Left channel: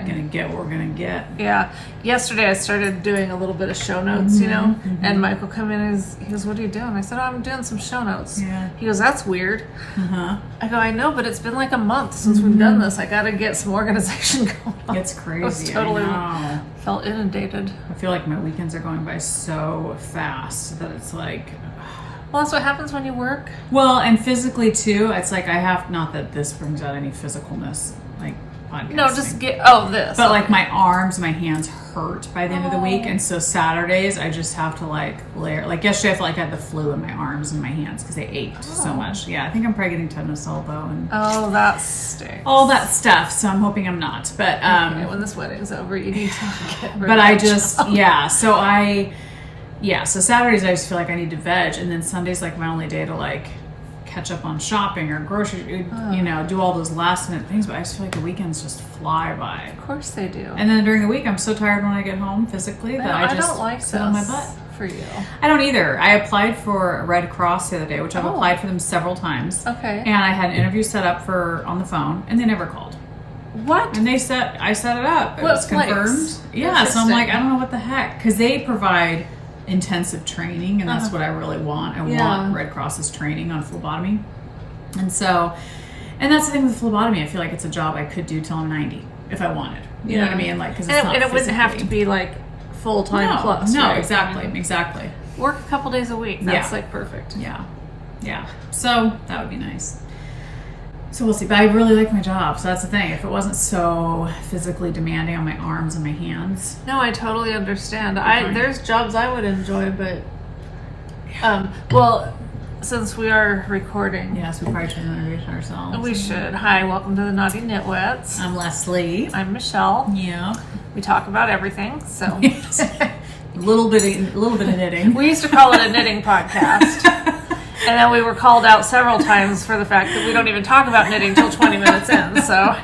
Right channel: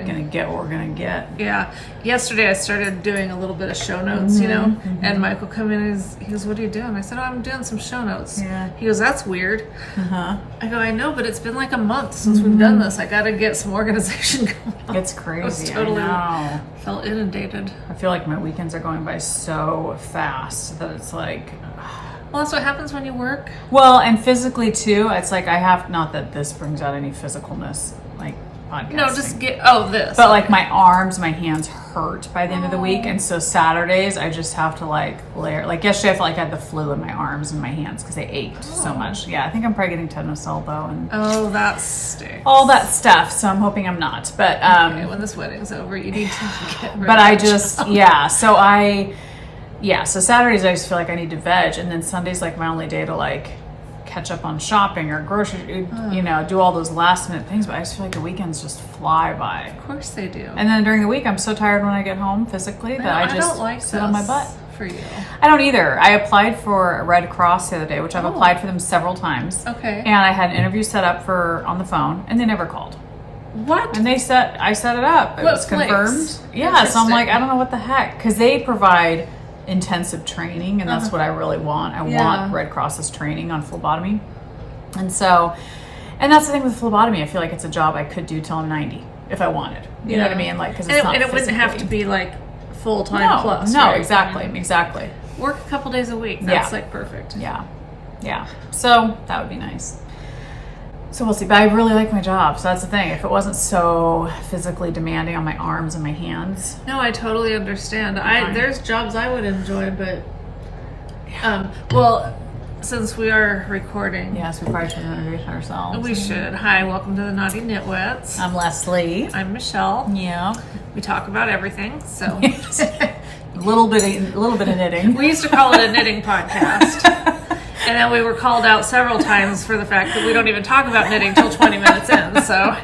gonna get what we're gonna get. Yeah. Yesterday I started doing a little bit of show notes, you know, and Michael come in and he goes, "What are you doing?" I said, "Oh, I'm doing some show notes." Yeah. He goes, "That's weird." I go, "I know, but it's been like a month since we've done this. I got to get some organization going on." It's crazy. I was totally I know. felt inundated. I feel like my weekends are going by so fast that it's like. Well, that's what happens when you work. Well, and physically too, it's like I have, not that this brings out any physicalness, like podcasting. No, just this. But like my arms, my hands hurt by the end of the week. And so Saturdays, I just have to like layer. Like yesterday, I felt like I had the flu in my arms and my hands because they ached so much. Yeah, I think I'm probably getting tetanus elbow and that stinks. all that stuff. So I'm hoping I'm not. But okay, when this wedding's over, you need to get rid but of I that just, job. so Saturdays I just feel like I need to veg, and then Sunday's like my only day to like catch up on shopping or grocery, you know, do all those last minute things. But I just feel like the weekends just fly by. Of course they do. And then during the week, I'm so tired when I get home physically that I just don't like sit on my butt. For you. I don't either. I applied for Red Cross the other day, which I've applied for them several times. Okay. And I had an interview set up on the phone, and they never called. What? And I set it up. It was confirmed. Yeah, so I'm like, I don't know what the heck. Because they provide intensive training, and that's what I really want. I want Red Cross's training on phlebotomy. And so, and that's the thing with phlebotomy. I feel like it's a job I could do till I'm 90 if I wanted. You know what I mean? Like, because it's not and it wouldn't have to be like full-time plus. No, right? exactly. Work a couple days a week. That's like perfect. Yeah. So that would be nice. So we'll see. But I really like my job. So that's the thing. If it wasn't so physically demanding on my arms and my hands. No, I totally understand. There's jobs I would enjoy, but well, since we are recording. Yes, we probably should introduce ourselves. We should. Hi, welcome to the Knotty Knitwits. I'm Leslie. I'm Michelle. Yeah. We talk about everything, so a little bit of knitting. We used to call it a knitting podcast. And then we were called out several times for the fact that we don't even talk about knitting till 20 minutes in. So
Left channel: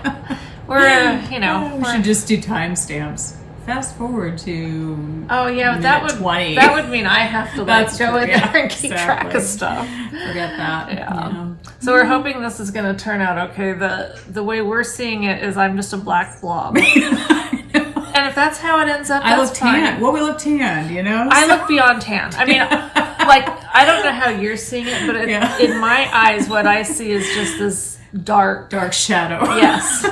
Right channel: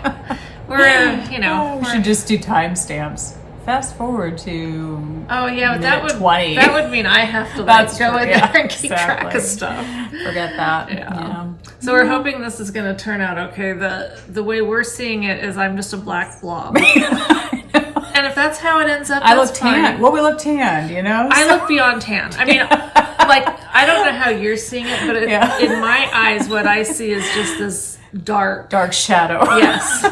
we're, we should just do timestamps. Fast forward to but that would 20. That would mean I have to go in there and keep track of stuff. Forget that. Yeah. So we're hoping this is going to turn out okay. The way we're seeing it is I'm just a black blob. And if that's how it ends up, that's fine. Tan. Well, we look tanned, you know? I look beyond tan. I mean, I don't know how you're seeing it, but in my eyes, what I see is just this dark shadow. Yes.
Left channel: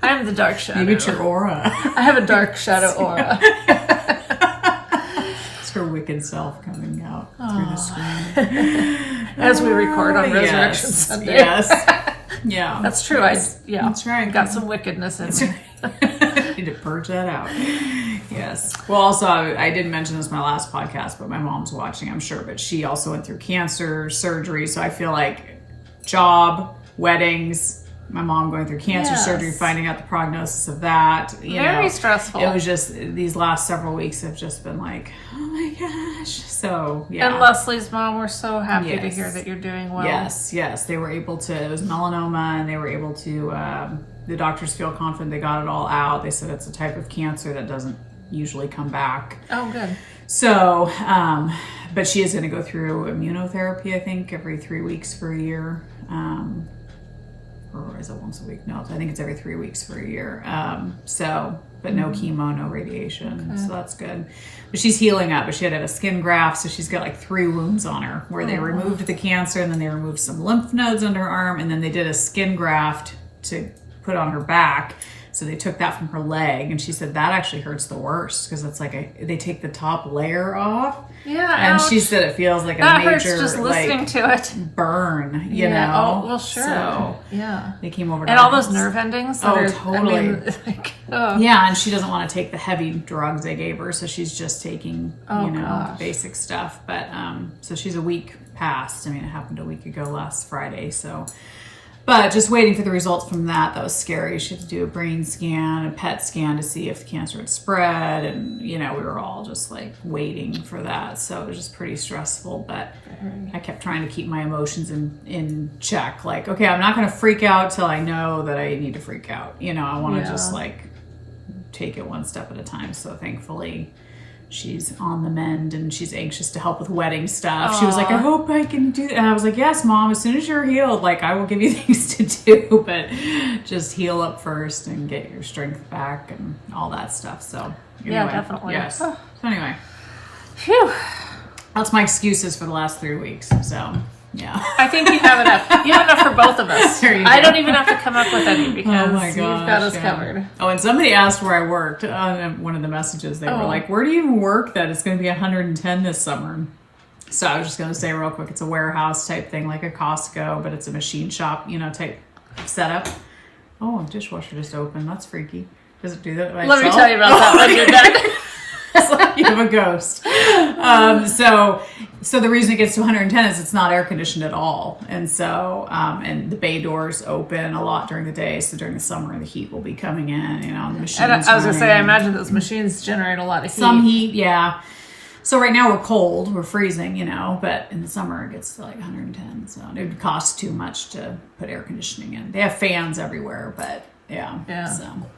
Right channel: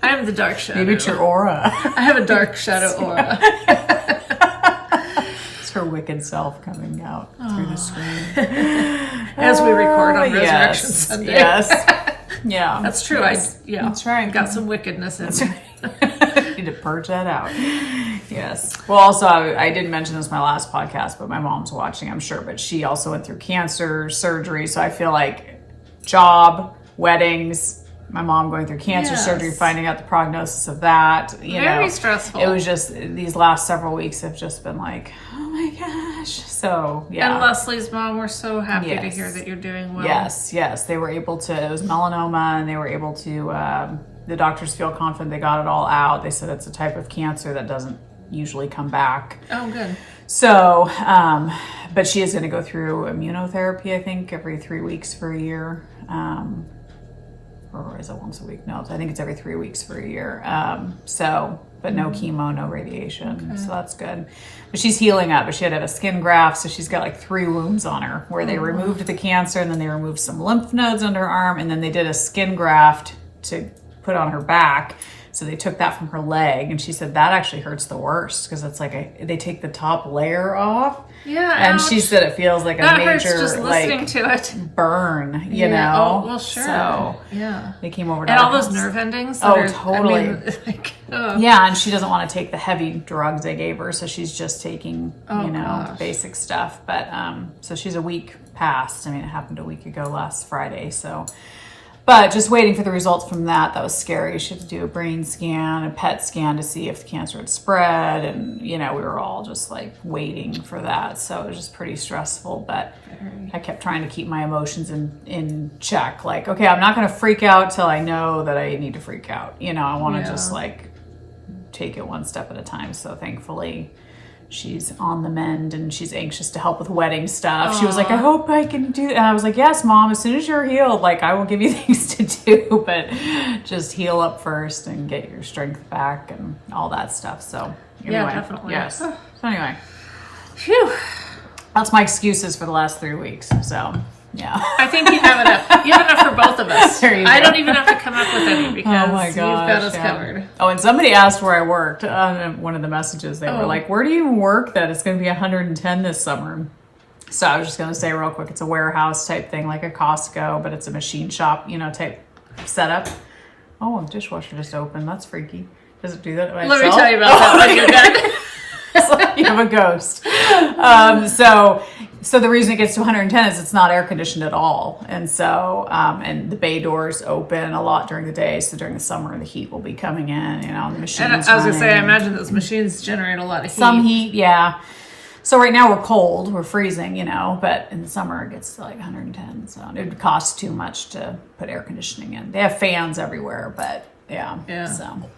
I'm the dark shadow. Maybe it's your aura. I have a dark shadow aura. It's her wicked self coming out through the screen. As we record on Resurrection Sunday. Yes. Yeah. That's true. That's right. Got some wickedness in me. Need to purge that out. Yes. Well, also, I didn't mention this in my last podcast, but my mom's watching, I'm sure. But she also went through cancer, surgery. So I feel like job, weddings, my mom going through cancer surgery, finding out the prognosis of that. Very stressful. It was just, these last several weeks have just been like, oh my gosh. So, yeah. And Leslie's mom, we're so happy to hear that you're doing well. Yes. They were able to, it was melanoma, and they were able to, the doctors feel confident they got it all out. They said it's a type of cancer that doesn't usually come back. Oh, good. So, but she is going to go through immunotherapy, I think, every 3 weeks for a year. Or is it once a week? No, I think it's every 3 weeks for a year. But no chemo, no radiation. Okay. So that's good. But she's healing up. But she had to have a skin graft, so she's got like 3 wounds on her where they removed the cancer, and then they removed some lymph nodes under her arm, and then they did a skin graft to put on her back. So they took that from her leg, and she said that actually hurts the worst because it's like they take the top layer off. Yeah, and she said it feels like that a major hurts just listening to it. Burn. You know. Oh well, sure. So yeah, they came over to and all those nerve endings. Totally. I mean, yeah, and she doesn't want to take the heavy drugs they gave her, so she's just taking the basic stuff. But so she's a week past. I mean, it happened a week ago last Friday. So. But just waiting for the results from that. That was scary. She had to do a brain scan, a PET scan to see if cancer had spread. And, we were all just like waiting for that. So it was just pretty stressful. But I kept trying to keep my emotions in check. Like, okay, I'm not going to freak out till I know that I need to freak out. I want to just like take it one step at a time. So thankfully, she's on the mend and she's anxious to help with wedding stuff. She was like, I hope I can do that. And I was like, yes, Mom, as soon as you're healed, like I will give you things to do, but just heal up first and get your strength back and all that stuff. So anyway, yeah, definitely. Yes. So anyway, phew. That's my excuses for the last 3 weeks. So yeah. I think you have enough. You have enough for both of us. I don't even have to come up with any because you've got us covered. Oh, and somebody asked where I worked on one of the messages. They were like, where do you work that it's going to be 110 this summer? So I was just going to say real quick, it's a warehouse type thing, like a Costco, but it's a machine shop, type setup. Oh, dishwasher just opened. That's freaky. Does it do that by Let itself? me tell you about that when you're done. It's like you have a ghost. So the reason it gets to 110 is it's not air conditioned at all. And so, and the bay doors open a lot during the day. So during the summer, the heat will be coming in, the machines. And I was going to say, I imagine those machines generate a lot of heat. Some heat, yeah. So right now we're cold, we're freezing, but in the summer it gets like 110. So it would cost too much to put air conditioning in. They have fans everywhere, but yeah. So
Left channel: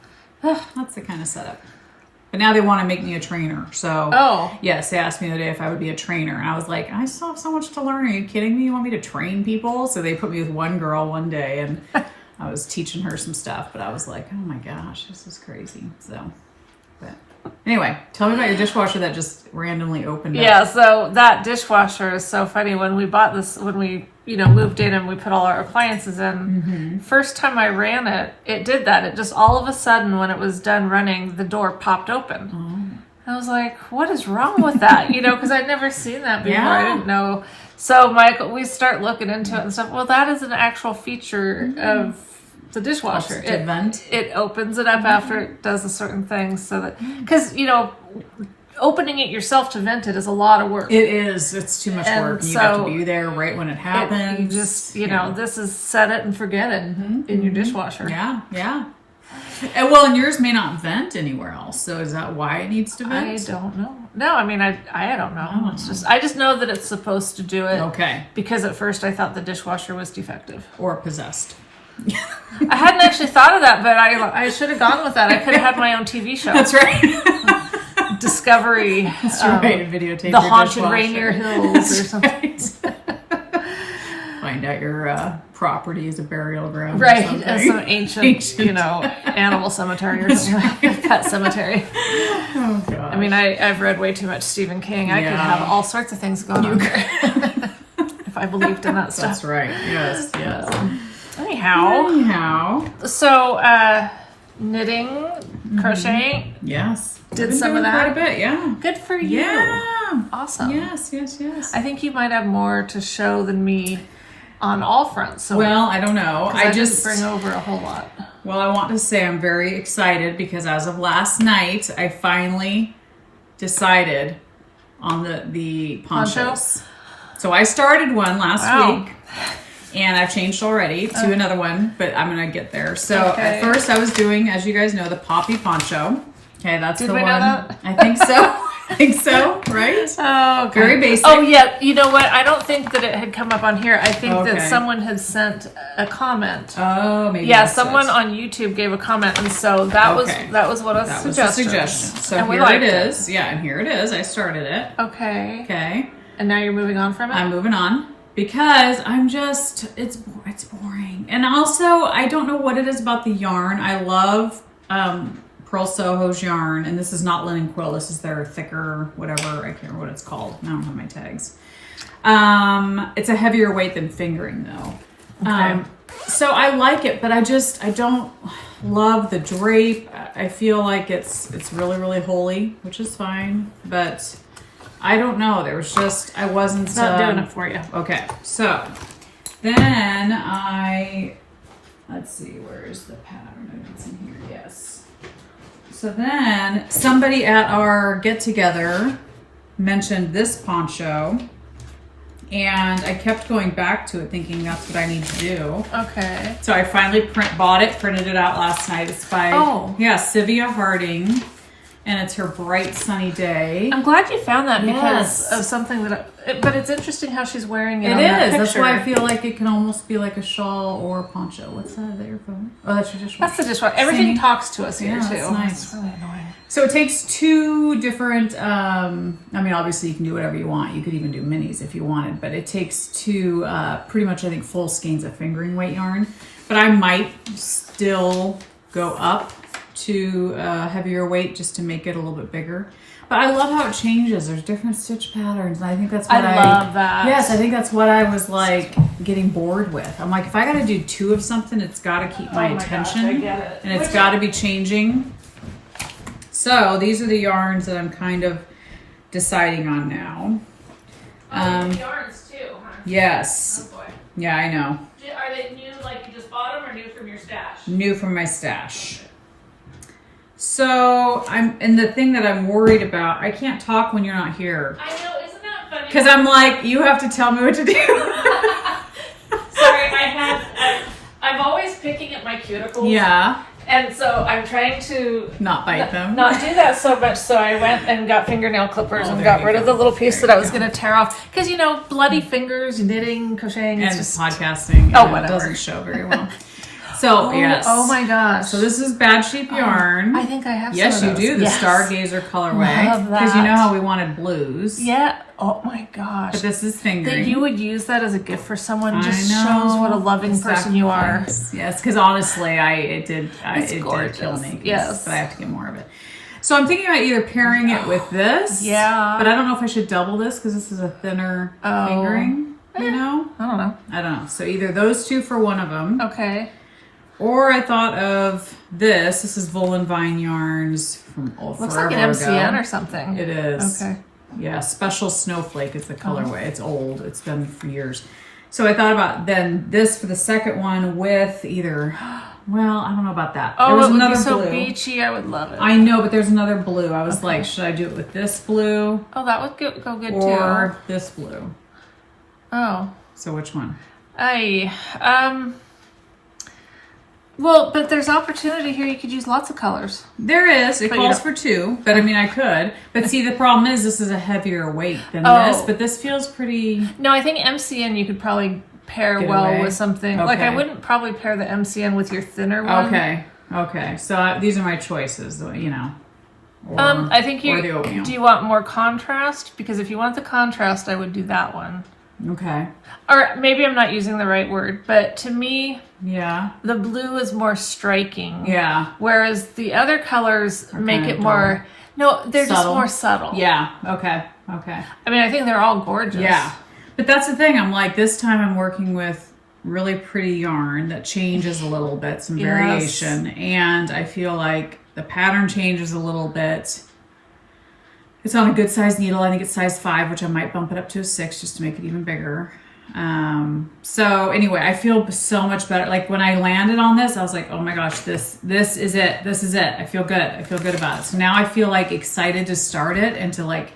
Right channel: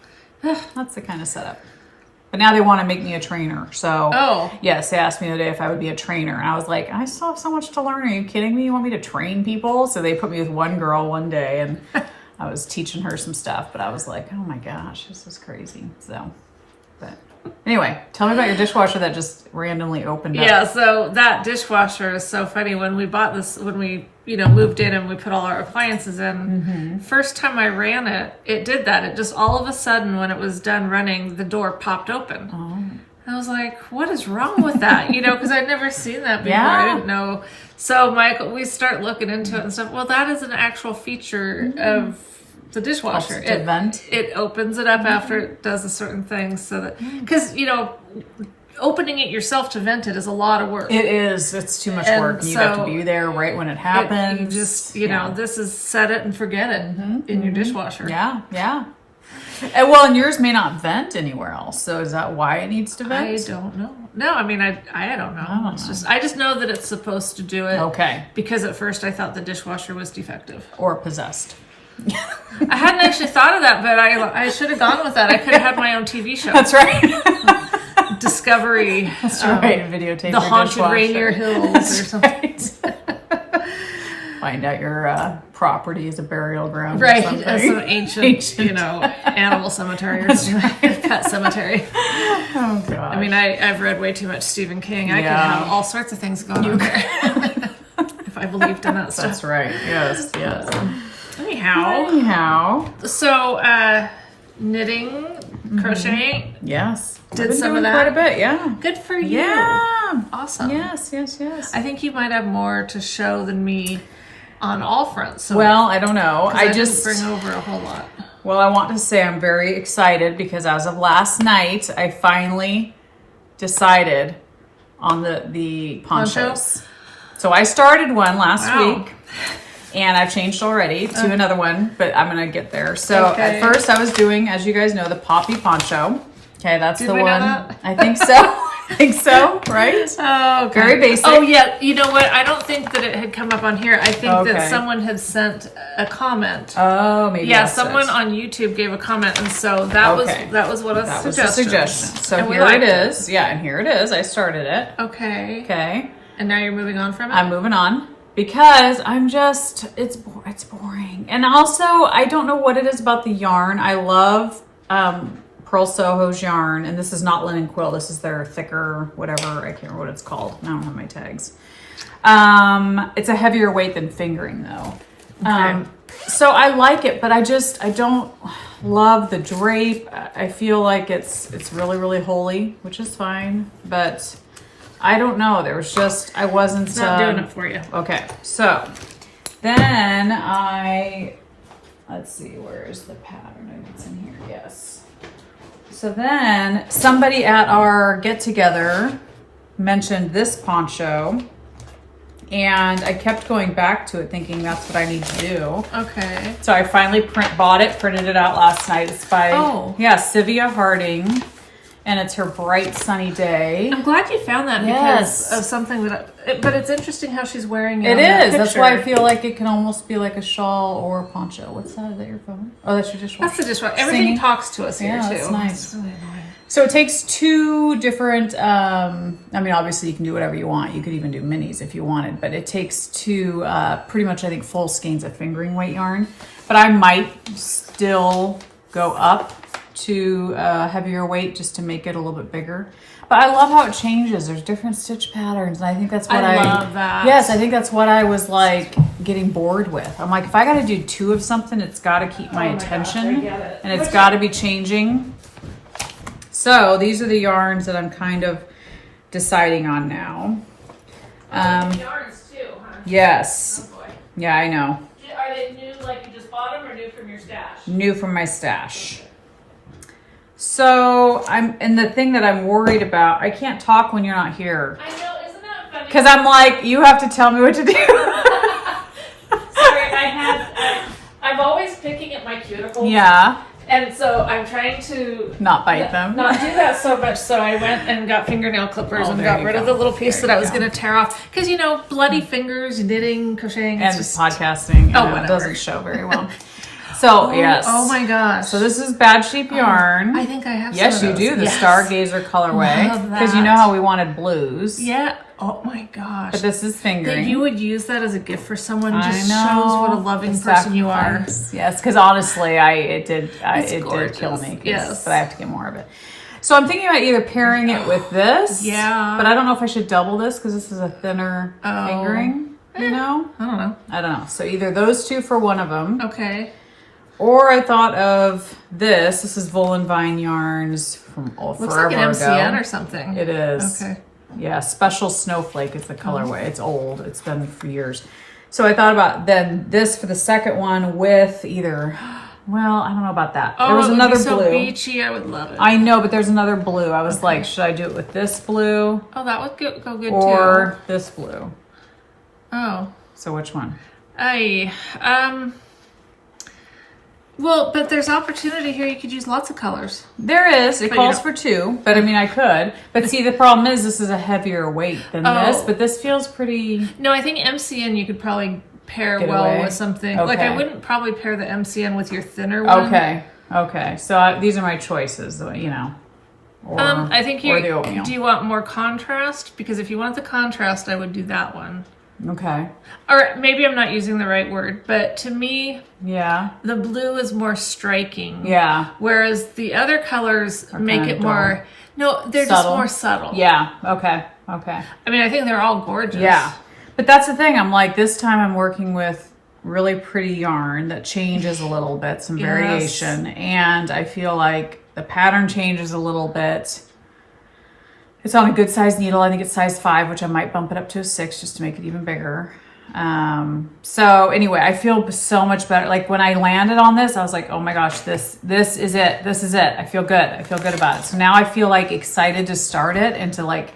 that's the kind of setup. But now they want to make me a trainer. So, yes, they asked me the other day if I would be a trainer. And I was like, I still have so much to learn. Are you kidding me? You want me to train people? So they put me with one girl one day, and I was teaching her some stuff. But I was like, oh my gosh, this is crazy. So, but anyway, tell me about your dishwasher that just randomly opened up. Yeah, so that dishwasher is so funny. When we bought this, when we moved in and we put all our appliances in, first time I ran it, it did that. It just all of a sudden, when it was done running, the door popped open. I was like, what is wrong with that? Because I'd never seen that before. I didn't know. So Michael, we start looking into it and stuff. Well, that is an actual feature of the dishwasher. It opens it up after it does a certain thing, so that because opening it yourself to vent it is a lot of work. It is. It's too much work. You have to be there right when it happens. You just, this is set it and forget it in your dishwasher. Yeah. And yours may not vent anywhere else. So is that why it needs to vent? I don't know. No, I mean, I don't know. I just know that it's supposed to do it. Okay. Because at first I thought the dishwasher was defective. Or possessed. I hadn't actually thought of that, but I should have gone with that. I could have had my own TV show. That's right. Discovery. That's right. Videotape the Haunted Rainier Hills or something. Find out your property is a burial ground. Right. As some ancient, animal cemetery or something. Pet cemetery. Oh, gosh. I mean, I've read way too much Stephen King. I could have all sorts of things going on there. If I believed in that stuff. That's right. Yes. Anyhow. So, knitting, crocheting. Yes. Did some of that. Quite a bit, yeah. Good for you. Yeah. Awesome. Yes. I think you might have more to show than me on all fronts. So I don't know. I just bring over a whole lot. Well, I want to say I'm very excited because as of last night, I finally decided on the ponchos. So I started one last week. And I've changed already to another one, but I'm going to get there. So at first I was doing, as you guys know, the poppy poncho. Okay, that's the one. Know that? I think so. Right? Oh, okay. Very basic. Oh, yeah. You know what? I don't think that it had come up on here. I think that someone had sent a comment. Oh, maybe. Yeah, someone on YouTube gave a comment, and so that was what a suggestion. Was a suggestion. So and here it is. Yeah, and here it is. I started it. Okay. And now you're moving on from it? I'm moving on. Because it's boring. And also, I don't know what it is about the yarn. I love Pearl Soho's yarn. And this is not linen quill. This is their thicker, whatever. I can't remember what it's called. I don't have my tags. It's a heavier weight than fingering, though. Okay. So I like it, but I don't love the drape. I feel like it's really, really holey, which is fine. But I don't know. There was just, I wasn't... It's not doing it for you. Okay. So then let's see, where is the pattern? It's in here. Yes. So then somebody at our get-together mentioned this poncho, and I kept going back to it thinking that's what I need to do. Okay. So I finally printed it out last night. It's by Sylvia Harding. and it's her bright sunny day. I'm glad you found that Yes. because of something but it's interesting how she's wearing it. It on that is. That's picture. why I feel like it can almost be like a shawl or a poncho. What's that? Is that your phone? Oh, that's your dishwasher. That's the dishwasher. Everything Singing. talks to us here, Yeah, too. that's nice. It's really annoying. So it takes two different, I mean, obviously you can do whatever you want. You could even do minis if you wanted, but it takes two, pretty much, I think, full skeins of fingering weight yarn. But I might still go up to heavier weight just to make it a little bit bigger. But I love how it changes. There's different stitch patterns, and I think that's what I love that. Yes, I think that's what I was like getting bored with. I'm like, if I got to do two of something, it's got to keep my attention, gosh, I get it. and it's got to be changing. So these are the yarns that I'm kind of deciding on now. Yarns too, huh? Yes. Oh boy. Yeah, I know. Are they new, like you just bought them, or new from your stash? New from my stash. So and the thing that I'm worried about, I can't talk when you're not here. I know, isn't that funny? Because I'm like, you have to tell me what to do. Sorry, I'm always picking at my cuticles. Yeah. And so I'm trying to Not bite them. not do that so much. So I went and got fingernail clippers and there got you rid of go. the little piece that I was going to tear off. Because, you know, bloody fingers, knitting, crocheting, it's And just... podcasting. Oh, It whatever. doesn't show very well. So, yes. Oh my gosh. So this is Bad Sheep yarn. I think I have Yes, some you of do. those. The Yes. Stargazer colorway. Love that. Because you know how we wanted blues. Yeah. Oh my gosh. But this is fingering. That you would use that as a gift for someone I just know. shows what a loving The person you are. sacrifice. Yes, because honestly, it did gorgeous. kill me. Yes. But I have to get more of it. So I'm thinking about either pairing it with this. Yeah. But I don't know if I should double this because this is a thinner fingering. You know? I don't know. I don't know. So either those two for one of them. Okay. Or I thought of this. This is Volan Vine Yarns from Looks forever like an MCN ago. or something. It is. Okay. Yeah, Special Snowflake is the colorway. It's old. It's been for years. So I thought about then this for the second one with either, well, I don't know about that. Oh, there was it would another be so blue. beachy. I would love it. I know, but there's another blue. I was like, should I do it with this blue Oh, that would go good or too. this blue? Oh. So which one? Well, but there's opportunity here. You could use lots of colors. There is. It But you calls don't- for two, but I mean, I could. But see, the problem is this is a heavier weight than Oh. this, but this feels pretty... No, I think MCN you could probably pair Get well away? with something. Like I Okay. wouldn't probably pair the MCN with your thinner one. Okay. So these are my choices, you know. Or, I think or the oatmeal. do you want more contrast? Because if you want the contrast, I would do that one. Okay. Or maybe I'm not using the right word, but to me, Yeah. the blue is more striking. Yeah. Whereas the other colors make kinda it more. No, they're just Subtle. more subtle. Yeah. Okay. I mean, I think they're all gorgeous. Yeah. But that's the thing. I'm like, this time I'm working with really pretty yarn that changes a little bit, some Yes. variation. And I feel like the pattern changes a little bit. It's on a good size needle. I think it's size 5, which I might bump it up to a 6 just to make it even bigger. So anyway, I feel so much better. Like when I landed on this, I was like, oh my gosh, this is it. This is it. I feel good. I feel good about it. So now I feel like excited to start it and to like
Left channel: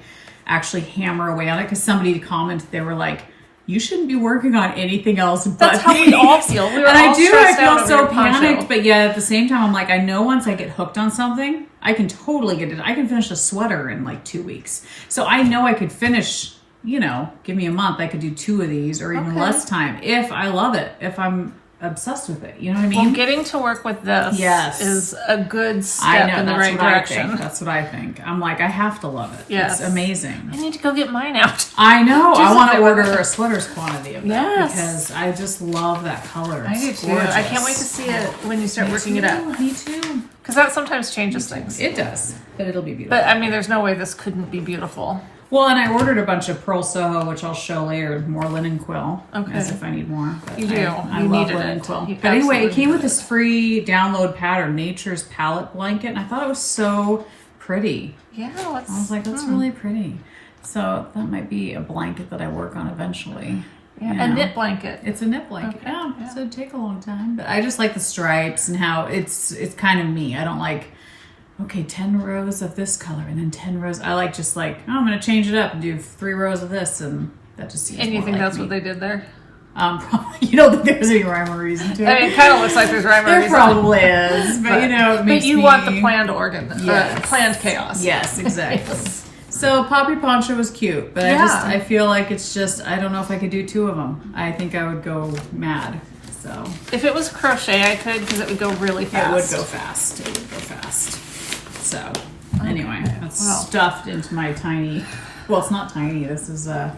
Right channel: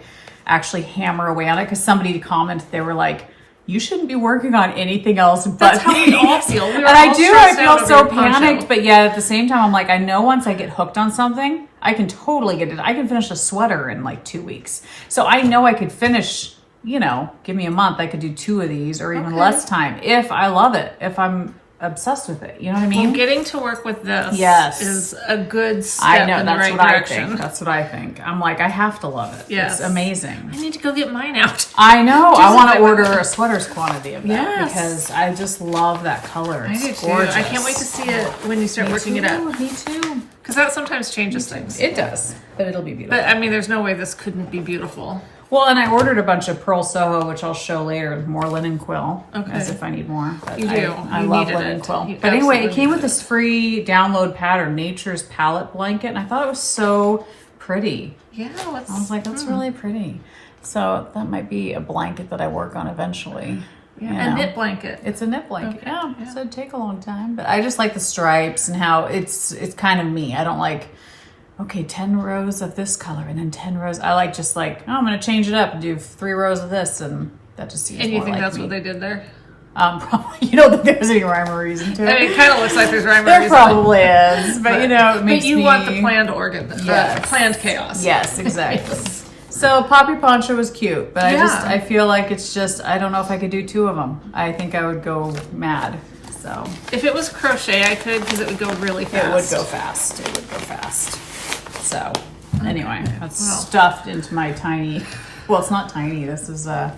actually hammer away on it. Cause somebody commented, they were like, you shouldn't be working on anything else but That's how we all feel. We were and all I do. I stressed out feel over so your poncho. panicked, but yet at the same time, I'm like, I know once I get hooked on something, I can totally get it. I can finish a sweater in like 2 weeks. So I know I could finish. You know, give me a month, I could do 2 of these or even less time if I love it. If I'm obsessed with it, you know what I mean? Well, getting to work with this is a good step in the right direction. That's what I think. I'm like, I have to love it. Yes. It's amazing. I need to go get mine out. I know. I want to do it. order a sweater's quantity of that Yes. because I just love that color. I It's do too. gorgeous. I can't wait to see it when you start working it up. Me too. Because that sometimes changes things. It does, but it'll be beautiful. But I mean, there's no way this couldn't be beautiful. Well, and I ordered a bunch of Pearl Soho, which I'll show later, more linen quill, as if I need more. But You do. I You love needed linen it. quill. You But anyway, it absolutely came with needed this free download pattern, Nature's Palette Blanket, and I thought it was so pretty. Yeah, let's. I was like, that's really pretty. So that might be a blanket that I work on eventually. Yeah, you a know. knit blanket. It's a knit blanket. Okay, Yeah, so it'd take a long time. But I just like the stripes and how it's kind of me. I don't like, okay, 10 rows of this color and then 10 rows. I like oh, I'm going to change it up and do 3 rows of this. And that just seems And you more think like that's me. what they did there? Probably, you don't think there's any rhyme or reason to it. I mean, it kind of looks like there's rhyme or There reason. probably is, but you know, it makes But you me... want the planned organ, Yes. planned chaos. Yes, exactly. So Poppy Poncho was cute, but I feel like it's just, I don't know if I could do 2 of them. I think I would go mad. So if it was crochet, I could, because it would go really fast. It would go fast. It would go fast. So anyway, that's stuffed into my tiny. Well, it's not tiny. This is a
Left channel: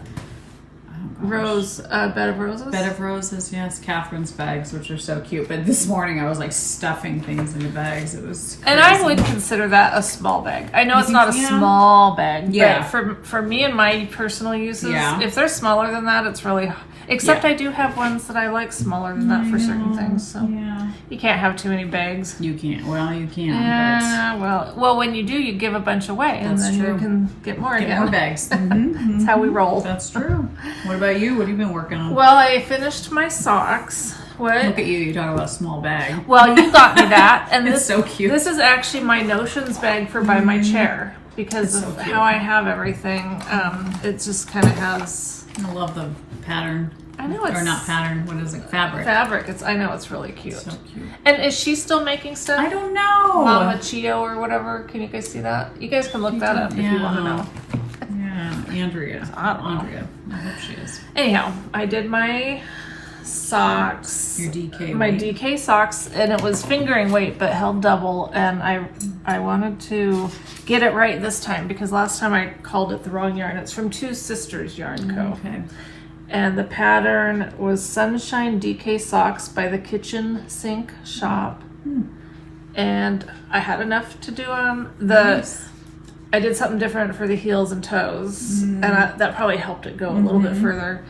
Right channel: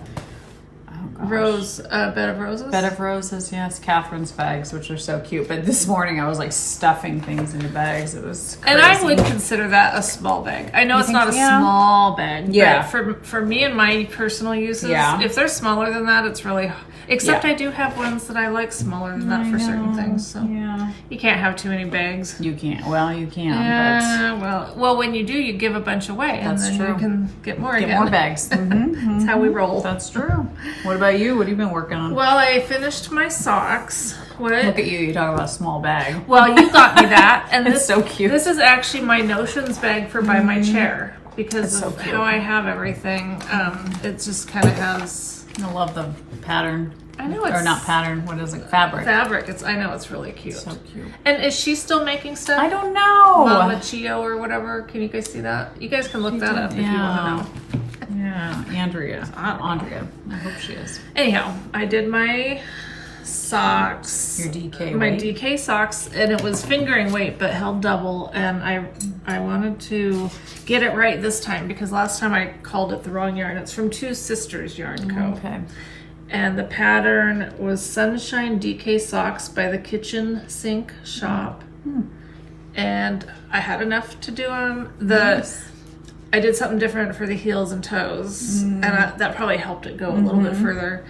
bed of roses. Bed of roses. Yes, Catherine's bags, which are so cute. But this morning I was like stuffing things into bags. It was crazy. And I would consider that a small bag. I know it's not a small bag. Yeah. But for me and my personal uses, if they're smaller than that, it's really. Except I do have ones that I like smaller than that for certain things. So you can't have too many bags. You can't. Well, you can. Well, when you do, you give a bunch away, and then you can get more again. Get more bags. That's how we roll. That's true. What about you? What have you been working on? Well, I finished my socks. What? Look at you. You're talking about a small bag. Well, you got me that, and It's so cute. This is actually my notions bag for by my chair because of how I have everything. It just kind of has. I love the pattern. I know it's... Or not pattern, what is it? Fabric. Fabric. I know it's really cute. So cute. And is she still making stuff? I don't know. Mama Chio or whatever. Can you guys see that? You guys can look that up if you want to know. Yeah, Andrea. Andrea. I hope she is. Anyhow, I did my socks. Your DK My weight. DK socks, and it was fingering weight but held double, and I wanted to get it right this time because last time I called it the wrong yarn. It's from Two Sisters Yarn Co. Okay. And the pattern was Sunshine DK Socks by the Kitchen Sink Shop. And I had enough to do them. I did something different for the heels and toes, and that probably helped it go a little bit further.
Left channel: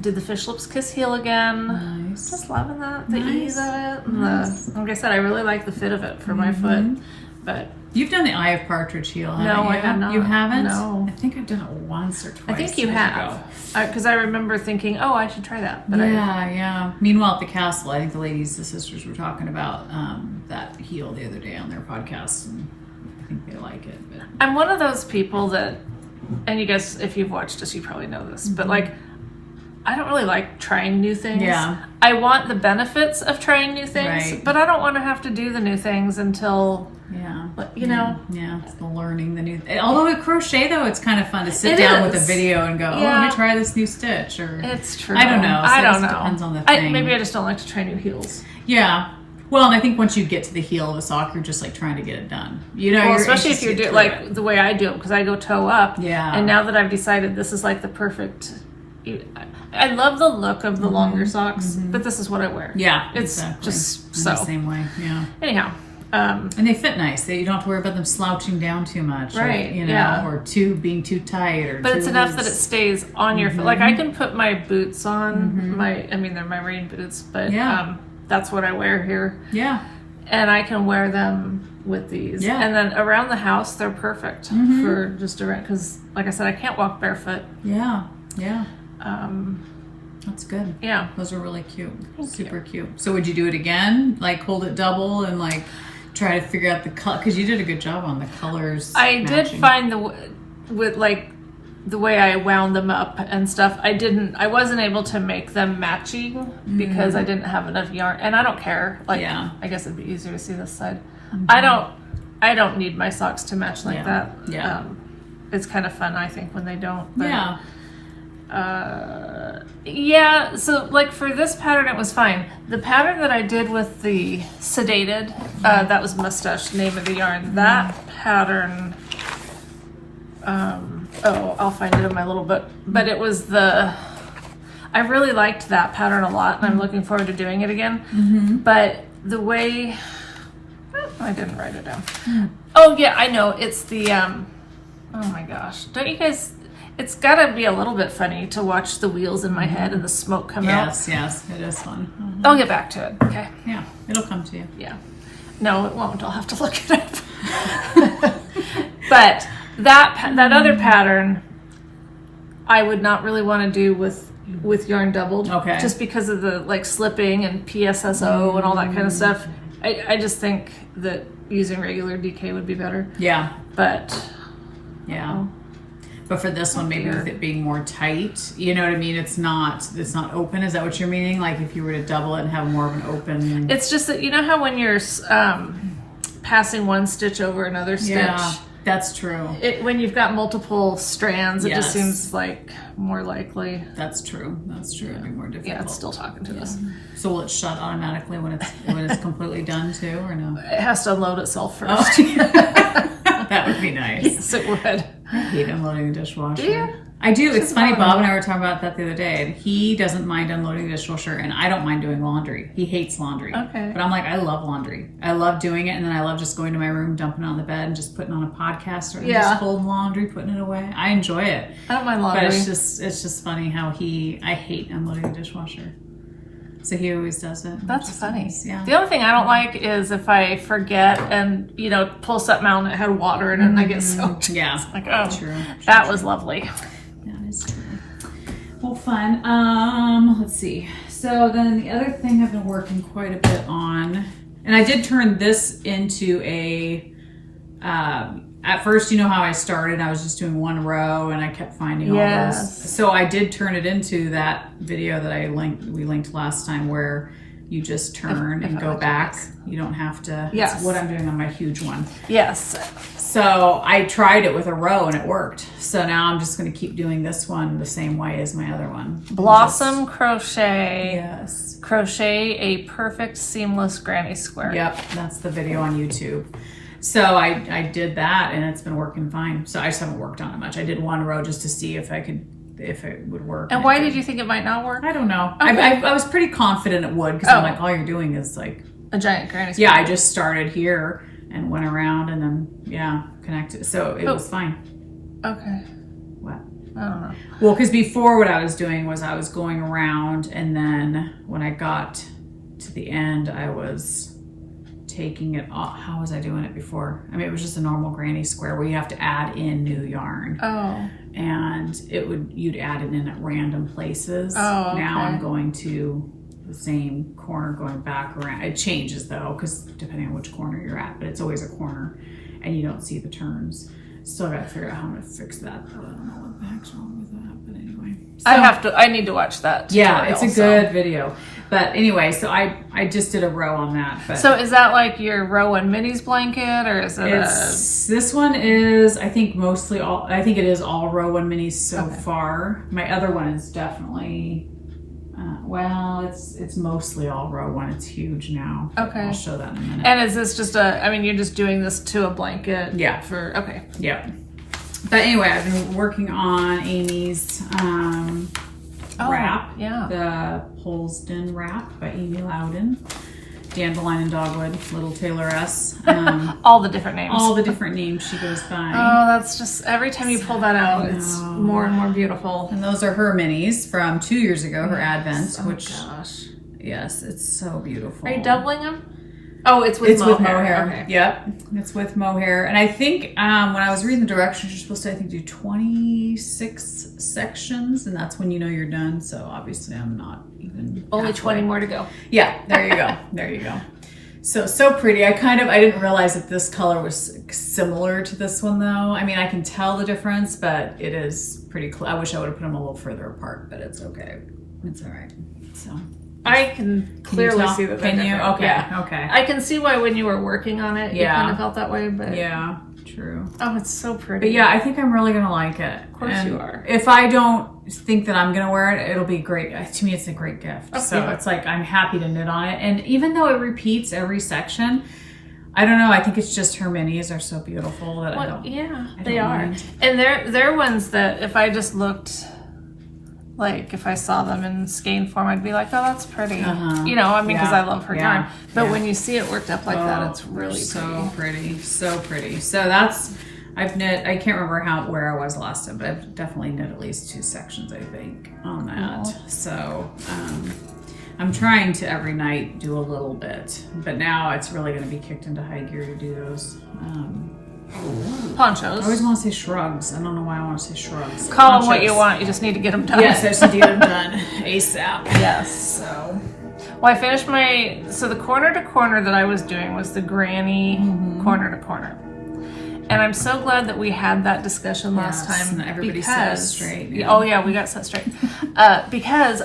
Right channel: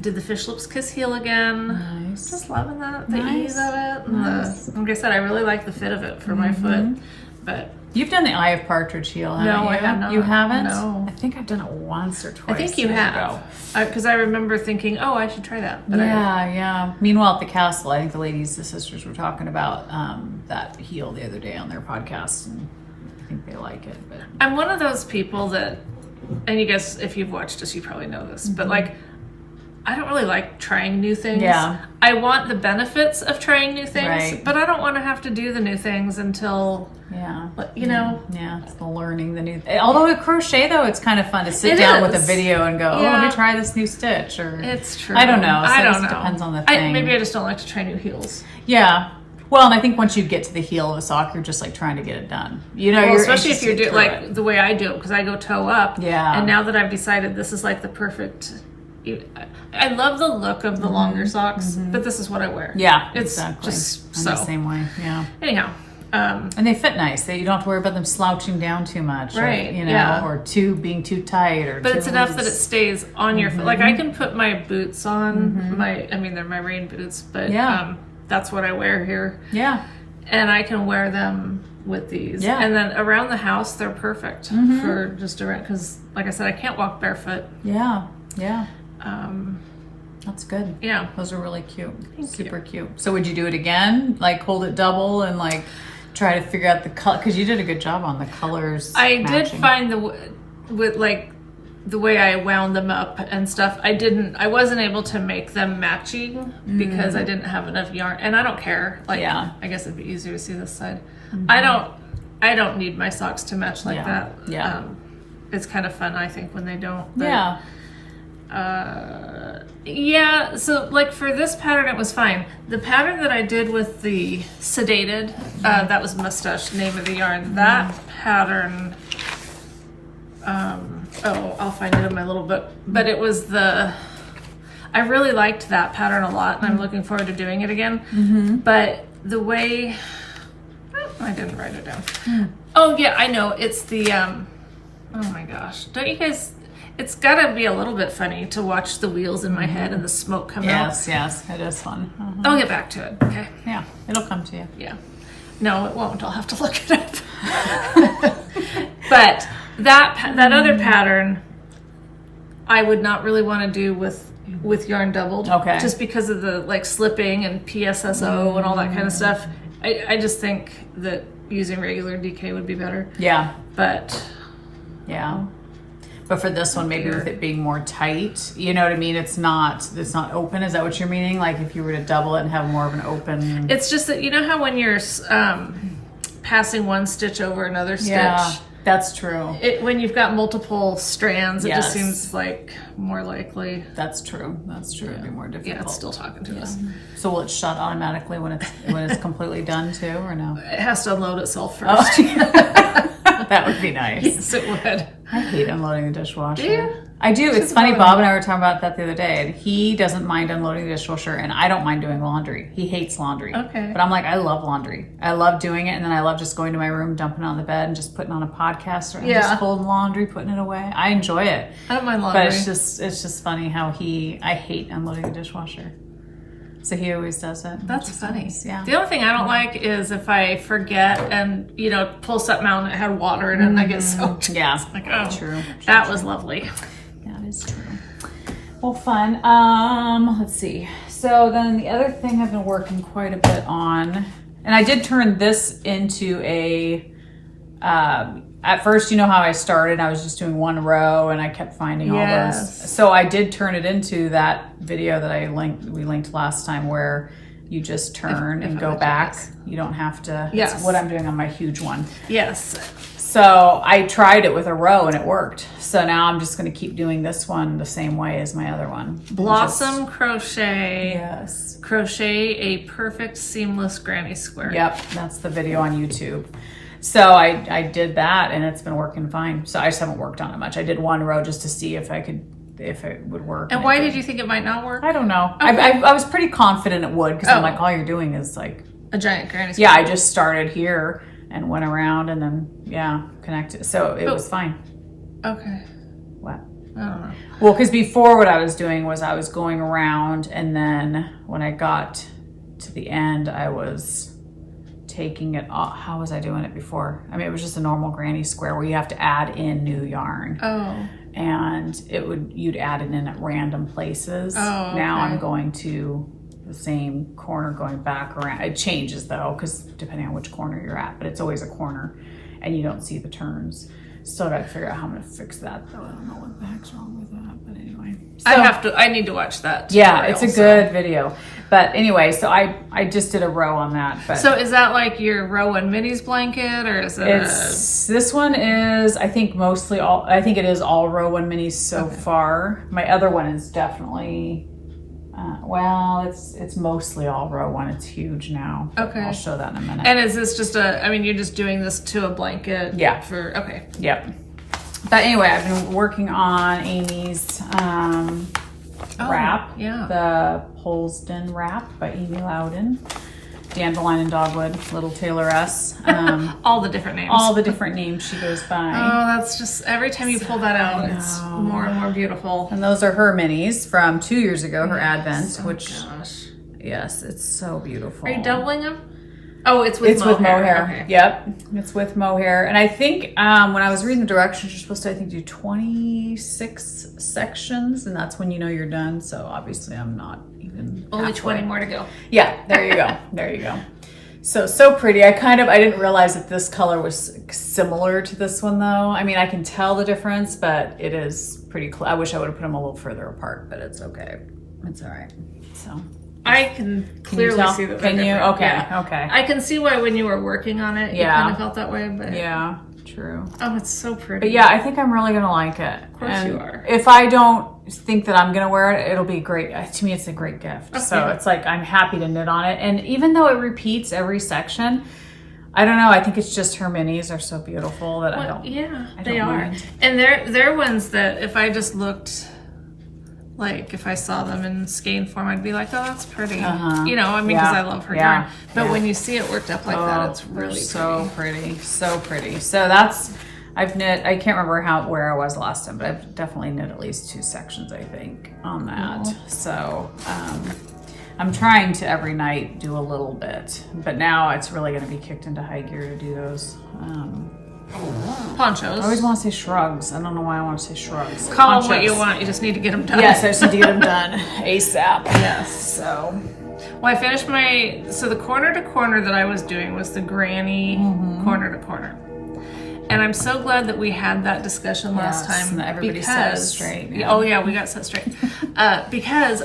Did the Fish Lips Kiss heel again. Nice. Just loving that, the ease of it. And like I said, I really like the fit of it for my foot. But you've done the Eye of Partridge heel, haven't no, you? I have not. You haven't? No. I think I've done it once or twice. I think you have. Because I remember thinking, oh, I should try that. But yeah. Meanwhile, at the castle, I think the sisters were talking about that heel the other day on their podcast, and I think they like it. But I'm one of those people that, and you guys, if you've watched us, you probably know this, but like, I don't really like trying new things. Yeah. I want the benefits of trying new things, but I don't want to have to do the new things until, you know. Yeah, it's the learning the new. Although with crochet, though, it's kind of fun to sit down with a video and go, oh, let me try this new stitch. Or it's true. I don't know. I don't know. Depends on the thing. Maybe I just don't like to try new heels. Yeah. Well, and I think once you get to the heel of a sock, you're just like trying to get it done. You know, especially if you're doing like the way I do it, because I go toe up. Yeah. And now that I've decided this is like the perfect. I love the look of the longer socks, but this is what I wear. Yeah, it's just so. The same way. Yeah. Anyhow. And they fit nice. You don't have to worry about them slouching down too much, right? Or being too tight, but it's enough that it stays on your foot. Like I can put my boots on they're my rain boots, but that's what I wear here. Yeah, and I can wear them with these. Yeah, and then around the house they're perfect for just around because, like I said, I can't walk barefoot. Yeah. That's good. Yeah, those are really cute. Super cute. So would you do it again? Like hold it double and like try to figure out the color, because you did a good job on the colors. I did find the way I wound them up and stuff. I wasn't able to make them matching because I didn't have enough yarn, and I don't care. Like, I guess it'd be easier to see this side. I don't need my socks to match like that. Yeah. It's kind of fun, I think, when they don't. But, so like for this pattern it was fine. The pattern that I did with the sedated, that was Mustache, name of the yarn. That pattern, I'll find it in my little book, but it was I really liked that pattern a lot, and I'm looking forward to doing it again. But the way, I didn't write it down. Oh yeah, I know, it's the oh my gosh, don't you guys, it's gotta be a little bit funny to watch the wheels in my head and the smoke come out. Yes, it is fun. I'll get back to it, okay? Yeah, it'll come to you. Yeah. No, it won't. I'll have to look it up. But that other pattern, I would not really want to do with yarn doubled. Okay. Just because of the like slipping and PSSO and all that kind of stuff. I just think that using regular DK would be better. Yeah. But yeah. But for this one, maybe with it being more tight, you know what I mean? It's not open. Is that what you're meaning? Like if you were to double it and have more of an open. It's just that, you know how when you're passing one stitch over another stitch? Yeah, that's true. When you've got multiple strands, it Yes. just seems like more likely. That's true. It'd be more difficult. Yeah, it's still talking to us. So will it shut automatically when it's completely done too, or no? It has to unload itself first. Oh. That would be nice. Yes, it would. I hate unloading the dishwasher. Do you? I do. It's funny. bother Bob me. and I were talking about that the other day, and he doesn't mind unloading the dishwasher, and I don't mind doing laundry. He hates laundry. Okay. But I'm like, I love laundry. I love doing it, and then I love just going to my room, dumping it on the bed, and just putting on a podcast, or just folding laundry, putting it away. I enjoy it. I don't mind laundry. But it's just funny how I hate unloading the dishwasher. So he always does it. That's funny. Nice. Yeah. The only thing I don't like is if I forget and, pull something out and it had water in it and I get soaked. Yeah. Like, oh, True. that was lovely. That is true. Well, fun. Let's see. So then the other thing I've been working quite a bit on, and I did turn this into a, at first, you know how I started, I was just doing one row and I kept finding all those. So I did turn it into that video that we linked last time where you just turn and go back. You don't have to. Yes. It's what I'm doing on my huge one. Yes. So I tried it with a row and it worked. So now I'm just going to keep doing this one the same way as my other one. Blossom crochet. Yes. Crochet a perfect seamless granny square. Yep, that's the video on YouTube. So I did that and it's been working fine. So I just haven't worked on it much. I did one row just to see if it would work. And why did you think it might not work? I don't know. Okay. I was pretty confident it would because I'm like, all you're doing is like a giant granny square. Yeah, I just started here and went around and then connected. So it was fine. Okay. What? I don't know. Well, because before what I was doing was I was going around and then when I got to the end, I was taking it off. How was I doing it before? I mean, it was just a normal granny square where you have to add in new yarn. Oh. And you'd add it in at random places. Oh, okay. Now I'm going to the same corner going back around. It changes though, because depending on which corner you're at, but it's always a corner and you don't see the turns. So I got to figure out how I'm going to fix that. I don't know what the heck's wrong with that, but anyway. So, I need to watch that. Yeah, it's a good video. But anyway, so I just did a row on that. But so is that like your Row and Minis blanket, or is it this one is, I think it is all Row and Minis so far. My other one is definitely, it's mostly all Row One. It's huge now. Okay. I'll show that in a minute. And is this just you're just doing this to a blanket? Yeah. Yep. But anyway, I've been working on Amy's wrap. Yeah. The Polesden wrap by Amy Loudon. Dandelion and Dogwood, Little Tailoress. All the different names. All the different names she goes by. Oh, that's just, every time you pull that out, it's more and more beautiful. And those are her minis from 2 years ago, her Advent, which, gosh. Yes, it's so beautiful. Are you doubling them? Oh, it's with mohair. Okay. Yep, it's with mohair. And I think when I was reading the directions, you're supposed to, do 26 sections, and that's when you know you're done. So obviously I'm not even Only halfway. 20 more to go. Yeah, there you go. There you go. So pretty. I didn't realize that this color was similar to this one though. I mean, I can tell the difference, but it is pretty I wish I would have put them a little further apart, but it's okay. It's all right. So I can clearly see that they're different. Okay, yeah. Okay. I can see why when you were working on it, you kind of felt that way, but... Yeah, true. Oh, it's so pretty. But yeah, I think I'm really going to like it. Of course you are. If I don't think that I'm going to wear it, it'll be great. To me, it's a great gift. Oh, so yeah. it's like, I'm happy to knit on it. And even though it repeats every section, I don't know. I think it's just her minis are so beautiful that I don't they are. mind. And they're ones that if I just looked... Like, if I saw them in skein form, I'd be like, oh, that's pretty. Because I love her yarn. But when you see it worked up like that, it's really so pretty. So pretty. So that's, I've knit, I can't remember where I was last time, but I've definitely knit at least 2 sections, I think, on that. Cool. So, I'm trying to every night do a little bit, but now it's really going to be kicked into high gear to do those. Ponchos. I always want to say shrugs. I don't know why I want to say shrugs. Call them what you want. You just need to get them done. Yes, I just need to get them done ASAP. Yes. So. Well, I finished the corner to corner that I was doing was the granny corner to corner. And I'm so glad that we had that discussion last time because straight, we got set straight. Because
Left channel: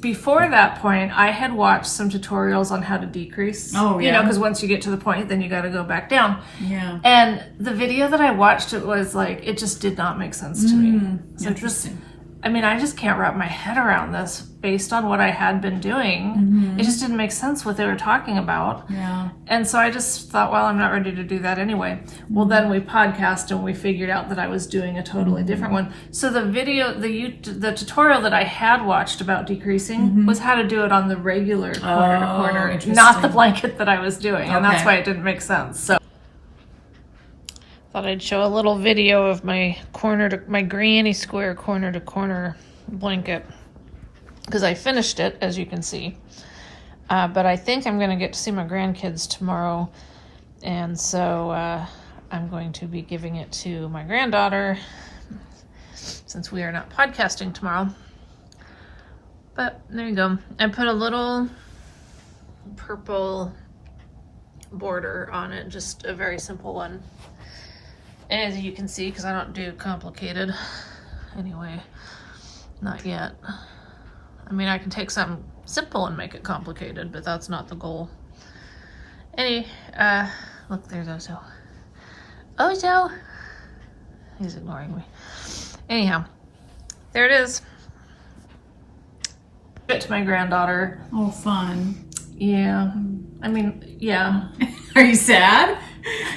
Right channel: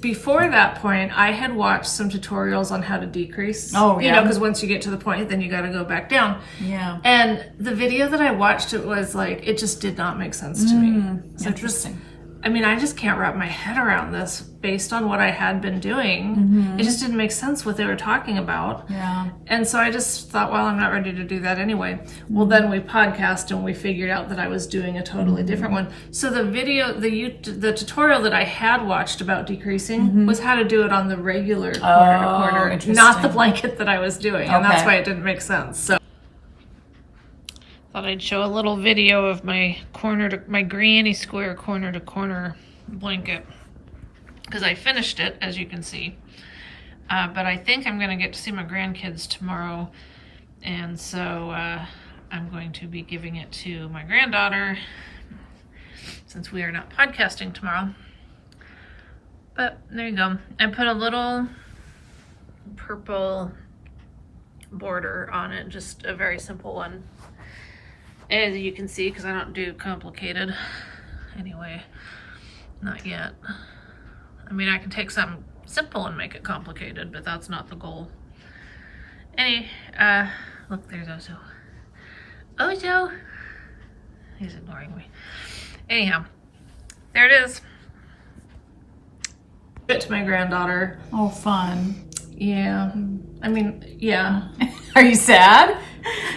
before that point, I had watched some tutorials on how to decrease. Oh, yeah. You know, because once you get to the point, then you got to go back down. Yeah. And the video that I watched, it was like, it just did not make sense to me. So I just can't wrap my head around this based on what I had been doing. It just didn't make sense what they were talking about. Yeah. And so I just thought, well, I'm not ready to do that anyway. Well, then we podcast and we figured out that I was doing a totally different one. So the video, the tutorial that I had watched about decreasing was how to do it on the regular quarter to quarter, not the blanket that I was doing. And that's why it didn't make sense. So thought I'd show a little video of my granny square corner to corner blanket, because I finished it, as you can see. But I think I'm going to get to see my grandkids tomorrow, and so I'm going to be giving it to my granddaughter since we are not podcasting tomorrow. But there you go. I put a little purple border on it, just a very simple one. As you can see, because I don't do complicated anyway, not yet. I mean, I can take something simple and make it complicated, but that's not the goal. Look, there's Ozo. Ozo! He's ignoring me. Anyhow, there it is. It to my granddaughter. Oh, fun. Yeah. I mean, yeah. Are you sad?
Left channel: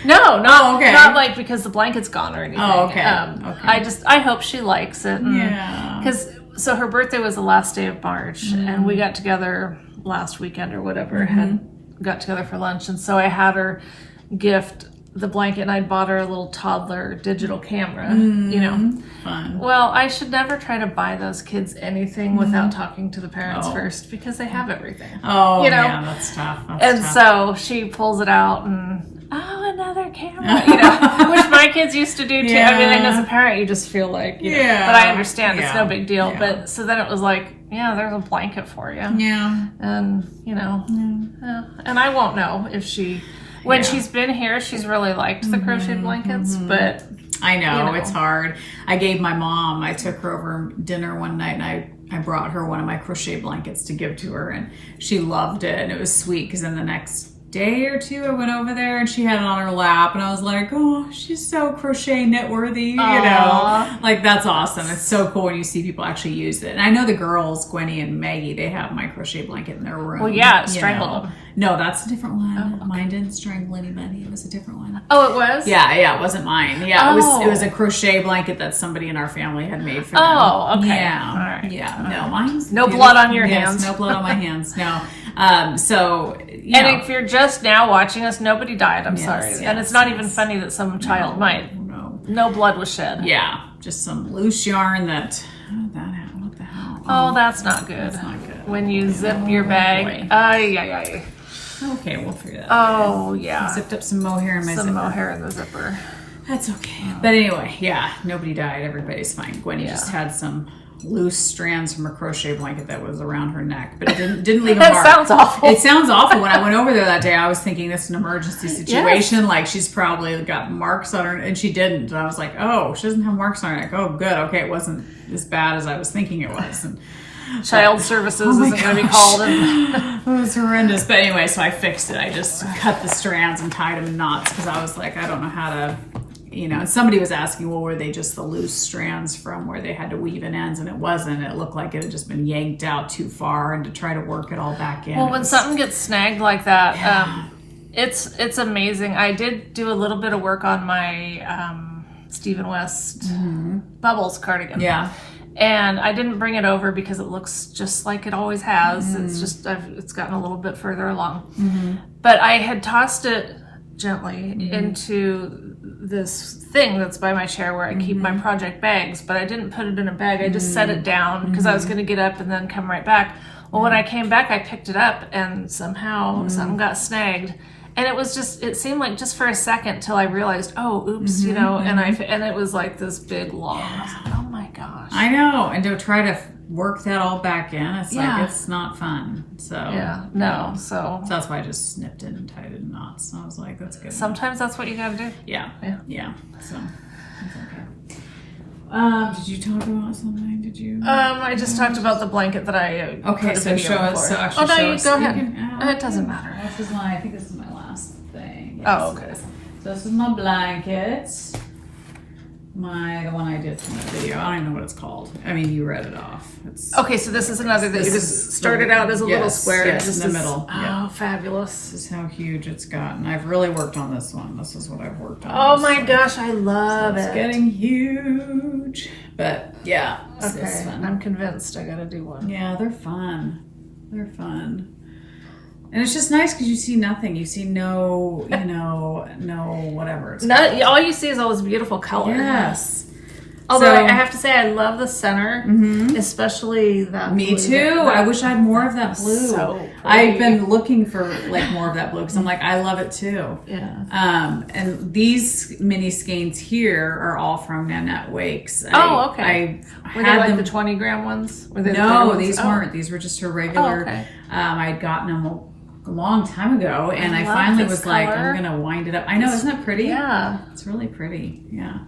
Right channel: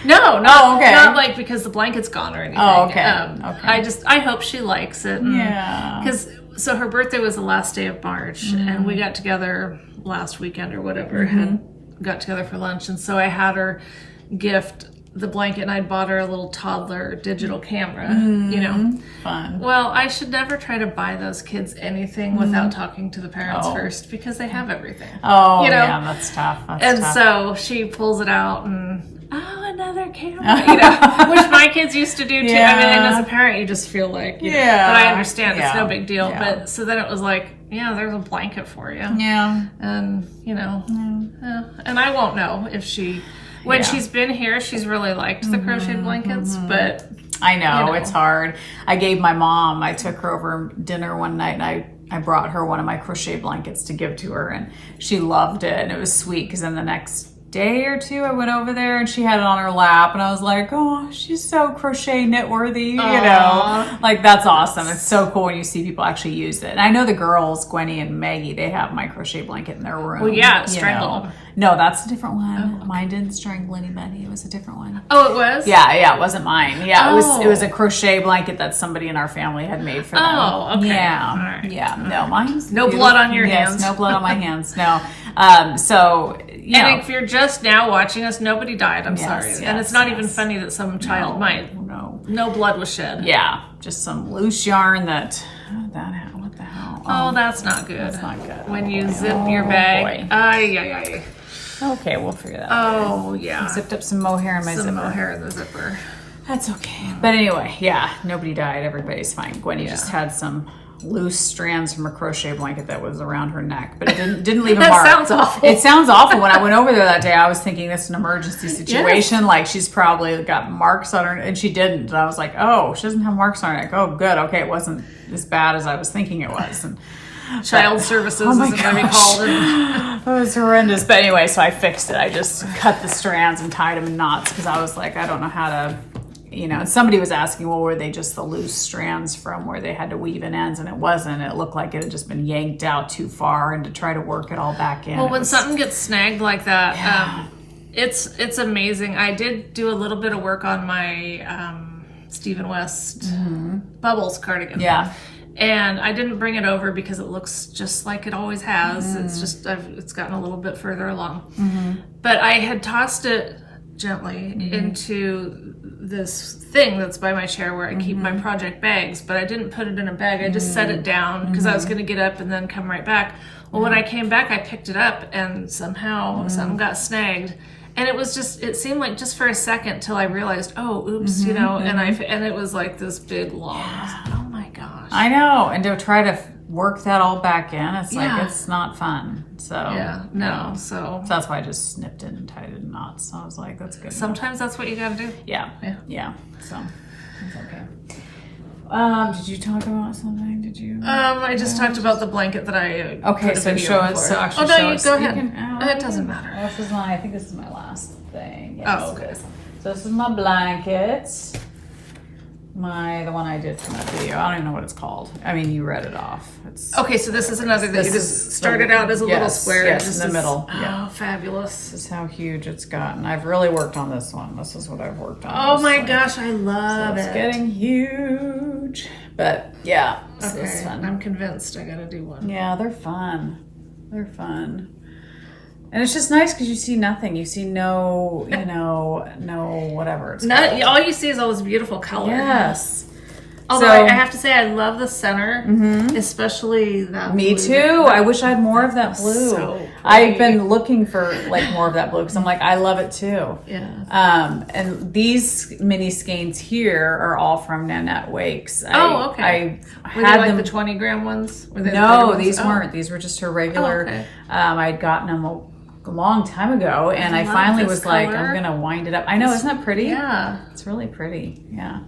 No, not like because the blanket's gone or anything. Oh, okay. I hope she likes it. Yeah. So her birthday was the last day of March, and we got together last weekend or whatever, got together for lunch, and so I had her gift the blanket, and I bought her a little toddler digital camera, you know. Fun. Well, I should never try to buy those kids anything without talking to the parents first, because they have everything. Oh, you know? Yeah, that's tough. So she pulls it out and, another camera, you know, which my kids used to do too. Yeah. I mean, and as a parent, you just feel like, you know, but I understand it's no big deal. Yeah. But so then it was like, yeah, there's a blanket for you. Yeah. And, you know, and I won't know if when she's been here, she's really liked the crocheted blankets, but I know, it's hard. I took her over dinner one night, and I brought her one of my crochet blankets to give to her, and she loved it, and it was sweet, because then the next day or two I went over there and she had it on her lap, and I was like, oh, she's so crochet knit worthy, you know, like that's awesome. It's so cool when you see people actually use it. And I know the girls, Gwenny and Maggie, they have my crochet blanket in their room. Well, yeah, it strangled them. No, that's a different one. Mine didn't strangle anybody. It was a different one. Oh, it was? Yeah, it wasn't mine. Yeah, it was a crochet blanket that somebody in our family had made for them. Oh, okay. Yeah. All right. Yeah. No, mine's no blood on your hands. No blood on my hands. No. So, and if you're just now watching us, nobody died. I'm sorry. And it's not even funny that some child might. No blood was shed. Yeah. Just some loose yarn that happened. What the hell? Oh, that's not good. That's not good. When you zip your bag. Ay. Okay, we'll figure that out. Oh, yeah. I zipped up some mohair in my zipper. Some mohair in the zipper. That's okay. But anyway, nobody died. Everybody's fine. Gwenny just had some loose strands from a crochet blanket that was around her neck, but it didn't leave a mark. That sounds awful. It sounds awful. When I went over there that day, I was thinking this is an emergency situation. Like she's probably got marks on her, and she didn't. And I was like, oh, she doesn't have marks on her neck. Oh, good. Okay, it wasn't as bad as I was thinking it was. And Child services isn't going to be called. It was horrendous. But anyway, so I fixed it. I just cut the strands and tied them in knots, because I was like, I don't know how to, and somebody was asking, well, were they just the loose strands from where they had to weave in ends? And it wasn't. It looked like it had just been yanked out too far, and to try to work it all back in. Well, when something gets snagged like that, it's amazing. I did do a little bit of work on my Stephen West Bubbles cardigan. Yeah. And I didn't bring it over because it looks just like it always has. It's just, it's gotten a little bit further along. But I had tossed it gently into this thing that's by my chair where I keep my project bags, but I didn't put it in a bag. I just set it down because I was going to get up and then come right back. Well, when I came back, I picked it up, and somehow something got snagged. And it was just, it seemed like just for a second till I realized, oh, oops, and it was like this big long, oh my gosh. I know. And to try to work that all back in, it's like, it's not fun. So so that's why I just snipped it and tied it in knots. So I was like, that's good. Sometimes that's what you gotta do. Yeah. So it's okay. Did you talk about something? Did you? I just talked about the blanket that I put a video show in us. for. So no, you go ahead. It doesn't matter. I think this is my last thing. Yes. Oh, okay. So this is my blanket. The one I did from that video. I don't even know what it's called. I mean, you read it off. Okay, so this is another that you just started out as a little square. Yes, just in the middle. Oh, fabulous. This is how huge it's gotten. I've really worked on this one. This is what I've worked on. Oh my gosh, I love it. It's getting huge. But yeah, okay, I'm convinced I gotta do one. Yeah, they're fun. They're fun. And it's just nice because you see nothing. You see no, no whatever. All you see is all this beautiful color. Yes. Although I have to say, I love the center, especially that Me blue. too. I wish I had more of that blue. So I've been looking for more of that blue because I'm like, I love it too. Yeah. And these mini skeins here are all from Nanette Wakes. Okay. Were they like the 20-gram ones? Were they no, these weren't. These were just her regular. Okay. I'd gotten them a long time ago, and I finally was like, I'm gonna wind it up. I know, isn't that pretty? Yeah, it's really pretty. Yeah,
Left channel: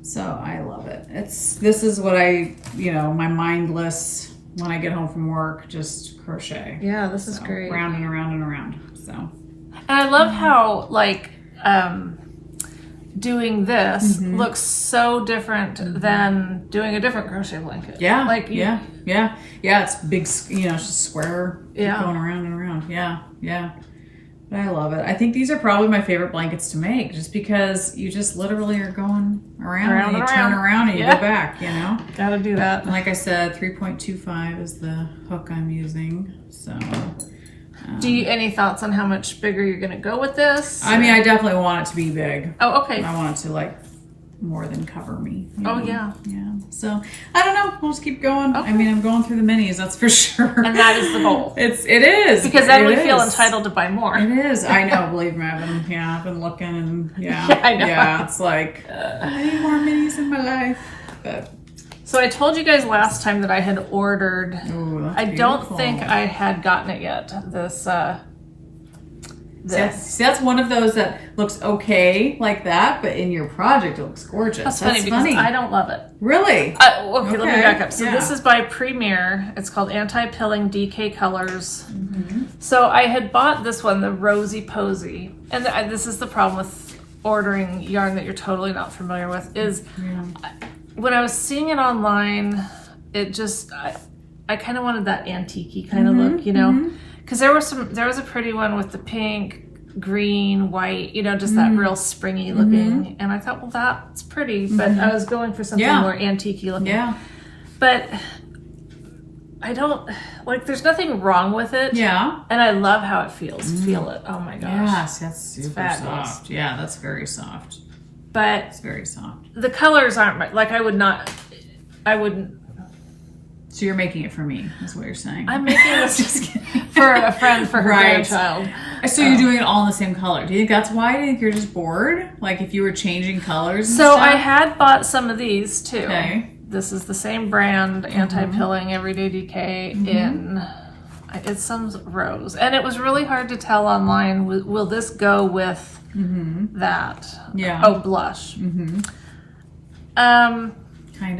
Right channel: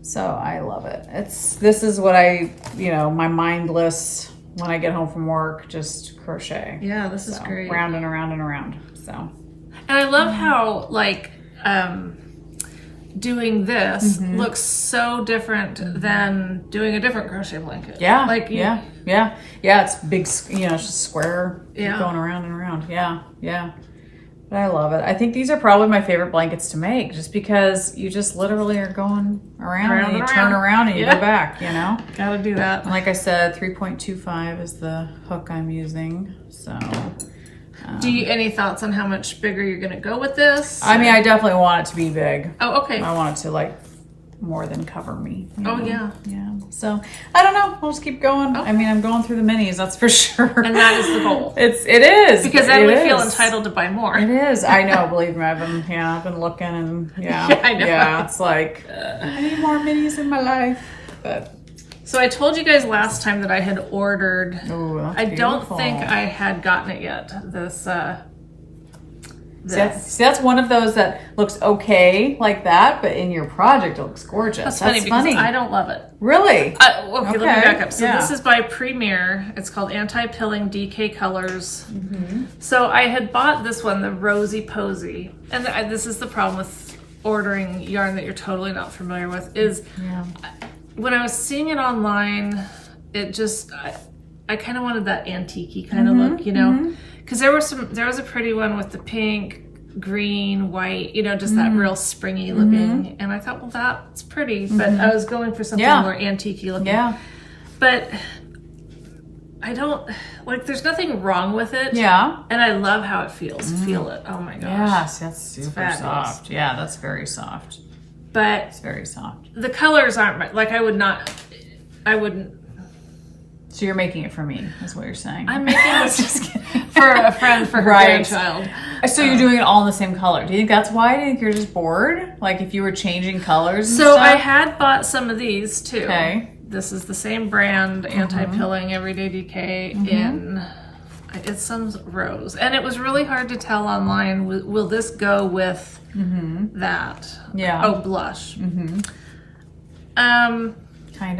so I love it. This is what I, my mindless when I get home from work, just crochet. Yeah, this is great. Round and around and around. So, and I love how doing this looks so different than doing a different crochet blanket. Yeah, yeah. It's big, it's just square, going around and around. Yeah. But I love it. I think these are probably my favorite blankets to make, just because you just literally are going around and you turn around and you go back, Gotta do that. And like I said, 3.25 is the hook I'm using, so... Do you any thoughts on how much bigger you're going to go with this? I mean, I definitely want it to be big. Oh, okay. I want it to more than cover me. Oh, yeah. Yeah. So I don't know. We'll just keep going. Okay. I mean, I'm going through the minis, that's for sure. And that is the goal. It is. Because then we feel entitled to buy more. It is. I know. Believe me, I've been looking and I know. Yeah, it's like I need more minis in my life. But. So I told you guys last time that I had ordered. Ooh, I don't think I had gotten it yet. This. See, that's one of those that looks okay like that, but in your project it looks gorgeous. That's funny because I don't love it. Really? Okay, let me back up. So this is by Premier. It's called Anti-Pilling DK Colors. So I had bought this one, the Rosy Posy, and this is the problem with ordering yarn that you're totally not familiar with is. When I was seeing it online, it just, I kind of wanted that antique-y kind of look, because there was a pretty one with the pink, green, white, just that real springy looking. And I thought, well, that's pretty, but I was going for something more antique-y looking. Yeah. But I don't, there's nothing wrong with it. Yeah. And I love how it feels. Feel it. Oh my gosh. Yes, that's super soft. Yeah, that's very soft. But it's very soft. The colors aren't I wouldn't. So you're making it for me, is what you're saying. I'm making this for a friend for her grandchild. So you're doing it all in the same color. Do you think that's why? Do you think you're just bored? Like if you were changing colors and stuff? I had bought some of these too. Okay. This is the same brand, Anti-Pilling Everyday DK in it's some rose. And it was really hard to tell online, will this go with that? Yeah. Oh, blush. Kind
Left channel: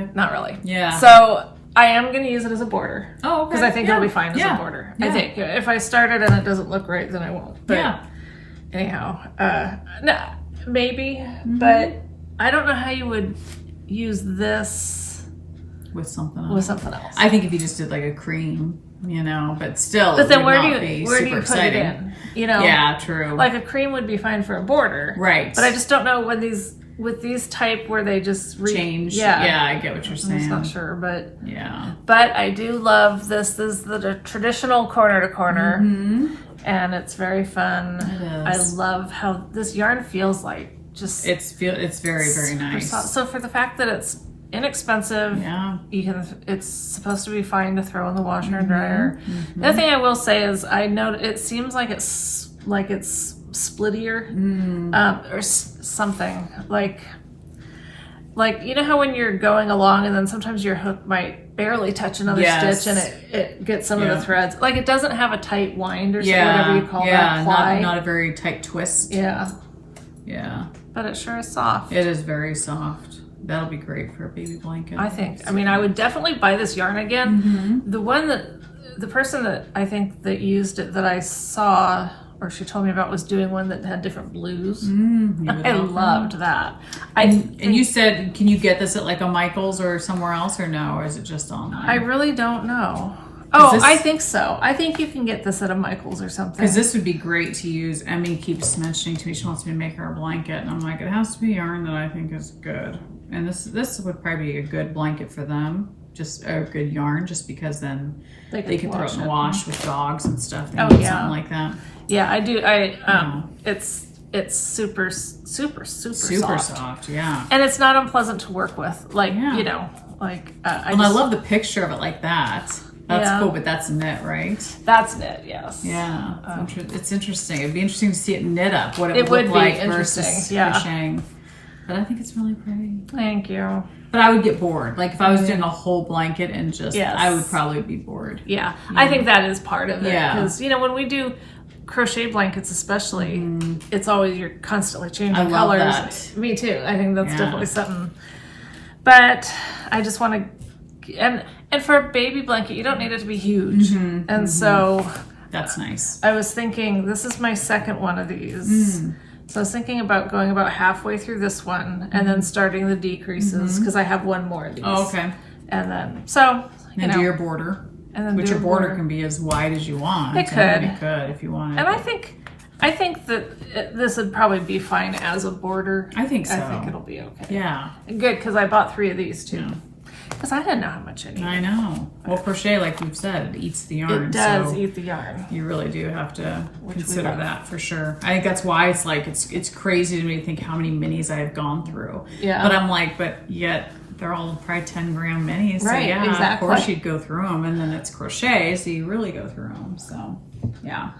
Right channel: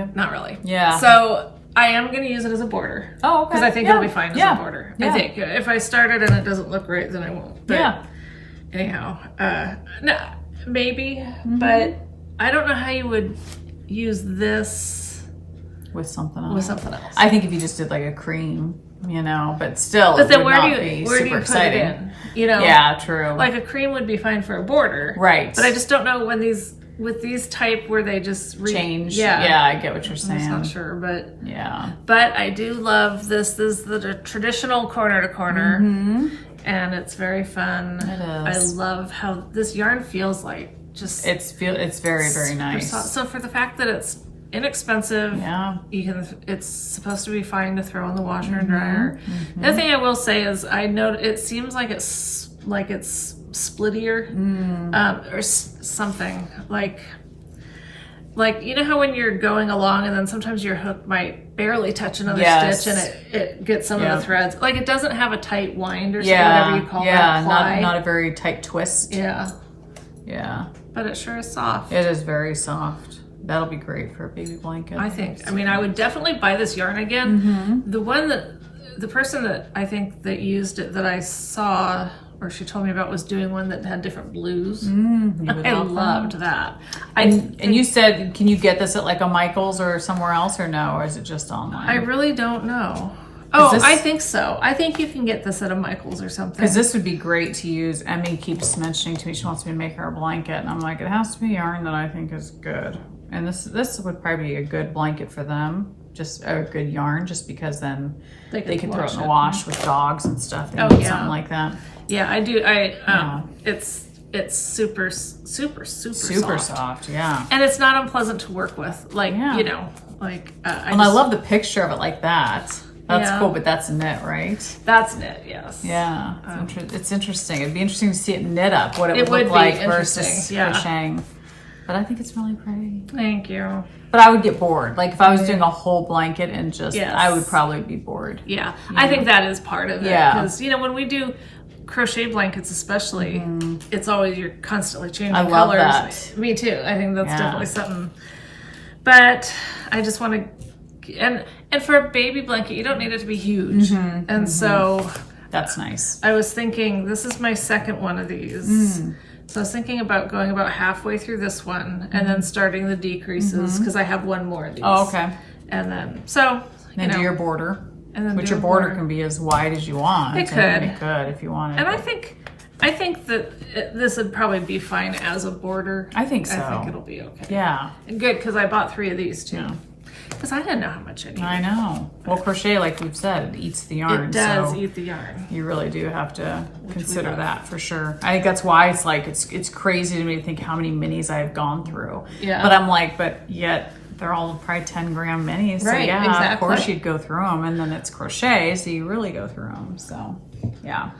of. Not really. Yeah. So I am going to use it as a border. Oh, okay. Because I think it'll be fine as a border. I think. If I start it and it doesn't look right, then I won't. But anyhow, no, maybe. But I don't know how you would use this with something else. I think if you just did like a cream, but still. But then where do you put it in? Yeah, true. Like a cream would be fine for a border, right? But I just don't know when with these type where they just change. Yeah, I get what you're saying. I'm not sure, but yeah. But I do love this. This is the traditional corner to corner, and it's very fun. It is. I love how this yarn feels like. Just it's very, very nice. So for the fact that it's inexpensive, it's supposed to be fine to throw in the washer and dryer. The other thing I will say is I know it seems like it's splittier or something. Like like, you know how when you're going along and then sometimes your hook might barely touch another stitch and it gets some of the threads. Like, it doesn't have a tight wind or whatever you call that ply. Not a very tight twist. Yeah. Yeah. But it sure is soft. It is very soft. That'll be great for a baby blanket. I think. I mean, I would definitely buy this yarn again. The person that I think that used it that I saw, or she told me about, was doing one that had different blues. I loved that. And you said, can you get this at like a Michael's or somewhere else, or no? Or is it just online? I really don't know. Oh, I think so. I think you can get this at a Michael's or something. Because this would be great to use. Emmy keeps mentioning to me she wants me to make her a blanket, and I'm like, it has to be yarn that I think is good. And this would probably be a good blanket for them. Just a good yarn, just because then they can throw it in the wash with dogs and stuff. And something like that. Yeah, I do. It's super soft. Yeah. And it's not unpleasant to work with. Like, you know, like I love the picture of it like that. That's cool, but that's knit, right? That's knit, yes. Yeah, it's interesting. It'd be interesting to see it knit up, what it would look like versus crocheting. But I think it's really pretty. Thank you. But I would get bored. Like if I was doing a whole blanket and just, I would probably be bored. Yeah, I think that is part of it. Because, you know, when we do crochet blankets especially, it's always, you're constantly changing colors. That. Me too. I think that's definitely something. But I just want to, and for a baby blanket, you don't need it to be huge. And so that's nice. I was thinking, this is my second one of these. So I was thinking about going about halfway through this one and then starting the decreases because I have one more of these. Oh, okay. And then, so, you know. do your border. And then which a border can be as wide as you want. It could. It could if you wanted. And I think that this would probably be fine as a border. I think so. I think it'll be okay. Yeah. Good, because I bought 3 of these too. Because I didn't know how much it needed. I know. Well, crochet, like we've said, it eats the yarn. It does eat the yarn. You really do have to consider that for sure. I think that's why it's like, it's crazy to me to think how many minis I've gone through. Yeah. But I'm like, but yet they're all probably 10-gram minis. So right, yeah, exactly. Of course you'd go through them. And then it's crochet, so you really go through them. So, yeah.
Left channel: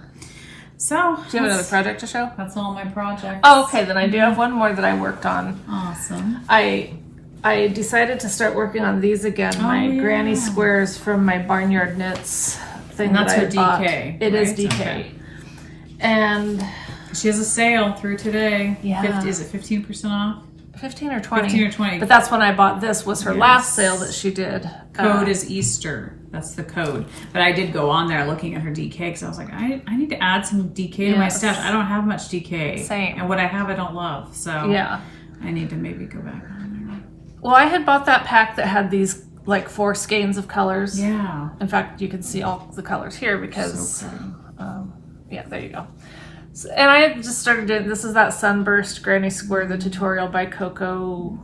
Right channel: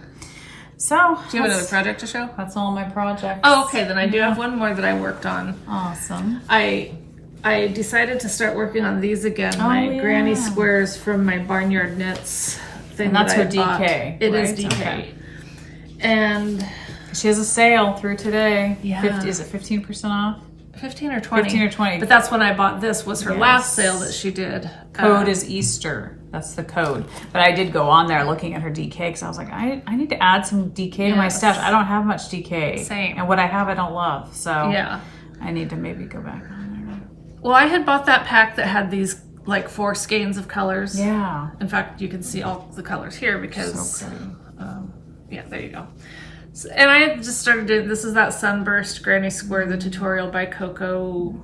So, do you have another project to show? That's all my projects. Oh, okay. Then I do have one more that I worked on. Awesome. I decided to start working on these again. My granny squares from my Barnyard Knits thing. And that's her DK. It is DK. Okay. And she has a sale through today. Yeah. Is it 15% off? 15 or 20. 15 or 20. But that's when I bought this, was her last sale that she did. Code is Easter. That's the code. But I did go on there looking at her DK because I was like, I need to add some DK to my stash. I don't have much DK. Same. And what I have, I don't love. So I need to maybe go back. Well, I had bought that pack that had these like 4 skeins of colors. Yeah. In fact, you can see all the colors here because, yeah, there you go. So, and I just started doing, this is that Sunburst Granny Square, the tutorial by Bella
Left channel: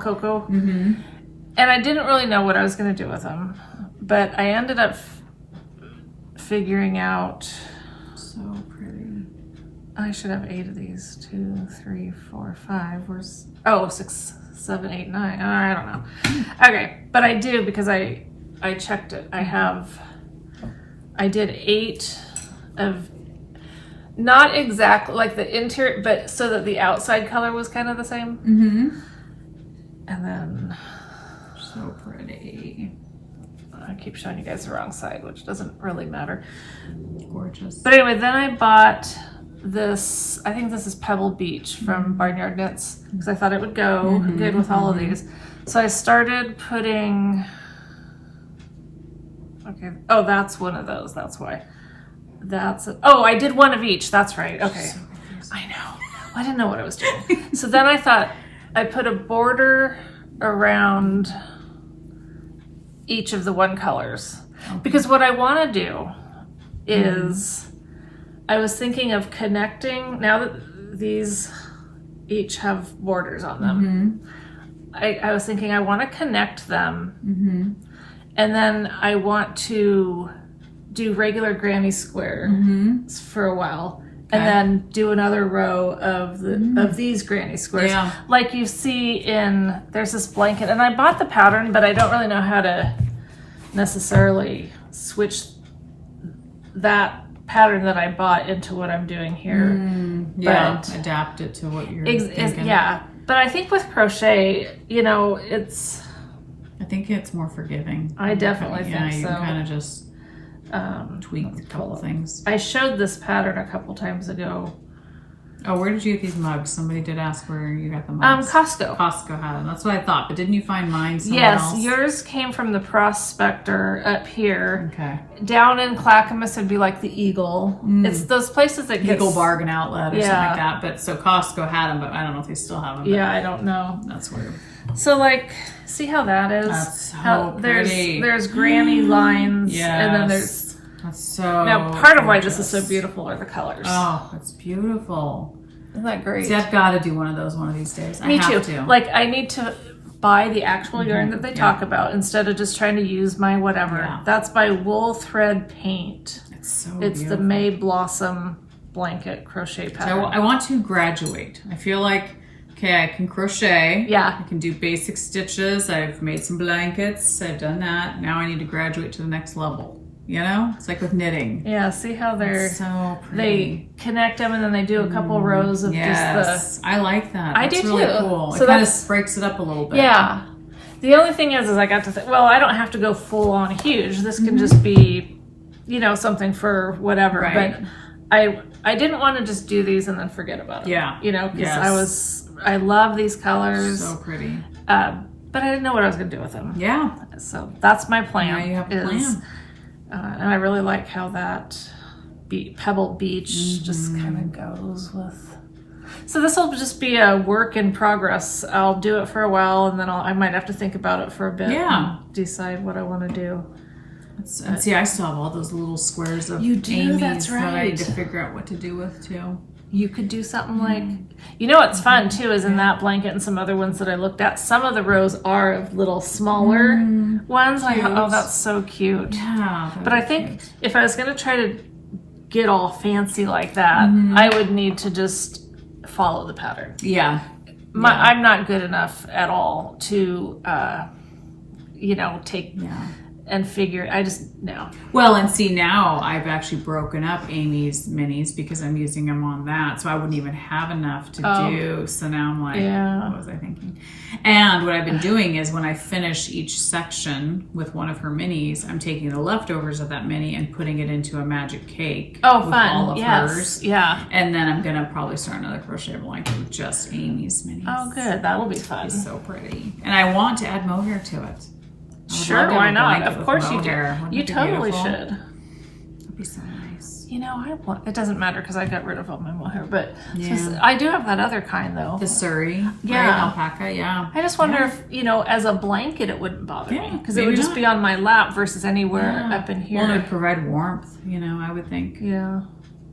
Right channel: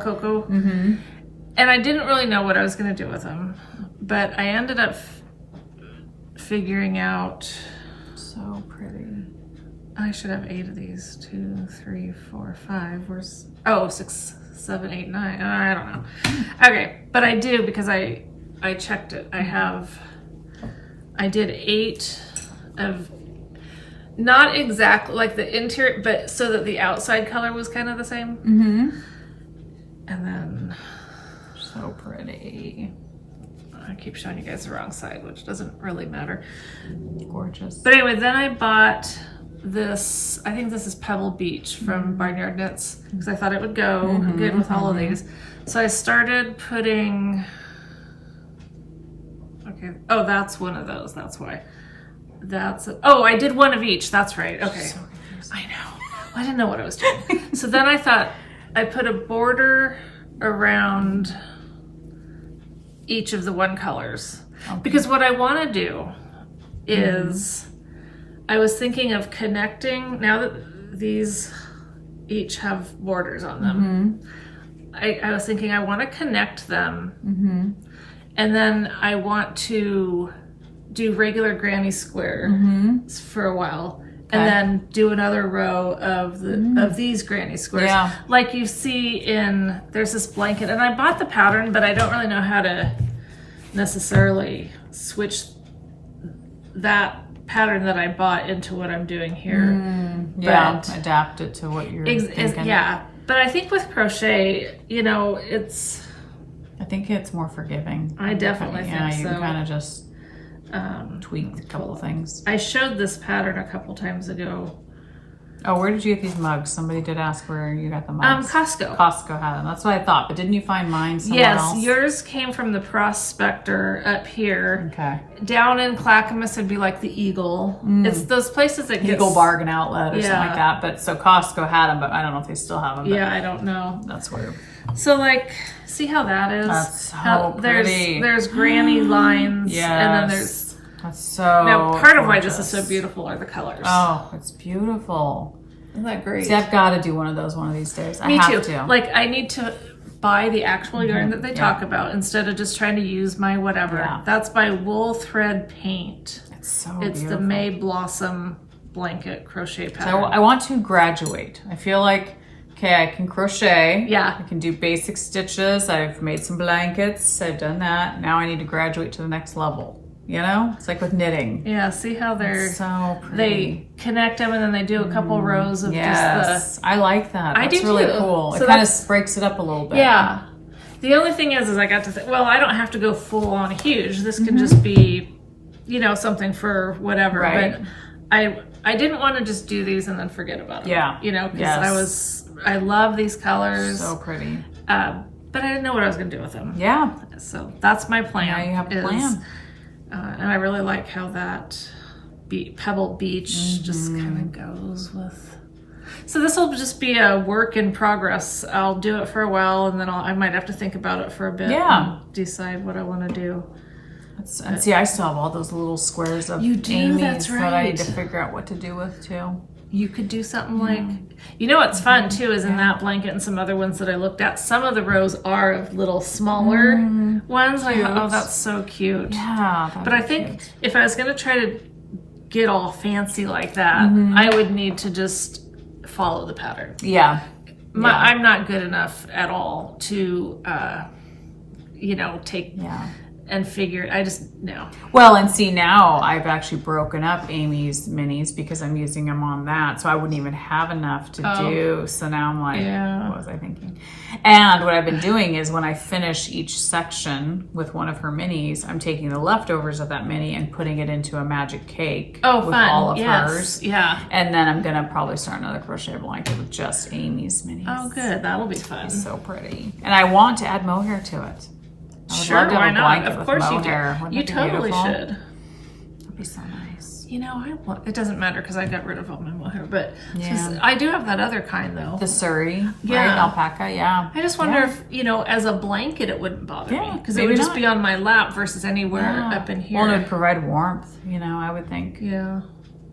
Coco. And I didn't really know what I was going to do with them, but I ended up figuring out. So pretty. I should have 8 of these. 2, 3, 4, 5. Where's 6, 7, 8, 9. I don't know. Okay, but I do because I checked it. I did 8 of, not exactly like the interior, but so that the outside color was kind of the same. And then, so pretty. I keep showing you guys the wrong side, which doesn't really matter. Gorgeous. But anyway, then I bought this, I think this is Pebble Beach from Barnyard Knits, because I thought it would go good with all of these. So I started putting, that's one of those, that's why. I did one of each, that's right, okay. I know, I didn't know what I was doing. So then I thought I put a border around each of the one colors. Because what I want to do is, I was thinking of connecting, now that these each have borders on them, I was thinking I want to connect them, and then I want to do regular granny square for a while, and then do another row of these granny squares, like you see in, there's this blanket, and I bought the pattern, but I don't really know how to necessarily switch that pattern that I bought into what I'm doing here. But adapt it to what you're thinking. But I think with crochet, you know, I think it's more forgiving. I definitely think you so. can kind of just tweak a couple things. I showed this pattern a couple times ago. Oh, where did you get these mugs? Somebody did ask where you got the mugs. Costco. Costco had them. That's what I thought. But didn't you find mine somewhere else? Yes, yours came from the Prospector up here. Okay. Down in Clackamas, it'd be like the Eagle. It's those places that get Eagle Bargain Outlet or something like that. But so Costco had them, but I don't know if they still have them. Yeah, I don't know. That's weird. So like, see how that is? That's so pretty. There's granny lines, Yes. and then there's. That's so Now, part of why gorgeous. this is so beautiful are the colors. Oh, it's beautiful. Isn't that great? See, I've got to do one of those one of these days. Me I have too. to. Like, I need to buy the actual yarn that they talk about instead of just trying to use my whatever. Yeah. That's by Wool Thread Paint. It's so It's the beautiful. May Blossom blanket crochet So pattern. I want to graduate. I feel like, okay, I can crochet. Yeah. I can do basic stitches. I've made some blankets. I've done that. Now I need to graduate to the next level. You know? It's like with knitting. Yeah, see how It's so pretty. they connect them and then they do a couple rows of Yes. I like that. I That's do really too. cool. So it kind that's- of breaks it up a little bit. Yeah. The only thing is I got to think, well, I don't have to go full on huge. This can just be, you know, something for whatever. Right. But I didn't want to just do these and then forget about them. Yeah. You know, because Yes. I love these colors. So pretty. But I didn't know what I was going to do with them. Yeah. So that's my plan. Now you have a plan. And I really like how that Pebble Beach just kind of goes with. So this will just be a work in progress. I'll do it for a while, and then I might have to think about it for a bit. Yeah. And decide what I want to do. And see, I still have all those little squares of You do, Amy's that's that I need to right. figure out what to do with too. You could do something like, you know what's fun too is in that blanket and some other ones that I looked at, some of the rows are of little smaller ones. I thought, oh, that's so cute. Yeah. But I think if I was going to try to get all fancy like that, I would need to just follow the pattern. Yeah. I'm not good enough at all to, you know, take and figure. I just, no. Well, and see, now I've actually broken up Amy's minis because I'm using them on that. So I wouldn't even have enough to do. So now I'm like, what was I thinking? And what I've been doing is when I finish each section with one of her minis, I'm taking the leftovers of that mini and putting it into a magic cake with all of hers. Yeah. And then I'm going to probably start another crochet blanket with just Amy's minis. Oh, good. That'll be fun. It's so pretty. And I want to add mohair to it. Sure, why not? Of course you do. You totally should. That'd be so nice. You know, it doesn't matter because I got rid of all my mohair, but I do have that other kind though. The Surrey, right? Alpaca, yeah. I just wonder if, you know, as a blanket it wouldn't bother me because it would just be on my lap versus anywhere up in here. Well, it would provide warmth, you know, I would think. Yeah.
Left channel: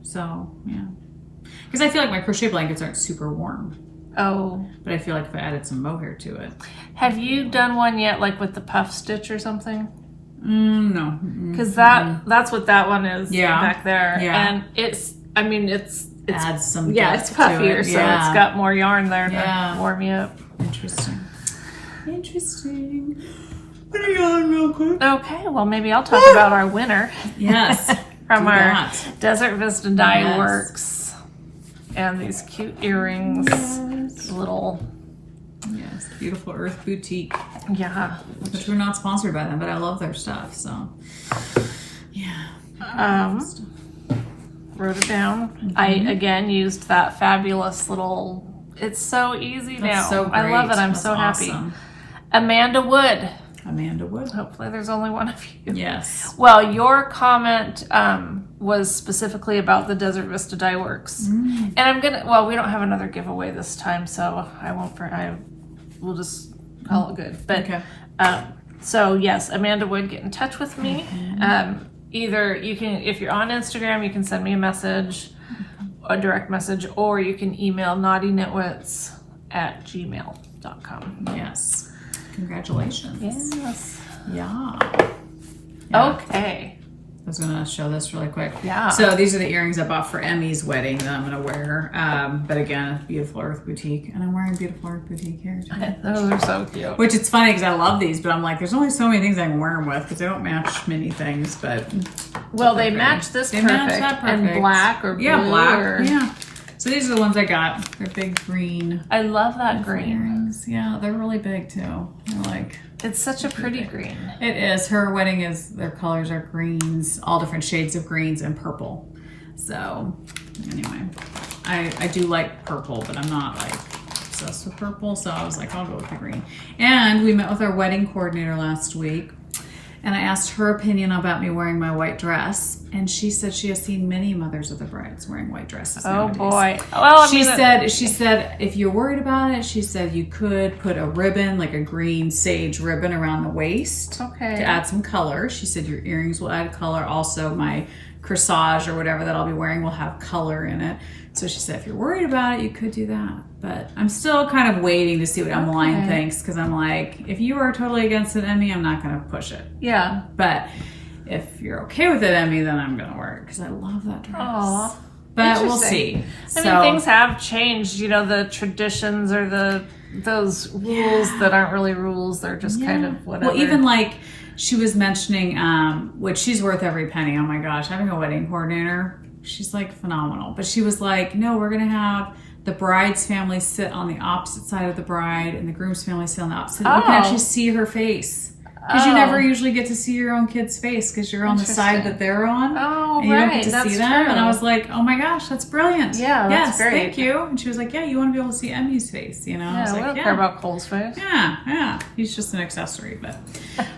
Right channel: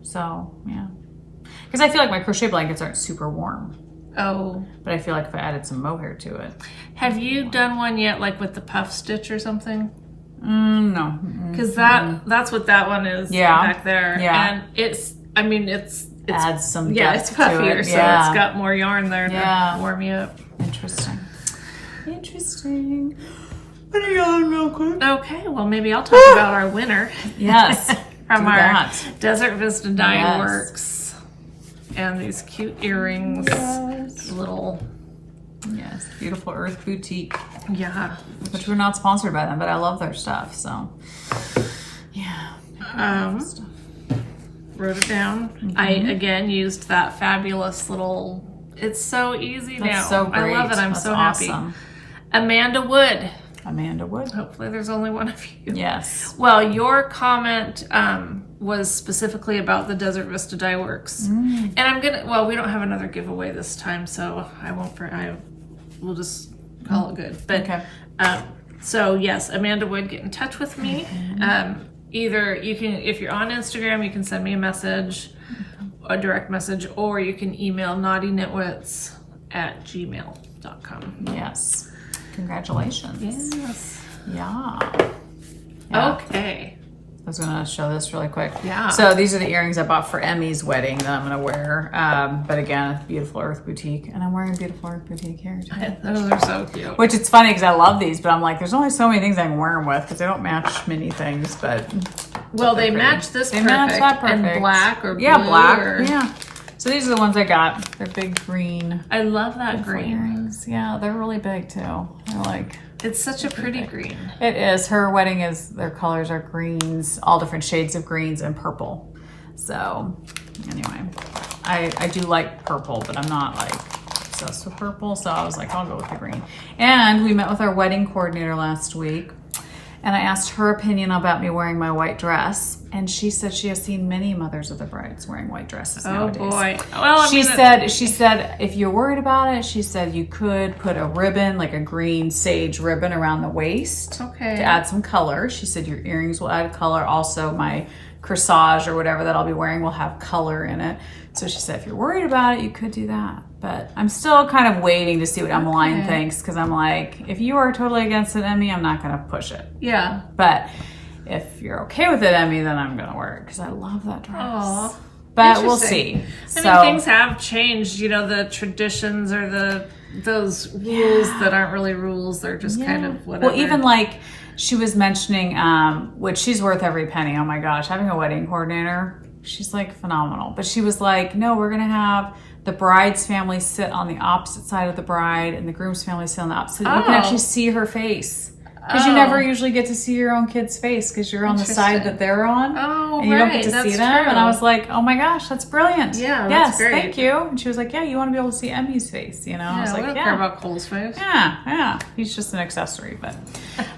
So, yeah. Because I feel like my crochet blankets aren't super warm. Oh. But I feel like if I added some mohair to it. Have you done one yet, like with the puff stitch or something? No. Because that's what that one is back there. Yeah. And it's adds some it's puffier, so it's got more yarn there to warm you up. Interesting. Put it on real quick. Okay, well maybe I'll talk about our winner. Yes. From our Desert Vista Dye Works. And these cute earrings. Little. Yes, beautiful Earth Boutique. Yeah. Which we're not sponsored by them, but I love their stuff, so. Yeah. Wrote it down. I, again, used that fabulous little, it's so easy now. So great. I love it. I'm so happy. Awesome. Amanda Wood. Amanda Wood. Hopefully there's only one of you. Yes. Well, your comment was specifically about the Desert Vista Dye Works. And I'm going to, we don't have another giveaway this time, so we'll just call it good. But, so yes, Amanda Wood, get in touch with me. Either you can, if you're on Instagram, you can send me a message, a direct message, or you can email naughtyknitwits@gmail.com. Yes. Congratulations. Yes. Yeah. Okay. I was going to show this really quick. Yeah. So these are the earrings I bought for Emmy's wedding that I'm going to wear. But again, beautiful Earth Boutique. And I'm wearing beautiful Earth Boutique here. Those are so cute. Which it's funny because I love these, but I'm like, there's only so many things I can wear them with because they don't match many things. But well, they match this perfect. And black or blue. Yeah, black. Or... Yeah. So So these are the ones I got. They're big green. I love that green. Yeah, they're really big too. They're like... It's such a pretty green. It is. Her wedding is, their colors are greens, all different shades of greens and purple. So anyway, I do like purple, but I'm not like obsessed with purple. So I was like, I'll go with the green. And we met with our wedding coordinator last week. And I asked her opinion about me wearing my white dress. And she said she has seen many mothers of the brides wearing white dresses nowadays. Oh boy. Well, she said if you're worried about it, she said you could put a ribbon, like a green sage ribbon around the waist to add some color. She said your earrings will add color. Also my corsage or whatever that I'll be wearing will have color in it. So she said if you're worried about it, you could do that. But I'm still kind of waiting to see what Emmeline thinks, because I'm like, if you are totally against it, Emmy, I'm not going to push it. Yeah. But if you're okay with it, Emmy, then I'm going to wear it, because I love that dress. Aww. But we'll see. I mean, things have changed. You know, the traditions or those rules that aren't really rules. They're just kind of whatever. Well, even like she was mentioning, which she's worth every penny. Oh my gosh, having a wedding coordinator, she's like phenomenal. But she was like, no, we're going to have the bride's family sit on the opposite side of the bride and the groom's family sit on the opposite. You can actually see her face. Because you never usually get to see your own kid's face because you're on the side that they're on. Oh, and you don't get to see them. True. And I was like, oh my gosh, that's brilliant. Yeah, that's great. Thank you. And she was like, yeah, you want to be able to see Emmy's face, you know? Yeah, I was we like, don't care about Cole's face. Yeah. He's just an accessory. But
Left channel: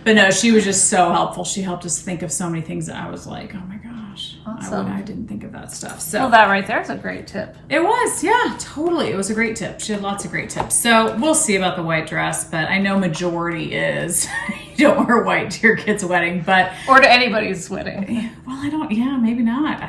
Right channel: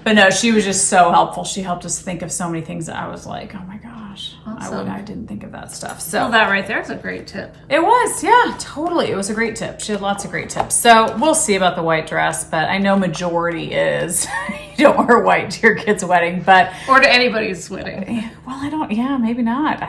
no, she was just so helpful. She helped us think of so many things that I was like, oh my gosh. Awesome. I didn't think of that stuff. So well, that right there is a great tip. It was, yeah, totally. It was a great tip. She had lots of great tips. So we'll see about the white dress, but I know majority is you don't wear white to your kid's wedding, but or to anybody's wedding. Well, I don't. Yeah, maybe not.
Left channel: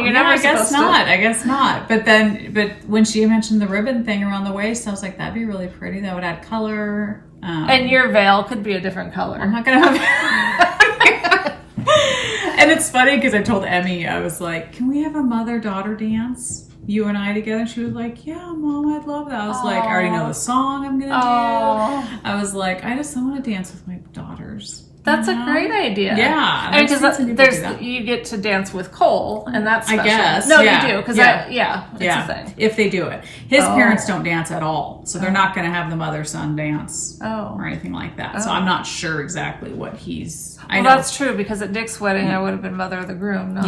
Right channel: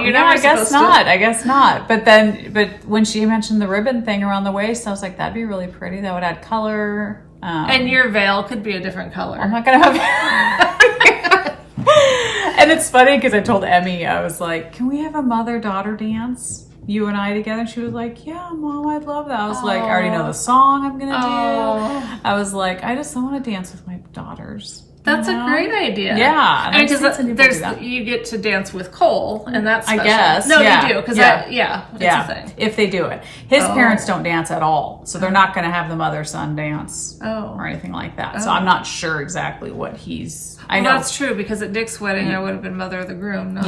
You're never supposed to. I guess not. But when she mentioned the ribbon thing around the waist, I was like, that'd be really pretty. That would add color. And your veil could be a different color. I'm not gonna have. And it's funny because I told Emmy, I was like, can we have a mother-daughter dance? You and I together? And she was like, yeah, Mom, I'd love that. I was like, I already know the song I'm going to do. I was like, I want to dance with my daughters. That's a great idea. Yeah. And because you get to dance with Cole, and that's special. I guess. No, you do. Because it's a thing. If they do it. His parents don't dance at all. So they're not going to have the mother-son dance or anything like that. So I'm not sure exactly what he's... Well, that's true, because at Dick's wedding, I would have been mother of the groom. Not,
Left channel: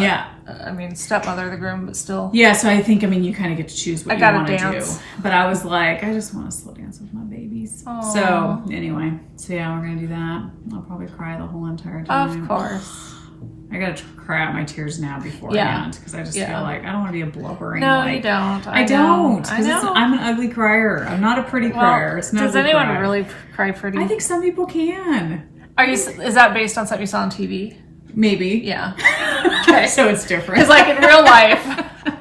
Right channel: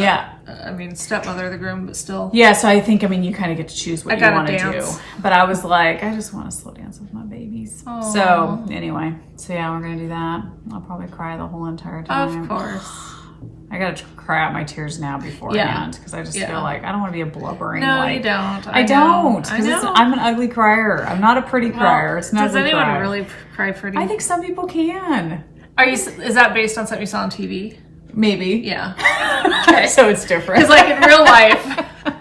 stepmother of the groom, but still. Yeah, so I think, you kind of get to choose what you want to do. But I was like, I just want to slow dance with my babies. Aww. So, anyway. So, yeah, we're going to do that. I'll probably cry the whole entire time. Of course. I got to cry out my tears now beforehand, because I just feel like I don't want to be a blubbering. No, you don't. I don't. I know. I'm an ugly crier. I'm not a pretty crier. It's not. Does anyone really cry pretty? I think some people can. Is that based on something you saw on TV? Maybe. Yeah. Okay. So it's different. Because like in real life,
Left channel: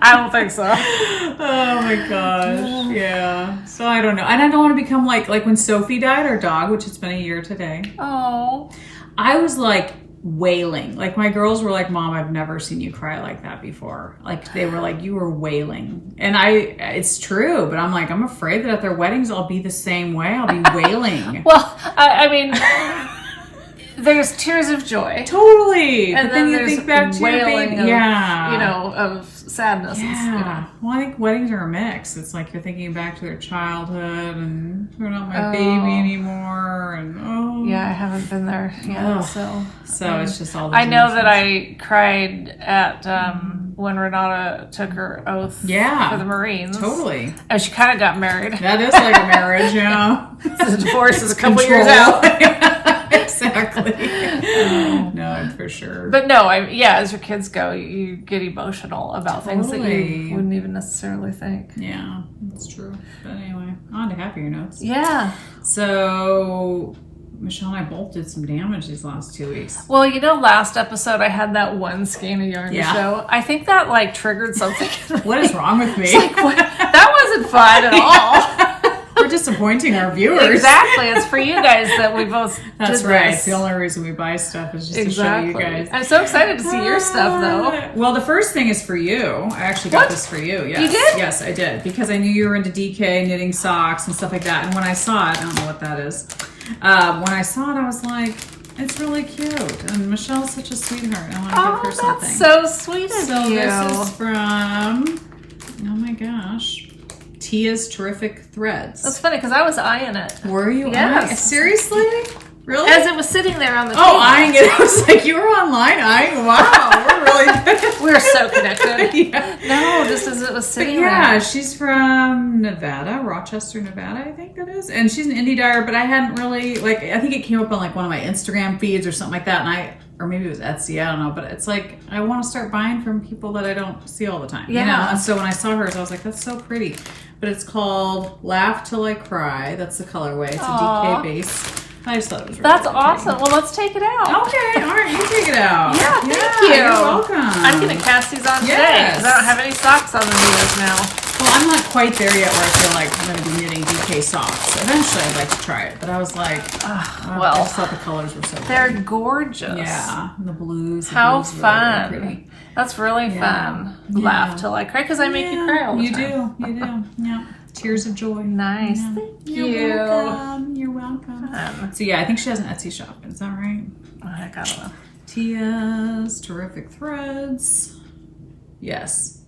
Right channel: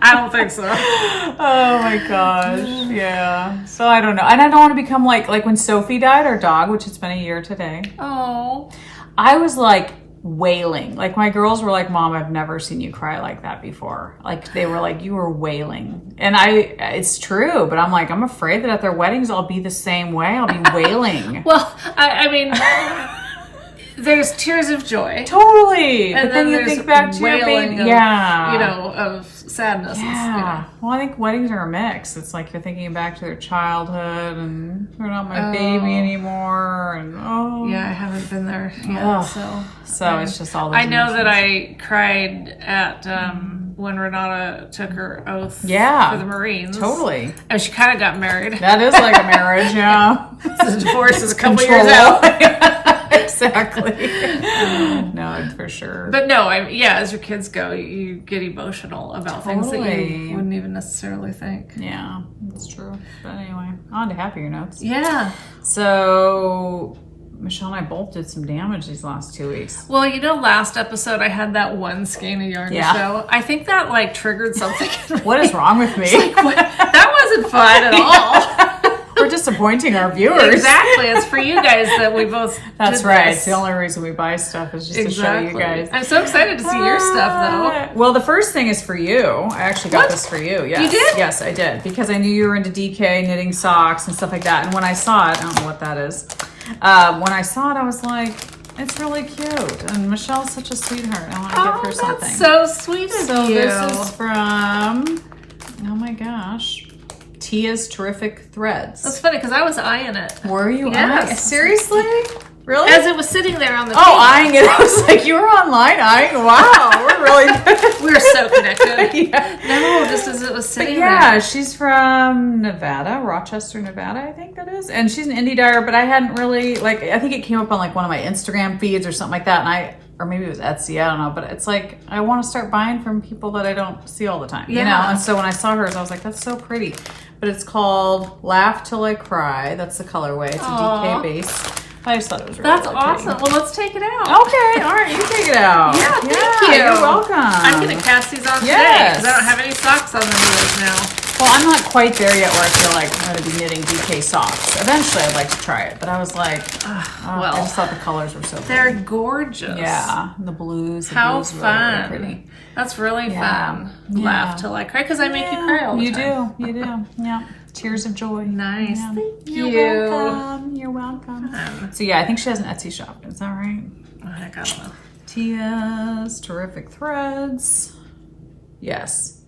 I don't think so. Oh my gosh. Yeah. So I don't know. And I don't want to become like when Sophie died, our dog, which it's been a year today. Oh. I was like wailing. Like my girls were like, Mom, I've never seen you cry like that before. Like they were like, you were wailing. And it's true, but I'm like, I'm afraid that at their weddings I'll be the same way. I'll be wailing. Well, I mean, there's tears of joy. Totally. And then there's wailing of, of sadness. Yeah. Well, I think weddings are a mix. It's like you're thinking back to their childhood and they're not my baby anymore. And yeah, I haven't been there yet. So it's just all those I know emotions. that I cried at when Renata took her oath for the Marines. Totally. And she kind of got married. That is like a marriage, yeah. The divorce is a couple years out. Exactly. No, for sure. But no, as your kids go, you get emotional about things that you wouldn't even necessarily think. Yeah, that's true. But anyway, on to happier notes. Yeah. So Michelle and I both did some damage these last 2 weeks. Well, last episode I had that one skein of yarn to show. I think that triggered something. What is wrong with me? That wasn't fun at all. We're disappointing our viewers. Exactly. It's for you guys that we both That's right. This. It's the only reason we buy stuff is just to show you guys. I'm so excited to see your stuff, though. Well, the first thing is for you. I actually got this for you. Yes. You did? Yes, I did. Because I knew you were into DK, knitting socks and stuff like that. And when I saw it, I don't know what that is. When I saw it, I was like, it's really cute. And Michelle's such a sweetheart. I want to give her something. That's so sweet of you. So this is from Oh my gosh. Tia's Terrific Threads. That's funny because I was eyeing it. Were you? Yes. Seriously? Really? As it was sitting there on the table. Oh, eyeing it. I was like, you were online eyeing. Wow, we're really good. We're so connected. Yeah. No, just as it was sitting Yeah, there. she's from Nevada, Rochester, Nevada, I think that is. And she's an indie dyer, but I hadn't really, like, I think it came up on like one of my Instagram feeds or something like that. And or maybe it was Etsy, I don't know. But it's like, I want to start buying from people that I don't see all the time. Yeah. You know? And so when I saw hers, I was like, that's so pretty. But it's called Laugh Till I Cry. That's the colorway. It's a DK base. I just thought it was really That's pretty. awesome. Well, let's take it out. Okay, all right, you can take it out. Yeah, thank you. You're welcome. I'm going to cast these on today because I don't have any socks on the needles now. Well, I'm not quite there yet where I feel like I'm going to be knitting DK socks. Eventually, I'd like to try it, but I was like, I just thought the colors were so They're pretty. gorgeous. Yeah, the blues. How blues fun. Really pretty. That's really fun. Yeah. Laugh till I cry because I make you cry all the time. You do. Yeah. Tears of joy. Nice. Yeah. Thank You're you. welcome. You're welcome. So yeah, I think she has an Etsy shop. Is that right? I don't know. Tia's Terrific Threads. Yes.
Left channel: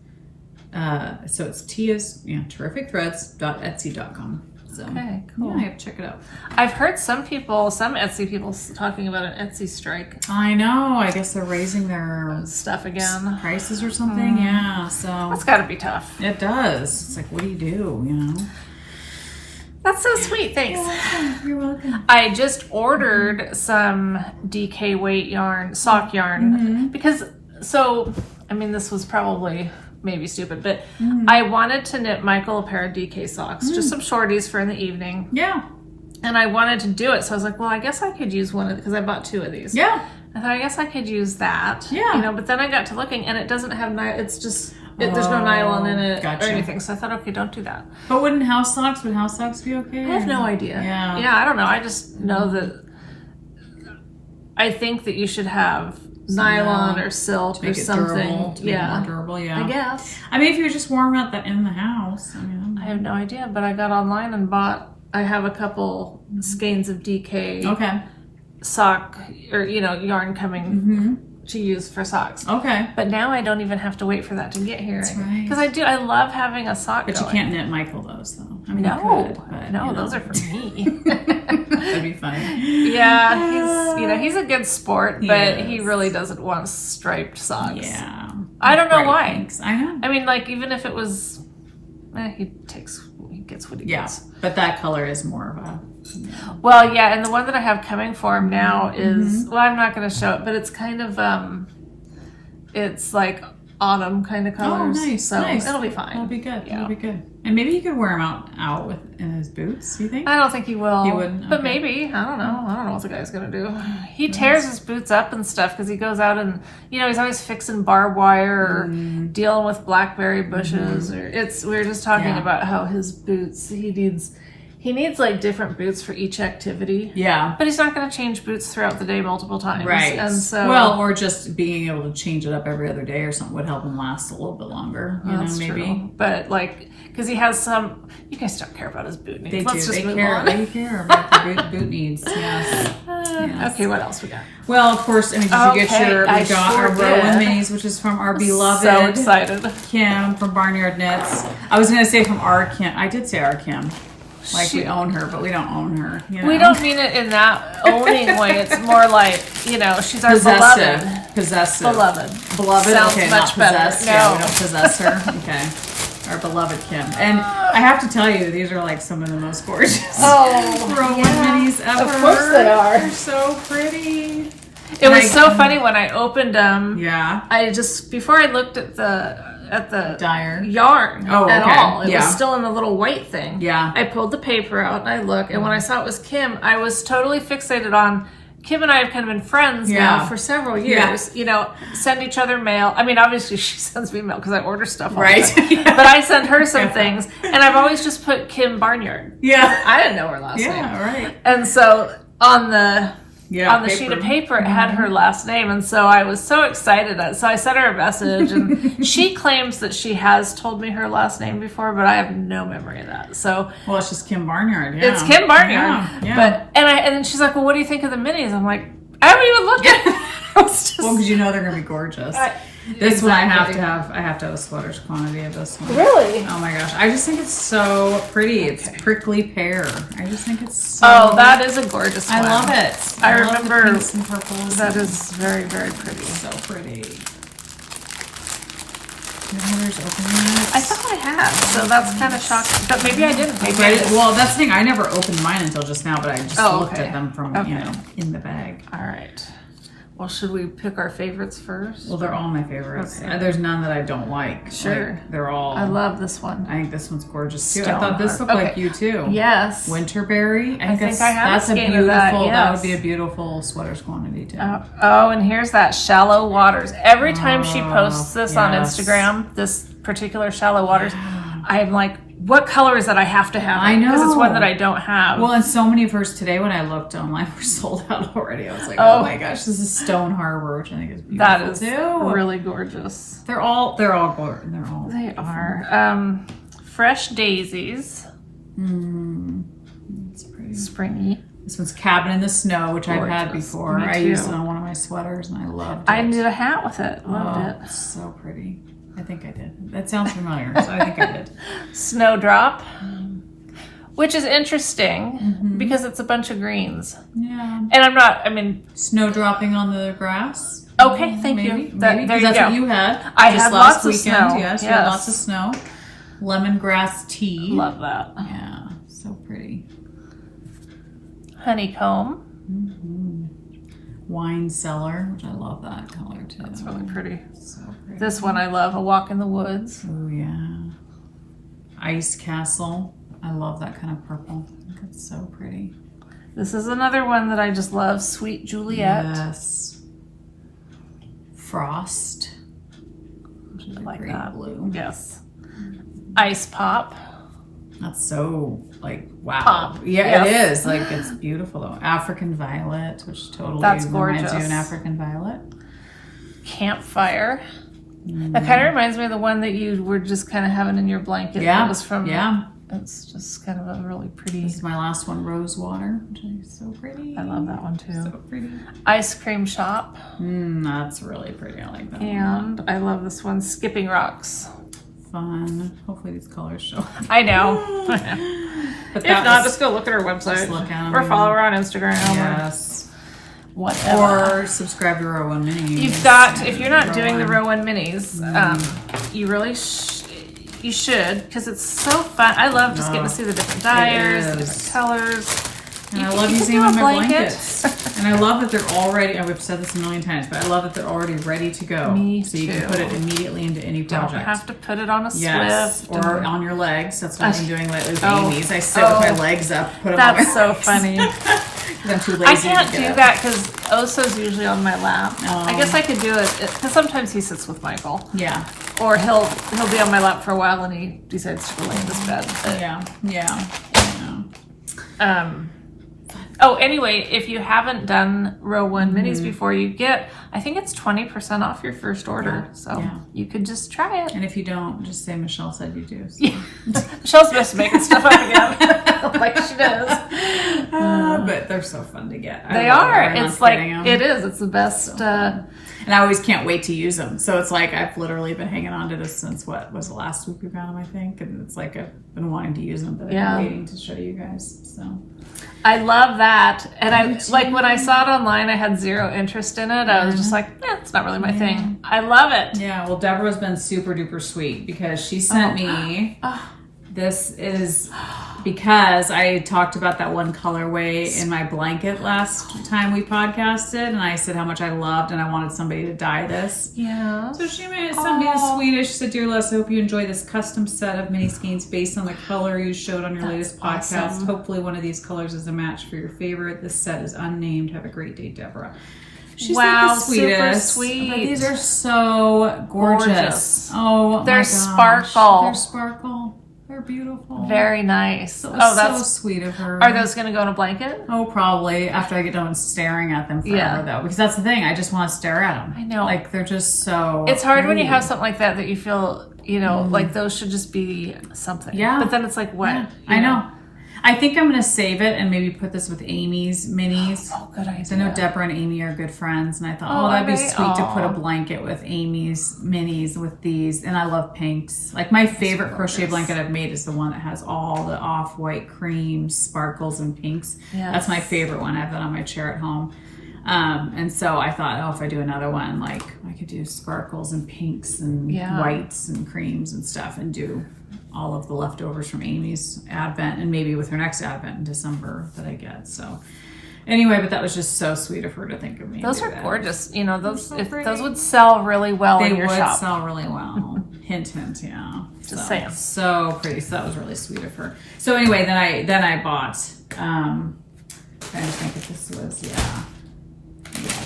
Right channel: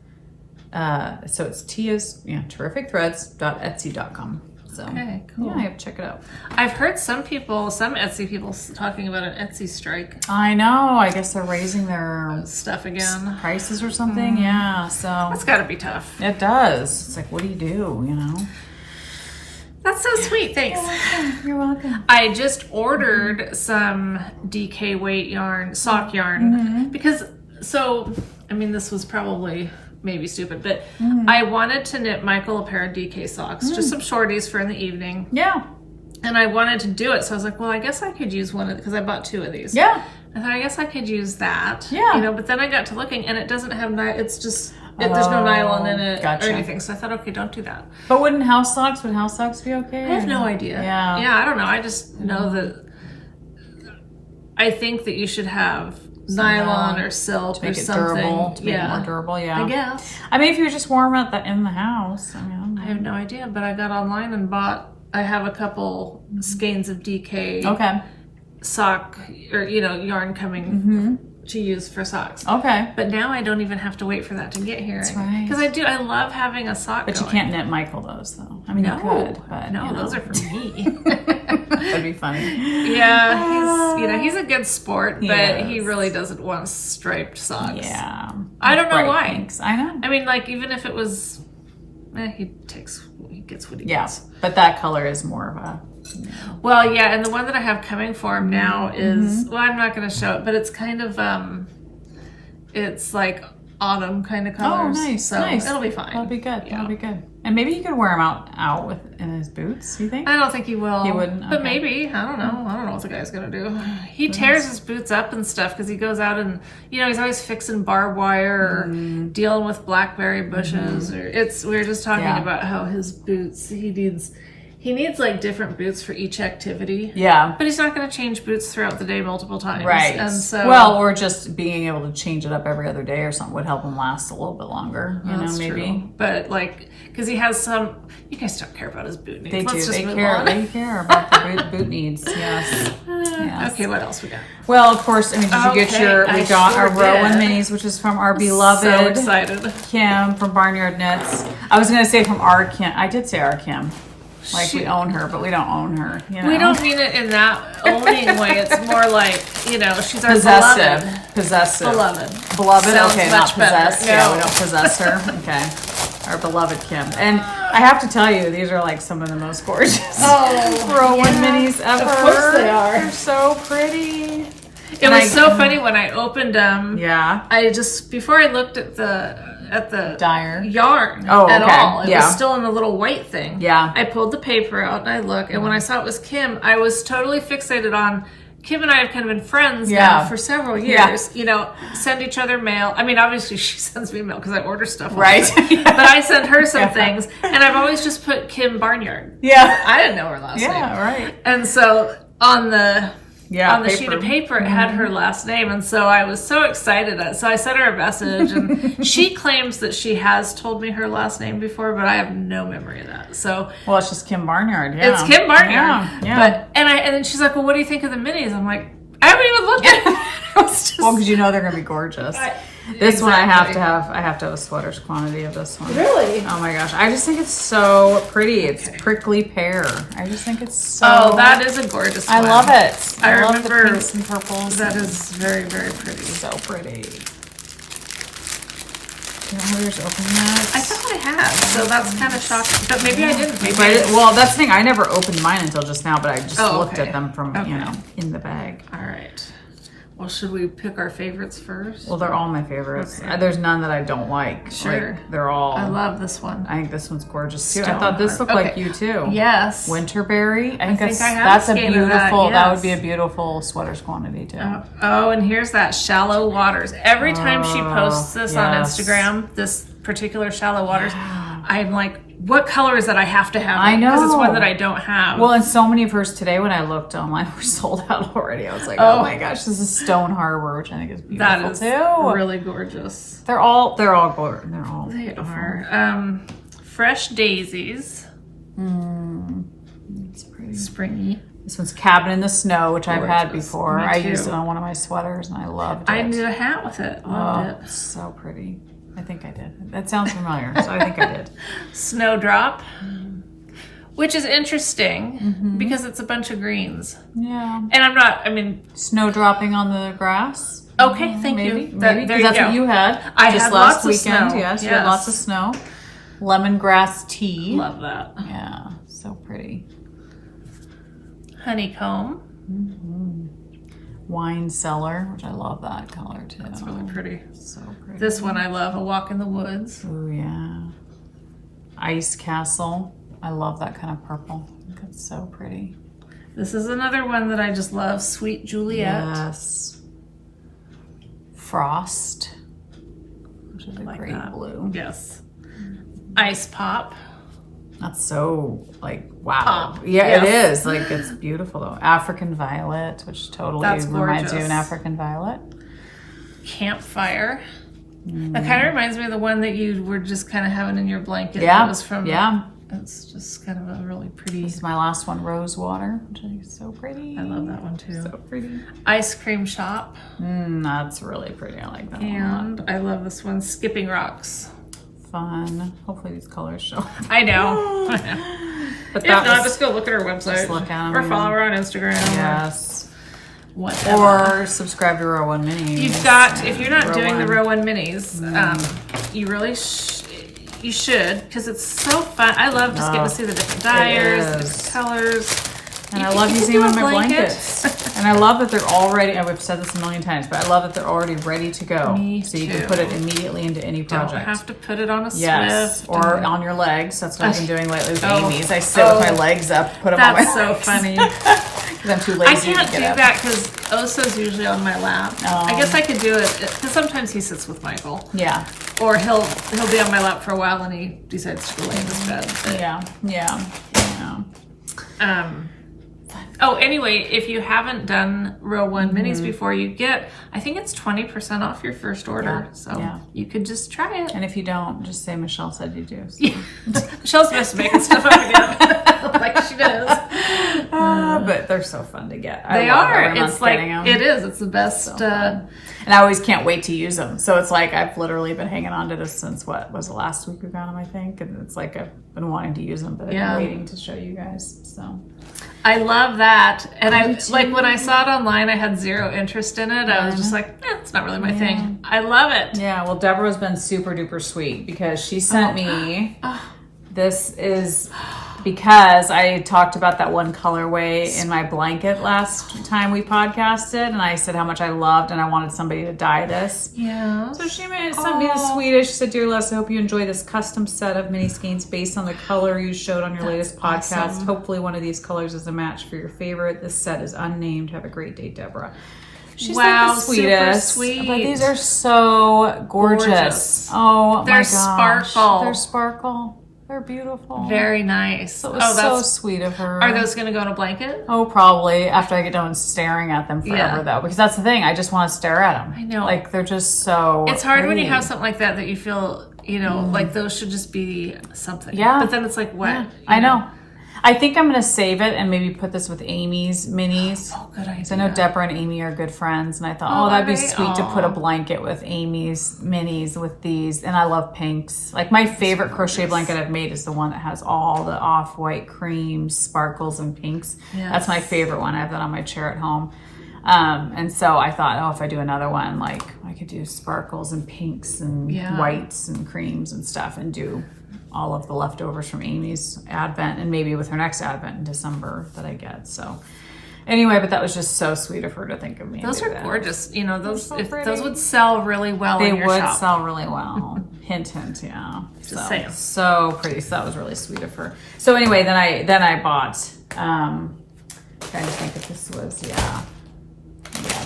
So it's Tia's Terrific Threads.etsy.com. So Okay, cool. yeah, I have to check it out. I've heard some Etsy people talking about an Etsy strike. I know. I guess they're raising their Stuff again. prices or something. Yeah. So That's got to be tough. it does. It's like, what do you do? You know. That's so sweet. Thanks. You're welcome. I just ordered some DK weight yarn, sock yarn, because, this was probably maybe stupid, but I wanted to knit Michael a pair of DK socks, just some shorties for in the evening. Yeah. And I wanted to do it. So I was like, well, I guess I could use one of, because I bought 2 of these. Yeah. I thought, I guess I could use that. Yeah. But then I got to looking and it doesn't have, it's just, there's no nylon in it Gotcha. or anything. So I thought, okay, don't do that. But would house socks be okay? I have no idea. Yeah. Yeah, I don't know. I just know that I think that you should have nylon or silk or something. More durable, yeah. I guess. I mean, if you're just warm out in the house. I have no idea, but I got online and I have a couple skeins of DK sock or, yarn coming to use for socks. Okay. But now I don't even have to wait for that to get here. That's right. Because I love having a sock But going. you can't knit Michael those, though. I mean, No, you could, but, no, those are for me. That'd be fun. Yeah, he's a good sport, but Yes. he really doesn't want striped socks. Yeah. I don't know Bright why. pinks. I know. I mean, like, even if it was, he gets what he gets. But that color is more of a... Well, yeah, and the one that I have coming for him now is, well, I'm not going to show it, but it's kind of, it's like autumn kind of colors. Oh, nice. So nice. it'll be fine. That'll be good. Yeah. That'll be good. And maybe you could wear them out in his boots, you think? I don't think he will. He wouldn't? But Okay. maybe. I don't know. I don't know what the guy's going to do. He tears his boots up and stuff because he goes out and, he's always fixing barbed wire or dealing with blackberry bushes. Or we were just talking about how his boots, he needs like different boots for each activity. Yeah. But he's not going to change boots throughout the day multiple times. Right. And so. Well, or just being able to change it up every other day or something would help him last a little bit longer. That's maybe. true. But because he has you guys don't care about his boot needs. They Let's do. just They move care. on. They care about the boot needs. Yes. Yes. Okay, what else we got? Well, of course, did you get I we got our sure Rowan did. minis, which is from our beloved So excited. Kim from Barnyard Knits. I was going to say from our Kim. I did say our Kim. Like we own her, but we don't own her. We don't mean it in that owning way. It's more like, she's our Possessive. beloved. Possessive. Beloved. Sounds okay, much not better. possessed. No. Yeah, we don't possess her. Okay. Our beloved Kim. And I have to tell you, these are like some of the most gorgeous Rowan minis ever. Of course they are. They're so pretty. It was so funny when I opened them. Yeah. Before I looked at the Dyer. yarn Oh, at okay. all. It Yeah. was still in the little white thing. Yeah. I pulled the paper out and I looked, and when I saw it was Kim, I was totally fixated on Kim and I have kind of been friends now for several years. Send each other mail. I mean, obviously she sends me mail because I order stuff. Right. But I send her some things, and I've always just put Kim Barnyard. Yeah. I didn't know her last name. Yeah, right. And so on the sheet of paper, it had Mm-hmm. her last name, and so I was so excited. So I sent her a message, and she claims that she has told me her last name before, but I have no memory of that. So Well, it's just Kim Barnyard. Yeah. it's Kim Barnyard. Yeah. But and then she's like, "Well, what do you think of the minis?" I'm like, "I haven't even looked at it." Well, because they're going to be gorgeous. This one I have to have a sweater's quantity of this one. Really? Oh my gosh. I just think it's so pretty. It's prickly pear. I just think it's so... Oh, that is a gorgeous one. I love it. I love remember the pinks and purples. that is very, very pretty. So pretty. Open that? I thought I had, so that's kind of shocking. But maybe I didn't. Maybe I did. Well, that's the thing. I never opened mine until just now, but I just looked okay. at them from, in the bag. All right. Well, should we pick our favorites first? Well, they're all my favorites. Okay. There's none that I don't like. Sure. Like, they're all... I love this one. I think this one's gorgeous too. I thought this looked like you too. Yes. Winterberry. I think I have that's a skein beautiful, of that. Yes. That would be a beautiful sweater's quantity too. Oh, and here's that Shallow Waters. Every time she posts this on Instagram, this particular Shallow Waters, I'm like, what color is that I have to have? I know. Because it's one that I don't have. Well, and so many of hers today when I looked online were sold out already. I was like, oh my gosh, this is Stone Harbor, which I think is beautiful that is too. really gorgeous. They're all gorgeous. They're all They beautiful. are. Fresh Daisies. It's pretty. Springy. This one's Cabin in the Snow, which I've had before. Me I too. used it on one of my sweaters and I loved it. I did a hat with it. Loved it. It's so pretty. I think I did. That sounds familiar, so I think I did. Snowdrop, which is interesting because it's a bunch of greens. Yeah. And snowdropping on the grass. Okay, thank you. Maybe. There you that's go. what you had. I just had last lots of weekend. snow. Yes, you had lots of snow. Lemongrass tea. Love that. Yeah, so pretty. Honeycomb. Wine cellar, which I love that color too. That's really pretty. So pretty. This one I love, A Walk in the Woods. Oh yeah. Ice Castle. I love that kind of purple. I think it's so pretty. This is another one that I just love, Sweet Juliet. Yes. Frost. Which is a Like great that. blue. Yes. Ice Pop. That's so wow. Pop. Yeah, Yes. it is. Like it's beautiful though. African Violet, which totally That's reminds you of gorgeous. an African violet. Campfire. That kind of reminds me of the one that you were just kind of having in your blanket. Yeah. It was from. Yeah. It's just kind of a really pretty. This is my last one, Rosewater, which I think is so pretty. I love that one too. So pretty. Ice Cream Shop. That's really pretty. I like that one. And I love this one, Skipping Rocks. Fun. Hopefully these colors show. I know. But If not, just go look at our website. Just look at 'em. Or follow her on Instagram. Yes. Or whatever. Or subscribe to Row 1 Minis. You've got, if you're not doing the Row Row 1 Minis, you really you should, because it's so fun. I love just getting to see the different dyers, the different colors. And I love using them in my blankets. And I love that they're already, I've said this a million times, but I love that they're already ready to go. Me so you too. can put it immediately into any project. Don't have to put it on a Yes, slip. or on your legs. That's what I've been doing lately with Oh. Amy's. I sit with my legs up, put them on That's my so funny. I'm too lazy I can't to do get up. that because Oso's usually on my lap. I guess I could do it because sometimes he sits with Michael. Yeah. Or he'll be on my lap for a while and he decides to go lay in his bed. But, Yeah. Oh, anyway, if you haven't done Row 1 Minis before, you get, I think it's 20% off your first order. You could just try it. And if you don't, just say Michelle said you do. So. Michelle's best to making stuff up again. Like she does. But they're so fun to get. They are. It's like, it is. It's the best. And I always can't wait to use them. So it's like I've literally been hanging on to this since what was the last week we got them, I think. And it's like I've been wanting to use them, but I've been waiting to show you guys. So I love that. And I like when I saw it online, I had zero interest in it. I was just like, it's not really my thing. I love it. Yeah, well, Deborah's been super duper sweet because she sent me. This is because I talked about that one colorway in my blanket last time we podcasted, and I said how much I loved and I wanted somebody to dye this. Yeah. So she sent me the sweetest. She said, "Dear Les, I hope you enjoy this custom set of mini skeins based on the color you showed on your latest podcast. Awesome. Hopefully one of these colors is a match for your favorite. This set is unnamed. Have a great day, Deborah." She's wow, like the sweetest, super sweet. But these are so gorgeous. Oh, they're my gosh. sparkle. They're sparkle. They're beautiful. Very nice. So it was so sweet of her. Are those going to go in a blanket? Oh, probably after I get done staring at them forever, though. Because that's the thing. I just want to stare at them. I know. Like, they're just so It's hard when you pretty. have something like that you feel, like those should just be something. Yeah. But then it's like, what? Yeah, I know. I think I'm going to save it and maybe put this with Amy's minis. Oh, good idea. So I know Deborah and Amy are good friends, and I thought, that'd be sweet to put a blanket with Amy's minis with these. And I love pinks. Like my favorite crochet blanket I've made is the one that has all the off-white creams, sparkles, and pinks. Yes. That's my favorite one. I have that on my chair at home. And so I thought, if I do another one, like I could do sparkles and pinks and whites and creams and stuff, and do all of the leftovers from Amy's Advent, and maybe with her next Advent in December that I get. So anyway, but that was just so sweet of her to think of me. Those are gorgeous. You know, those would sell really well in your shop. They would sell really well. Hint, hint, yeah. Just saying. So pretty. So that was really sweet of her. So anyway, then I bought, trying to think if this was,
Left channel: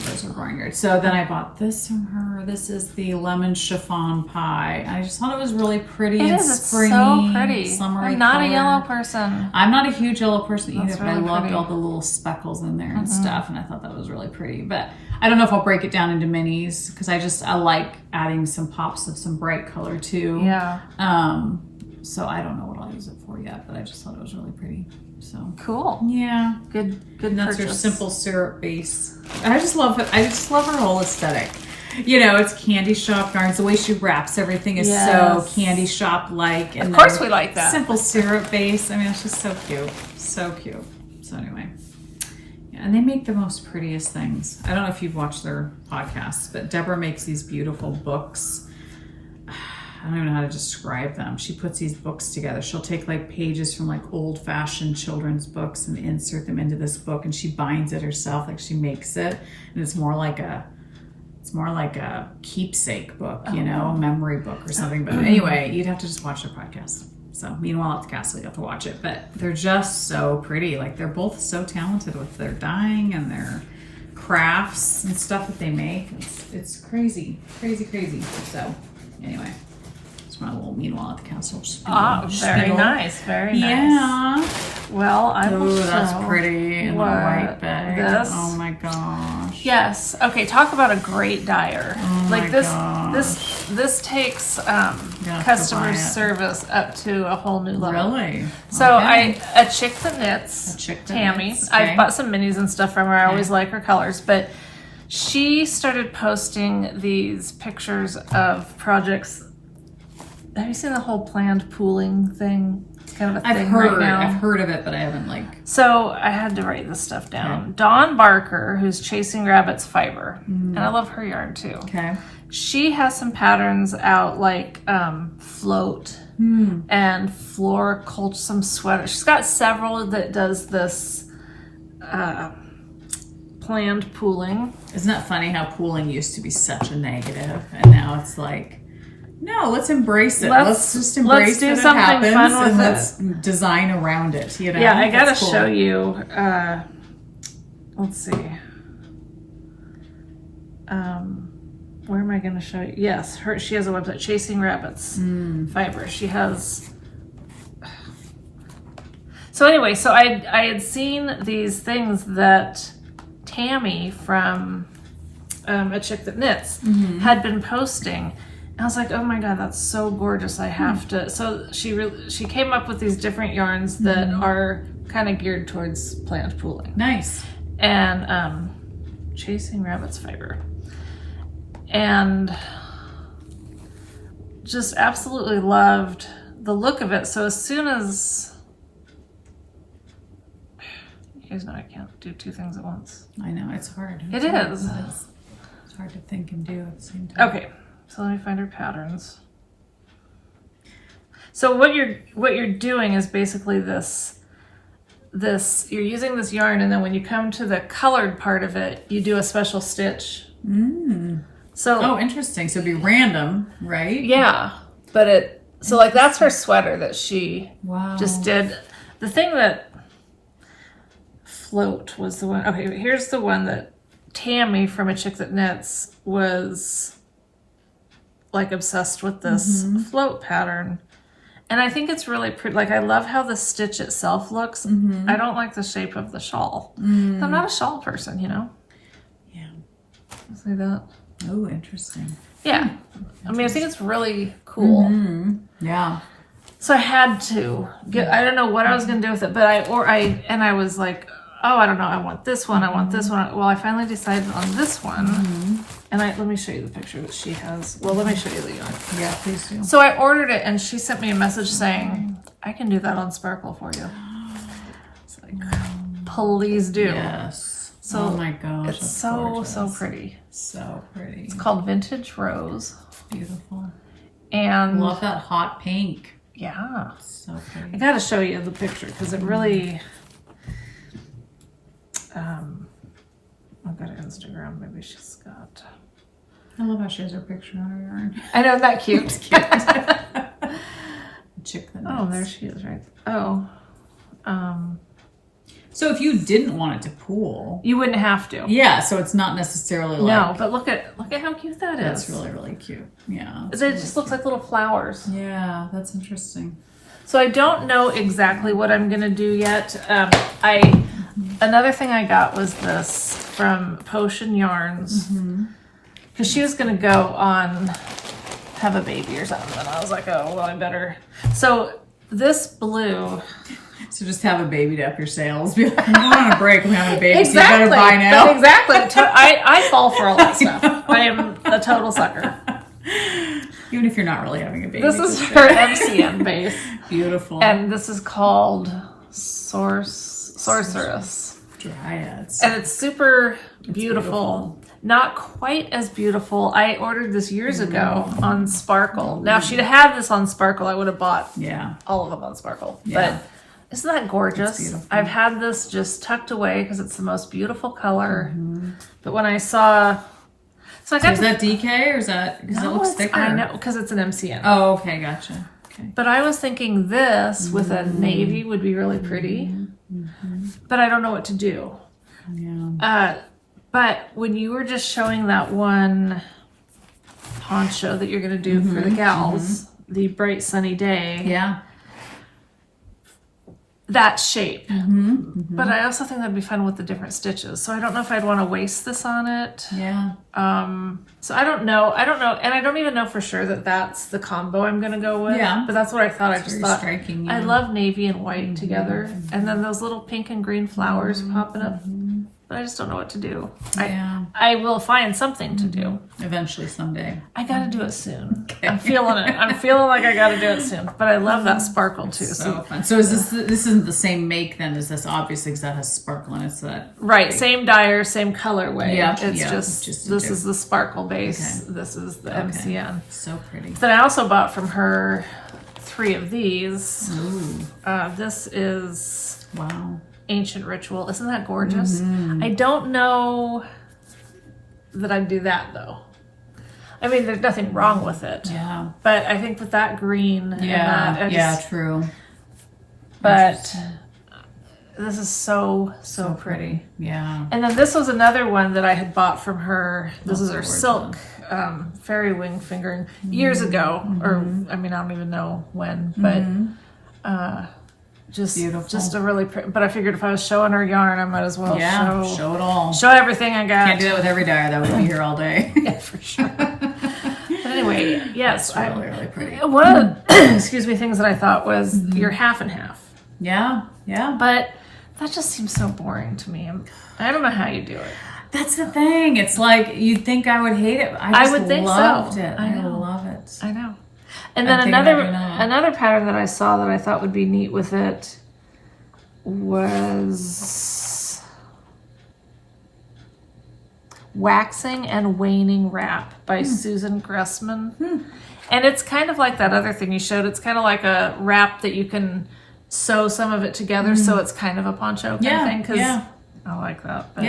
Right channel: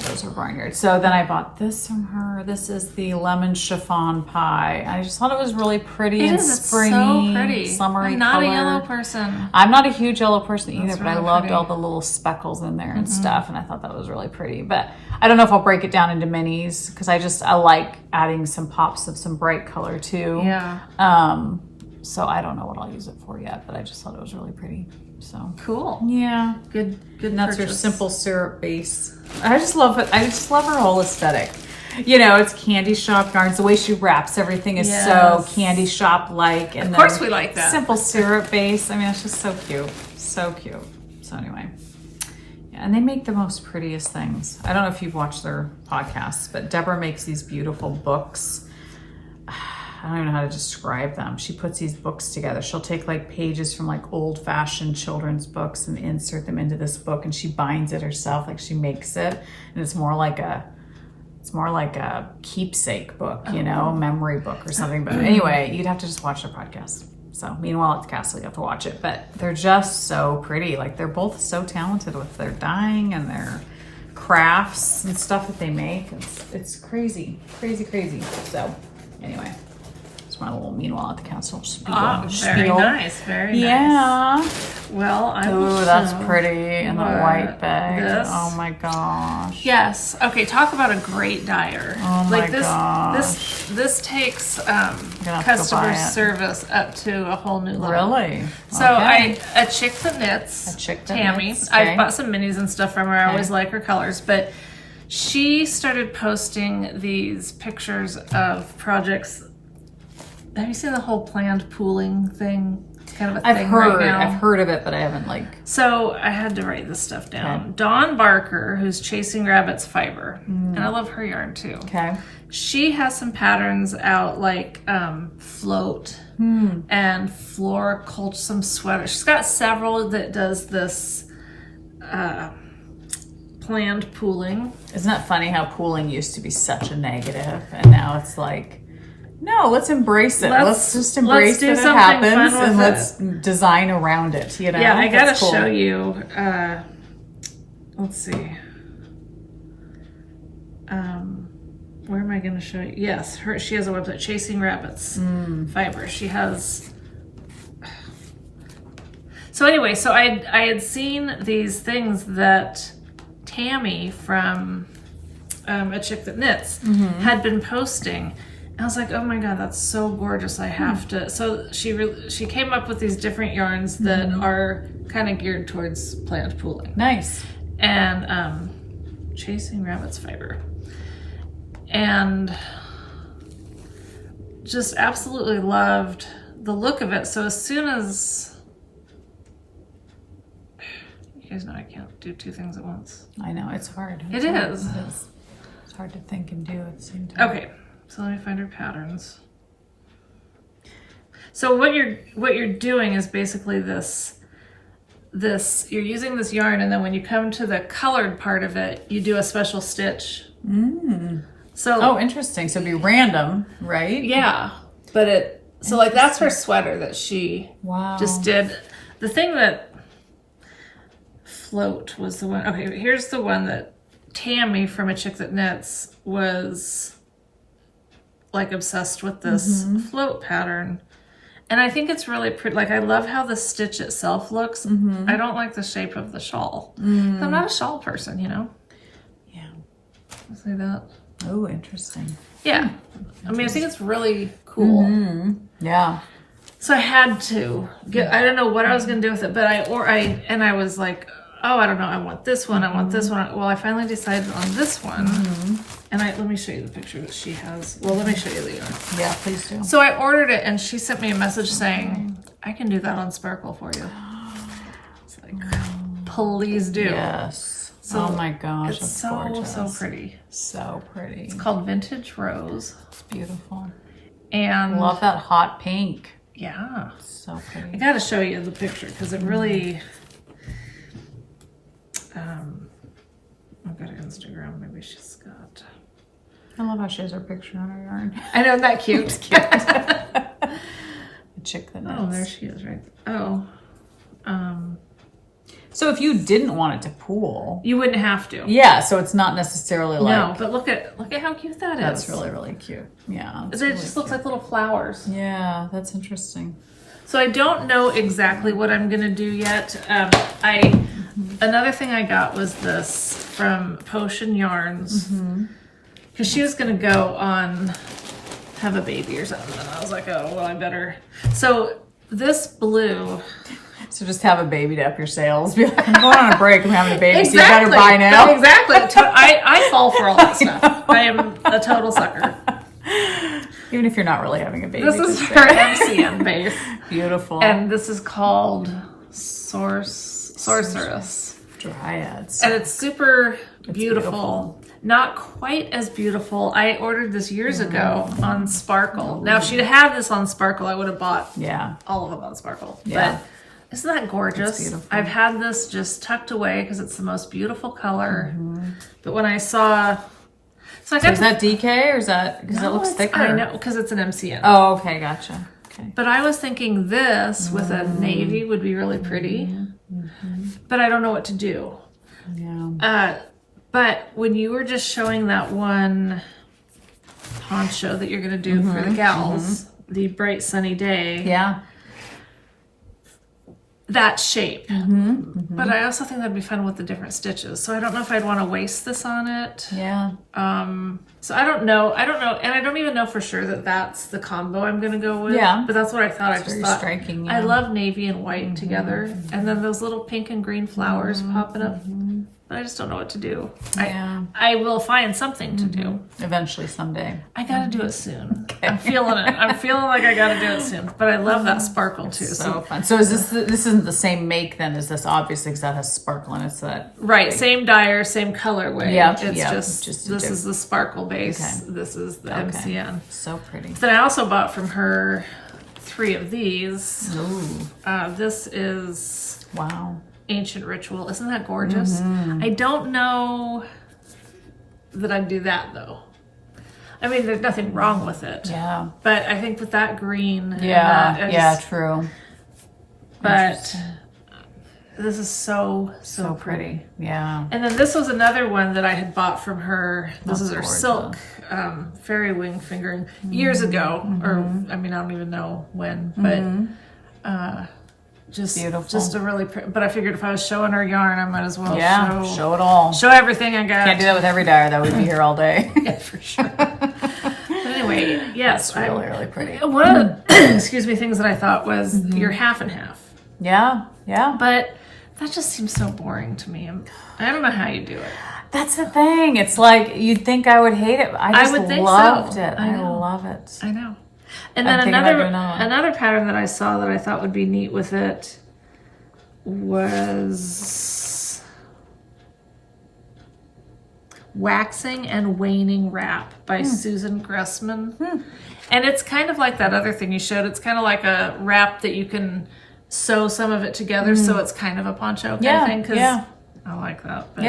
those are barnyard. So then I bought this from her. This is the lemon chiffon pie. I just thought it was really pretty and springy. So pretty. Summery I'm not color. A yellow person. I'm not a huge yellow person either, but I loved pretty. all the little speckles in there and stuff, and I thought that was really pretty. But I don't know if I'll break it down into minis, because I like adding some pops of some bright color too. Yeah. So I don't know what I'll use it for yet, but I just thought it was really pretty. So cool. Yeah. Good And that's her purchase. simple syrup base. I just love it. I just love her whole aesthetic. You know, it's candy shop yarns. The way she wraps everything is so candy shop like. Of course we like that. Simple syrup base. I mean, it's just so cute. So cute. So anyway. Yeah, and they make the most prettiest things. I don't know if you've watched their podcasts, but Deborah makes these beautiful books. I don't even know how to describe them. She puts these books together. She'll take like pages from like old-fashioned children's books and insert them into this book, and she binds it herself. Like she makes it, and it's more like a keepsake book, you know, a memory book or something. But anyway, you'd have to just watch their podcast. So meanwhile at the castle, you have to watch it. But they're just so pretty. Like they're both so talented with their dyeing and their crafts and stuff that they make. It's crazy, crazy, crazy. So anyway. A little meanwhile at the castle. Very nice, very nice. Yeah. Well, I will show that's pretty in the white bag. This. Oh my gosh. Yes. Okay. Talk about a great dyer. Oh my like this. gosh. This takes customer service up to a whole new level. Really? So a chick that knits. Tammy. Okay. I've bought some minis and stuff from her. I always like her colors, but she started posting these pictures of projects. Have you seen the whole planned pooling thing? It's kind of a thing right now. I've heard of it, but I haven't So I had to write this stuff down. Okay. Dawn Barker, who's Chasing Rabbits Fiber, and I love her yarn too. Okay. She has some patterns out like float and floriculture, some sweaters. She's got several that does this planned pooling. Isn't that funny how pooling used to be such a negative, and now it's like, no, let's embrace it. Let's just embrace that it happens, and let's design around it. You know? Yeah, I gotta show you. Let's see. Where am I gonna show you? Yes, she has a website, Chasing Rabbits Fiber. She has. So anyway, so I had seen these things that Tammy from A Chick That Knits had been posting. I was like, oh my God, that's so gorgeous. I have to. So she came up with these different yarns that are kind of geared towards plant pooling. Nice. And Chasing Rabbits Fiber. And just absolutely loved the look of it. So as soon as, you guys know I can't do two things at once. I know, it's hard. It is. It's hard to think and do at the same time. Okay. So let me find her patterns. So what you're doing is basically this you're using this yarn, and then when you come to the colored part of it, you do a special stitch. So interesting. So it'd be random, right? Yeah. But like that's her sweater that she just did. The thing that float was the one. Okay, here's the one that Tammy from A Chick That Knits was like obsessed with this float pattern, and I think it's really pretty. Like I love how the stitch itself looks. I don't like the shape of the shawl. I'm not a shawl person, you know. Yeah. I'll say that. Oh, interesting. Yeah. I mean, I think it's really cool. Yeah. So I had to get, I don't know what I was going to do with it, but I was like, oh, I don't know. I want this one. I want this one. Well, I finally decided on this one. And let me show you the picture that she has. Well, let me show you the yarn. Yeah, please do. So I ordered it and she sent me a message saying, I can do that on Sparkle for you. It's like, please do. Yes. So oh my gosh. It's that's so, gorgeous. so pretty. So pretty. It's called Vintage Rose. It's beautiful. And I love that hot pink. yeah. So pretty. I got to show you the picture because it really, I've got Instagram. Maybe she's got. I love how she has her picture on her yarn. I know, isn't that cute? It's cute. The chick that Oh, knits. there she is, right? Oh, So if you didn't want it to pool, you wouldn't have to. yeah. So it's not necessarily like. No, but look at how cute that is. That's really, really cute. Yeah. It really just looks like little flowers. Yeah, that's interesting. So I don't know exactly what I'm gonna do yet. Another thing I got was this from Potion Yarns because she was gonna go on have a baby or something, and I was like, oh well, I better. So this blue. So just have a baby to up your sales. Be like, I'm going on a break and having a baby. Exactly. So you better buy now. Exactly. I fall for all that stuff. I am a total sucker. Even if you're not really having a baby. This is her MCM base. Beautiful. And this is called Sorceress. Dryads. And it's super beautiful. Not quite as beautiful. I ordered this years ago on Sparkle. Now, if she'd had this on Sparkle, I would have bought all of them on Sparkle. Yeah. But isn't that gorgeous? I've had this just tucked away because it's the most beautiful color. But when I saw... So is that DK or is that... Because it looks thicker. I know, because it's an MCM. Oh, okay, gotcha. Okay. But I was thinking this with a navy would be really pretty. But I don't know what to do. Yeah. But when you were just showing that one poncho that you're going to do for the gals, the Bright Sunny Day. Yeah. That shape. But I also think that'd be fun with the different stitches. So I don't know if I'd want to waste this on it. Yeah. So I don't know. And I don't even know for sure that that's the combo I'm going to go with. Yeah. But that's what I thought. I just thought, striking, I love navy and white together. And then those little pink and green flowers popping up. But I just don't know what to do. I will find something to do. Eventually, someday. I got to do it soon. Okay. I'm feeling it. I'm feeling like I got to do it soon. But I love that sparkle too. So fun. So is this isn't the same make then as this? Obviously, because that has sparkle in it. So that right, same dyer, same colorway. Yeah, it's just this is the sparkle base. Okay. This is the MCN. So pretty. Then I also bought from her 3 of these. Ooh. This is Ancient Ritual. Isn't that gorgeous? I don't know that I'd do that though. I mean, there's nothing wrong with it. Yeah. But I think with that green. True. But this is so pretty. Yeah. And then this was another one that I had bought from her. This is her silk fairy wing fingering years ago. Or, I mean, I don't even know when. But just beautiful. Just a really pretty. But I figured if I was showing her yarn, I might as well show it all. Show everything I got. Can't do that with every dyer. That would be here all day. Yeah, for sure. But anyway, yes. That's really pretty. One of the things that I thought was your half and half. Yeah, yeah. But that just seems so boring to me. I don't know how you do it. That's the thing. It's like you'd think I would hate it. I would think loved it. I know. I love it. I know. And then another pattern that I saw that I thought would be neat with it was Waxing and Waning Wrap by Susan Gressman. And it's kind of like that other thing you showed. It's kind of like a wrap that you can sew some of it together so it's kind of a poncho kind of thing. Because I like that. But,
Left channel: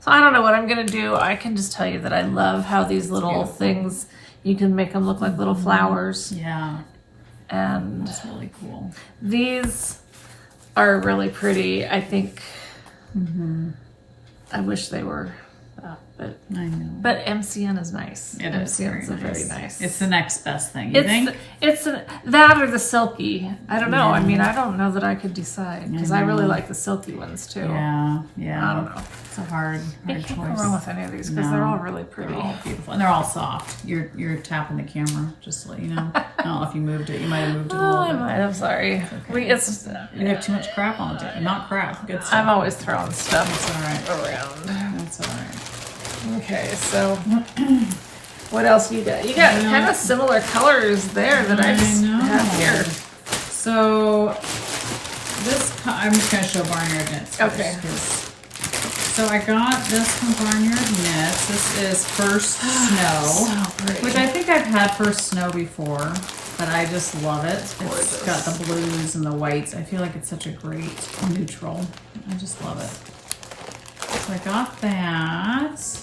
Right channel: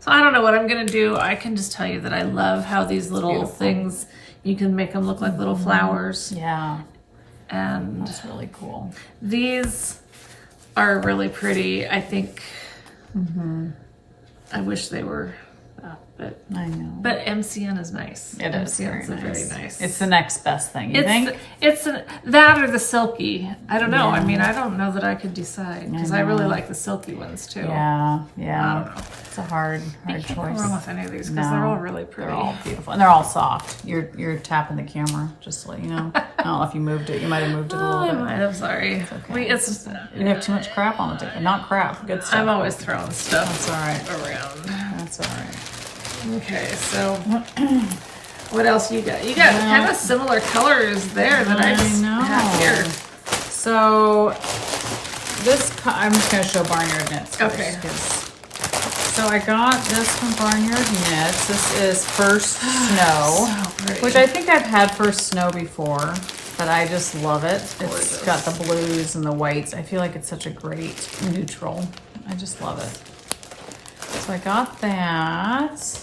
so I don't know what I'm going to do. I can just tell you that I love how these little things, you can make them look like little flowers. Yeah. And that's really cool. These are really pretty. I think I wish they were that. But I know. but MCN is nice. It MCN is is very nice. It's the next best thing. You think? It's that or the silky. I don't know. I mean, I don't know that I could decide because I really like the silky ones too. Yeah. I don't know. It's a hard You choice. can't go wrong with any of these because they're all really pretty. They're all beautiful, and they're all soft. You're tapping the camera just to let you know. I don't know if you moved it. You might have moved it a little I bit. might have. Sorry. You have too much crap on the table. Not crap. Good stuff. I'm always throwing stuff That's all right. around. That's all right. Okay, so what else you got? You got kind of similar colors there that I just have here. So I'm just going to show Barnyard Knits. Okay. So I got this from Barnyard Knits. This is First Snow, So pretty. which I think I've had First Snow before, but I just love it. Gorgeous. It's got the blues and the whites. I feel like it's such a great neutral. I just love it. So I got that.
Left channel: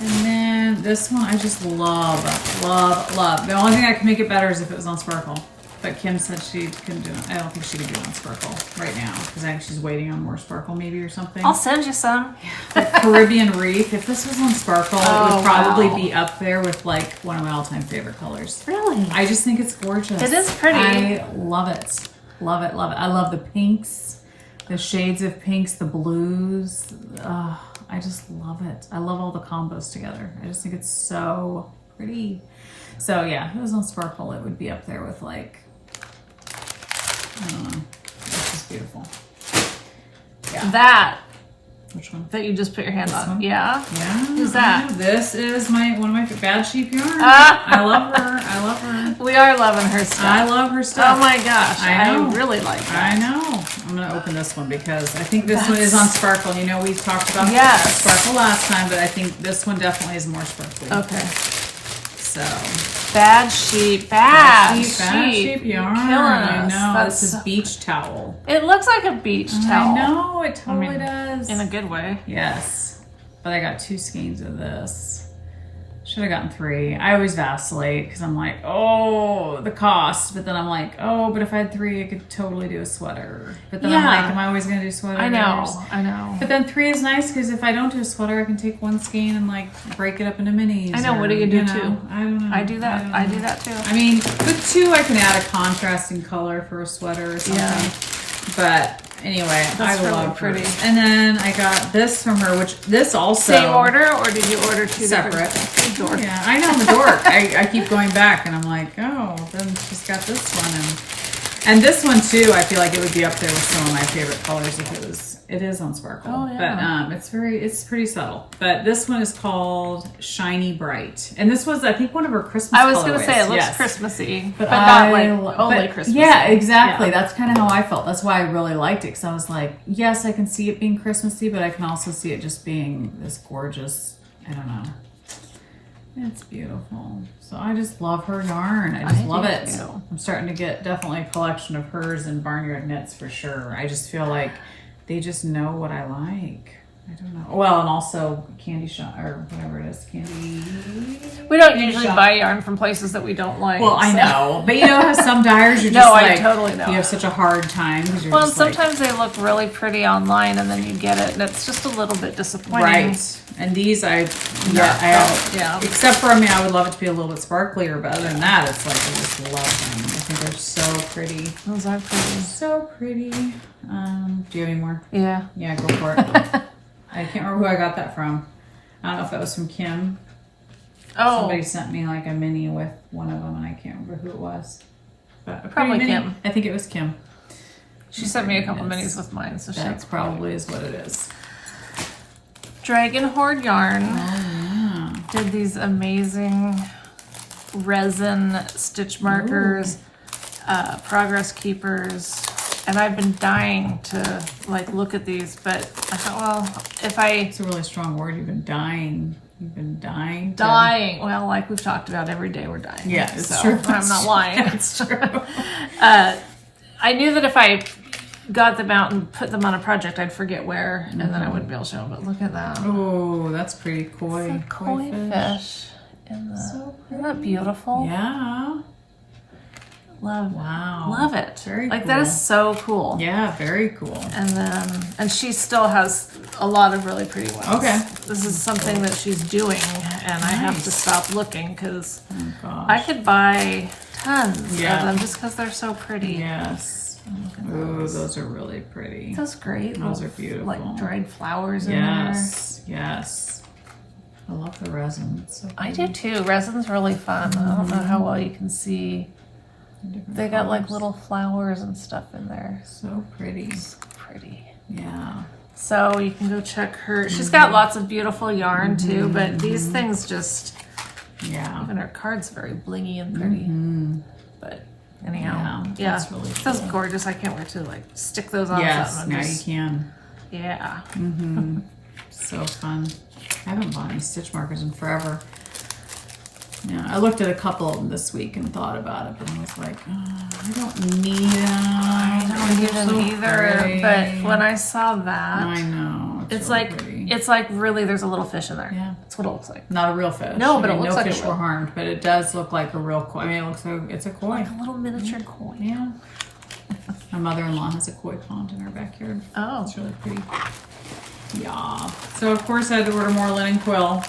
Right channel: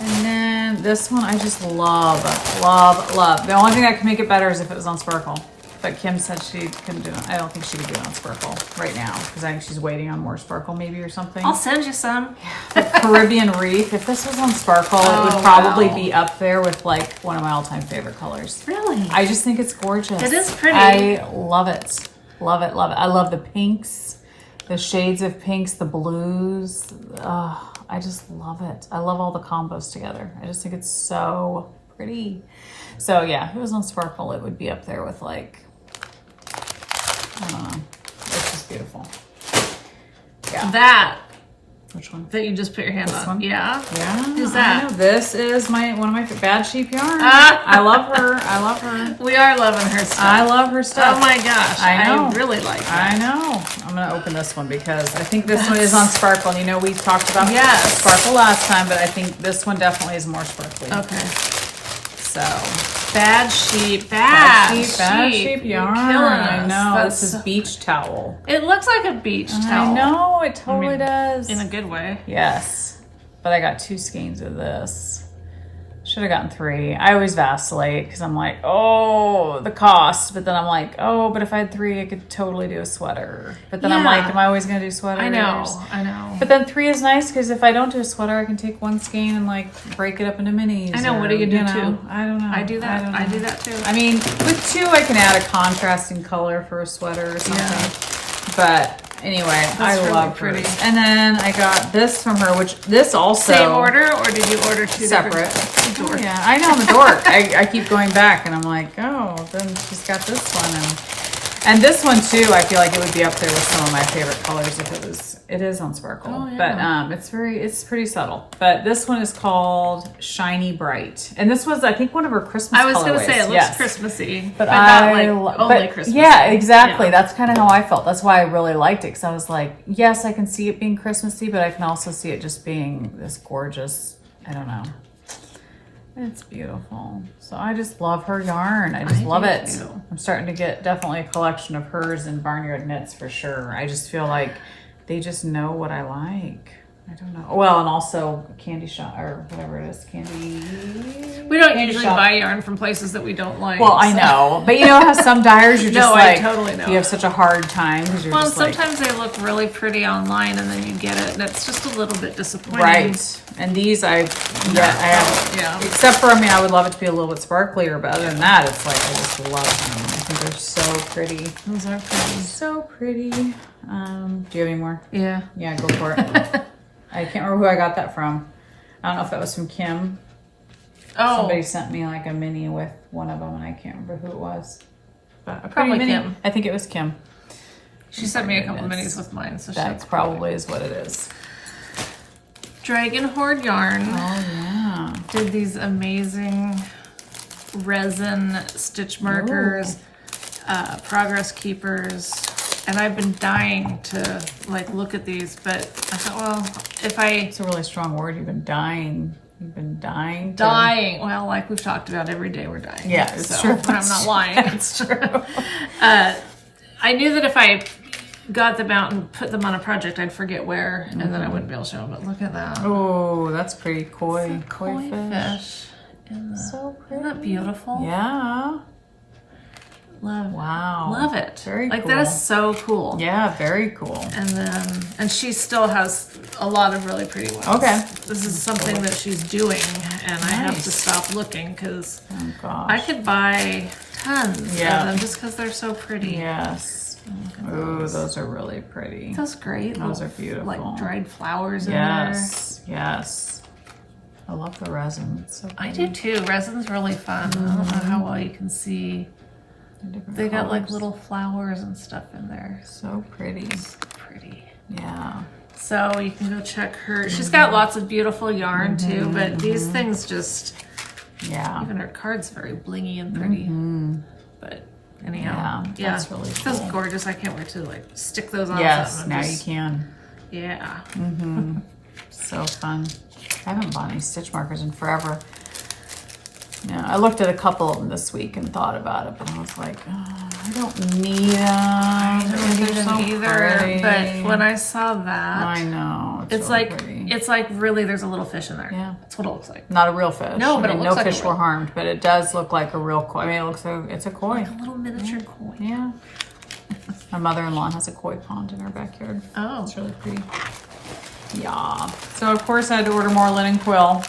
And then this one I just love. The only thing that can make it better is if it was on Sparkle. But Kim said she couldn't do it. I don't think she could do it on Sparkle right now because I think she's waiting on more Sparkle maybe or something. I'll send you some. Caribbean Reef. If this was on Sparkle, it would probably be up there with like one of my all-time favorite colors. Really? I just think it's gorgeous. It is pretty. I love it. Love it, love it. I love the pinks, the shades of pinks, the blues. Oh, I just love it. I love all the combos together. I just think it's so pretty. So yeah, if it was on Sparkle, it would be up there with like, I don't know. It's just beautiful. Yeah. That Which one? you just put your hand on. one? Yeah. Yeah. Who's that? This is one of my Bad Sheep yarn. Ah. I love her. I love her. We are loving her stuff. I love her stuff. Oh my gosh. I know. I really like that. I know. I'm going to open this one because I think this one is on Sparkle. You know, we talked about Sparkle last time, but I think this one definitely is more sparkly. Okay. So. Bad sheep yarn. You're killing us. I know. That's This is beach towel. It looks like a beach towel. I know. It totally does. In a good way. Yes. But I got 2 skeins of this. Should have gotten 3. I always vacillate because I'm like, oh, the cost. But then I'm like, oh, but if I had 3, I could totally do a sweater. But then I'm like, am I always going to do sweaters? I know. But then 3 is nice because if I don't do a sweater, I can take 1 skein and like break it up into minis. I know. What do you do too? I don't know. I do that. I do that too. I mean, with 2, I can add a contrasting color for a sweater or something. Yeah. But anyway, That's I really love pretty. hers. And then I got this from her, which this also Same order, or did you order 2 separate. different? Dork. Yeah, I know, I'm a dork. I keep going back, and I'm like, oh, then she's got this one, and this one too. I feel like it would be up there with some of my favorite colors if it was. It is on Sparkle, but it's pretty subtle. But this one is called Shiny Bright, and this was I think one of her Christmas. I was going to say it looks yes. Christmassy, but not like only Christmassy. Yeah, exactly. Yeah. That's kind of how I felt. That's why I really liked it because I was like, yes, I can see it being Christmassy, but I can also see it just being this gorgeous. I don't know. It's beautiful. So I just love her yarn. I just love it. Too. I'm starting to get definitely a collection of hers and Barnyard Knits for sure. I just feel like they just know what I like. I don't know. Well, and also Candy Shop or whatever it is. Candy. We don't usually buy yarn from places that we don't like. Well, I know. But you know how some dyers you're just I totally know. You have such a hard time. Well, and sometimes they look really pretty online and then you get it and it's just a little bit disappointing. Right. And these except for, I would love it to be a little bit sparklier, but other than that, it's like, I just love them. I think they're so pretty. Those are pretty. So pretty. Do you have any more? Yeah. Yeah, go for it. I can't remember who I got that from. I don't know if that was from Kim. Oh. Somebody sent me like a mini with one of them, and I can't remember who it was. But probably Kim. I think it was Kim. She sent me a couple minis with mine, so that's probably is what it is. Dragon Horde Yarn did these amazing resin stitch markers, progress keepers, and I've been dying to like look at these, but I thought, well, it's a really strong word. You've been dying. You've been dying. Dying. Well, like we've talked about, every day we're dying. Yeah, so true. I'm not lying. It's true. I knew that if I got them out and put them on a project, I'd forget where, and then I wouldn't be able to show them. But look at that. Oh, that's pretty koi. Koi fish. So pretty. Isn't that beautiful? Yeah. Love it. Very like cool. that is so cool. Yeah, very cool. And she still has a lot of really pretty ones. Okay. This is something that she's doing, and I have to stop looking because gosh. I could buy tons of Yeah. them just because they're so pretty. Yes. Ooh, those are really pretty. Those great. Those little, are beautiful. Like dried flowers in Yes. Yes. I love the resin. It's so there. pretty. I do too. Resin's really fun. I don't know how well you can see. Different They got like colors. little flowers and stuff in there. So pretty. Pretty. Yeah. So you can go check her. She's got lots of beautiful yarn too, but these things just, Yeah. even her card's very blingy and pretty. But anyhow, yeah, That's really that's cool. gorgeous. I can't wait to like stick those on Yes, something. now and you just- can. Yeah. So fun. I haven't bought any stitch markers in forever. Yeah, I looked at a couple of them this week and thought about it, but I was like, I don't need them. I don't need them either. But when I saw that, I know. it's really like pretty. it's like really there's a little fish in there. Yeah. That's what it looks like. Not a real fish. No, but I it mean, looks no like a fish real- were harmed, but it does look like a real koi. I mean, it looks like it's a koi. Like a little miniature koi. Yeah. My mother-in-law has a koi pond in her backyard. Oh. It's really pretty. Yeah. So of course I had to order more linen quill.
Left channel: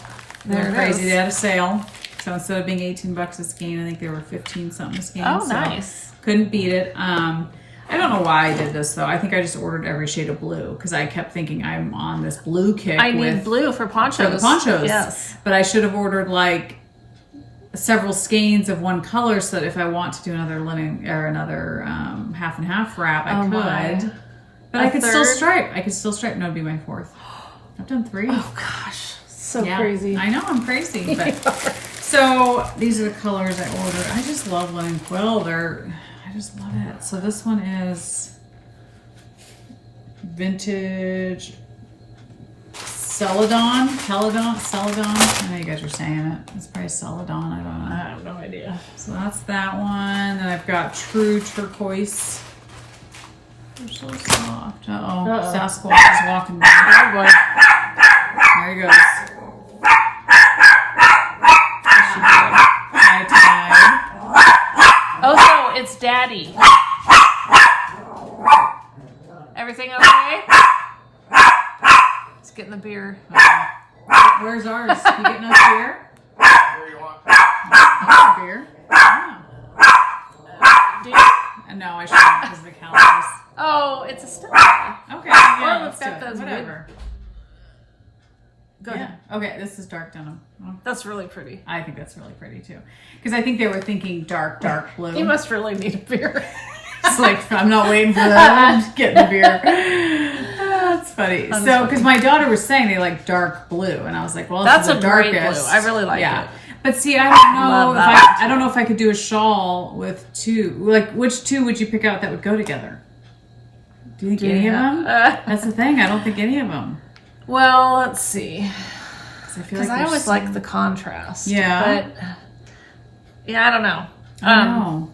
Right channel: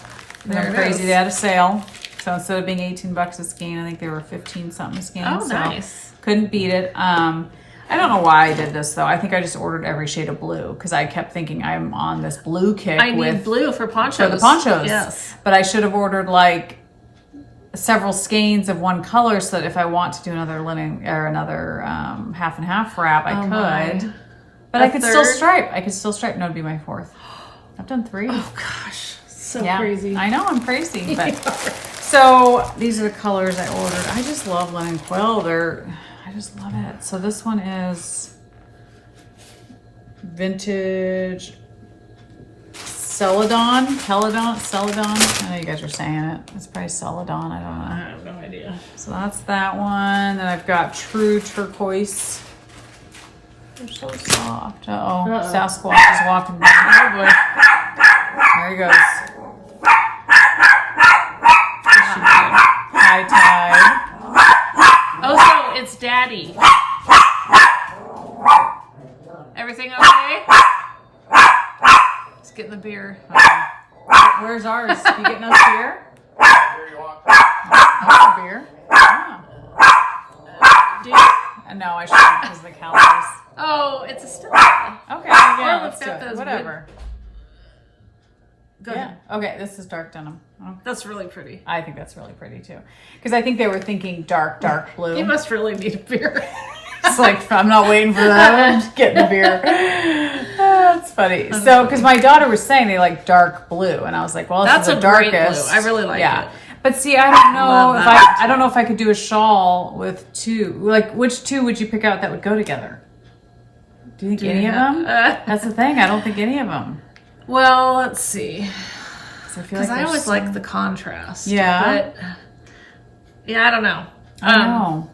There it crazy. is. They had a sale. So instead of being $18 a skein, I think they were 15 something a skein. Oh, so nice. Couldn't beat it. I don't know why I did this though. I think I just ordered every shade of blue because I kept thinking I'm on this blue kick. I need with blue for ponchos. for the ponchos. Yes. But I should have ordered like several skeins of one color so that if I want to do another linen or another half and half wrap, I could. my. But A I could still third? stripe. I could still stripe. No, it'd be my fourth. I've done 3. Oh gosh, so Yeah, crazy. I know, I'm crazy. But so these are the colors I ordered. I just love linen quill. I just love it. So this one is vintage Celadon. I know you guys were saying it. It's probably Celadon. I don't know. I have no idea. So that's that one. And I've got true turquoise. They're so soft. Uh-oh. Sasquatch is walking by. Oh boy. There he goes. High tide. Oh, so it's Daddy. Everything okay? He's getting the beer. Where's ours? You getting us beer? Oh, beer. Yeah. Do you? No, I shouldn't because of the calories. Oh, it's a Stella. Okay. Yeah, Or we've let's got do it. those Whatever. Go Yeah. ahead. Okay, this is dark denim. Oh, That's really pretty. I think that's really pretty too. Because I think they were thinking dark blue. You must really need a beer. It's like, I'm not waiting for that. I'm just getting the beer. That's funny. So, because my daughter was saying they like dark blue, and I was like, well, That's this a is the great darkest. blue. I really like it. But see, I don't know. Love that. I don't know if I could do a shawl with 2. Like, which 2 would you pick out that would go together? Do you think any of them? That's the thing. I don't think any of them. Well, let's see. Because I always like the contrast. Yeah. But yeah, I don't know. I know.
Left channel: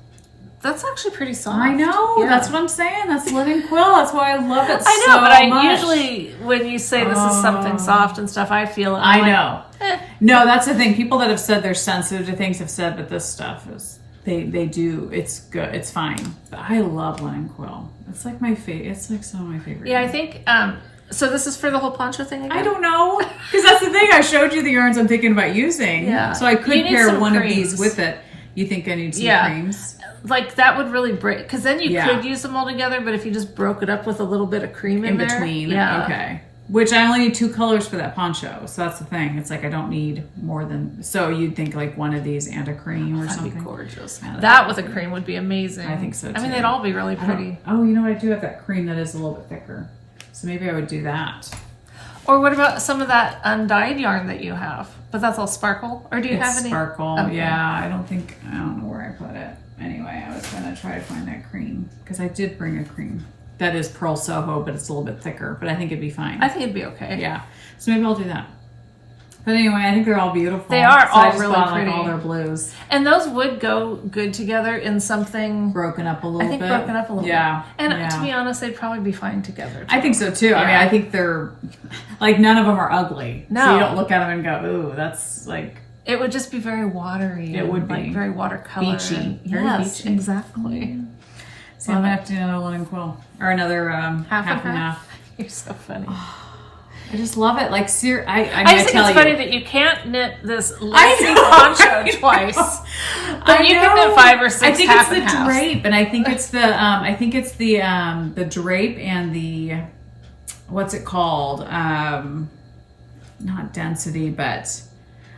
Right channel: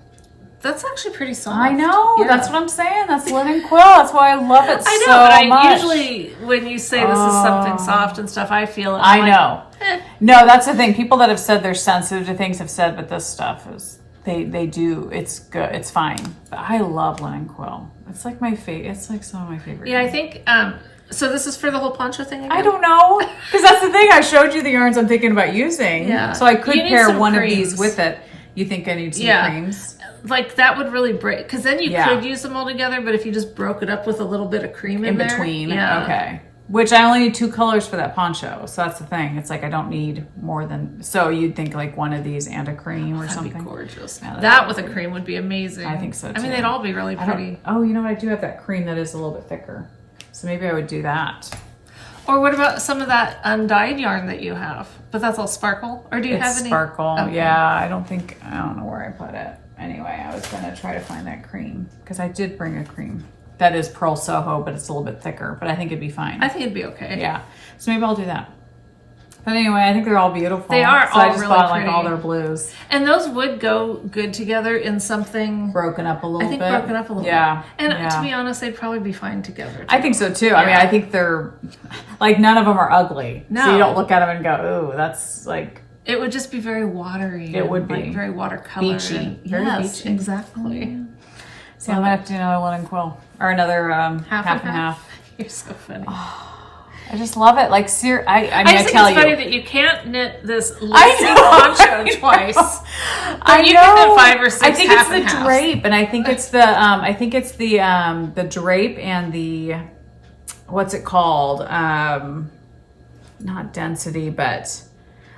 That's actually pretty soft. I know. Yeah. That's what I'm saying. That's linen quill. That's why I love it I know, so but I much. usually, when you say this is something soft and stuff, I feel it. I I'm know. like, No, that's the thing. People that have said they're sensitive to things have said, but this stuff is they do. It's good. It's fine. But I love linen quill. It's like my favorite. It's like some of my favorite. Yeah, I think. So this is for the whole poncho thing again. I don't know, because that's the thing. I showed you the yarns I'm thinking about using. Yeah. So I could You need pair some one creams. of these with it. You think I need 2 creams? Like that would really break, because then you Yeah. could use them all together. But if you just broke it up with a little bit of cream in there, between. yeah. Okay. Which I only need 2 colors for that poncho. So that's the thing. It's like I don't need more than. So you'd think like one of these and a cream or That'd something. be gorgeous. Yeah, That with a cream would be amazing. I think so, I mean, too. they'd all be really pretty. Oh, you know what? I do have that cream that is a little bit thicker. So maybe I would do that. Or what about some of that undyed yarn that you have? But that's all sparkle? Or do you have any? Sparkle. Okay. Yeah, I don't know where I put it. Anyway, I was going to try to find that cream because I did bring a cream. That is Pearl Soho, but it's a little bit thicker, but I think it'd be fine. I think it'd be okay. Yeah. So maybe I'll do that. But anyway, I think they're all beautiful. They are So all I just really bought, pretty. Like, all their blues. And those would go good together in something Broken up a little bit. I think broken up a little Yeah. bit. And yeah. to be honest, they'd probably be fine together. Too. I think so too. I mean, Yeah. I think they're like none of them are ugly. No. So you don't look at them and go, "Ooh, that's like." It would just be very watery. It would be. Like very watercolor. Beachy. Yes, Beachy. exactly. So I'm gonna have to do another linen quill or another half and half. You're so funny. I just love it. Like, I just think it's funny that you can't knit this lacy poncho twice. But you can knit 5 or 6 I think half it's and the halves. drape, and I think it's the drape and the what's it called? Not density, but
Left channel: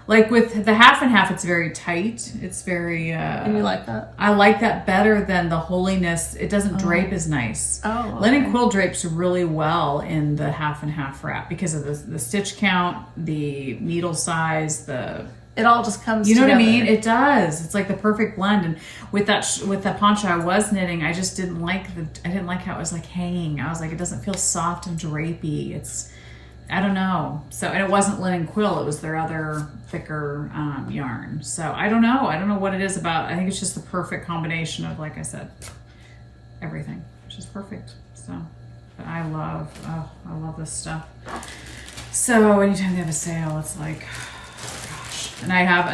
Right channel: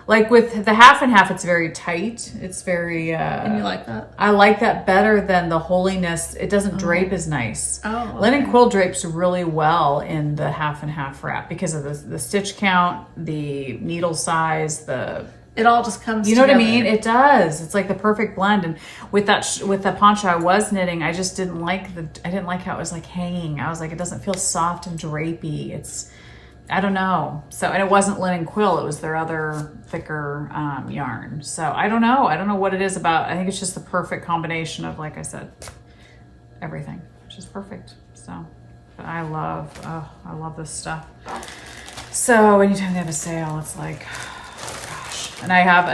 like with the half and half, it's very tight. It's very and you like that? I like that better than the holiness. It doesn't drape as nice. Oh, okay. Linen quill drapes really well in the half and half wrap because of the stitch count, the needle size, it all just comes you know together. what I mean? It does. It's like the perfect blend. And with the poncho I was knitting, I just didn't like how it was like hanging. I was like, it doesn't feel soft and drapey. I don't know. So, and it wasn't linen quill. It was their other thicker yarn. So I don't know. I don't know what it is about. I think it's just the perfect combination of, like I said, everything. Which is perfect. So, but I love this stuff. So anytime they have a sale, it's like, gosh. And I have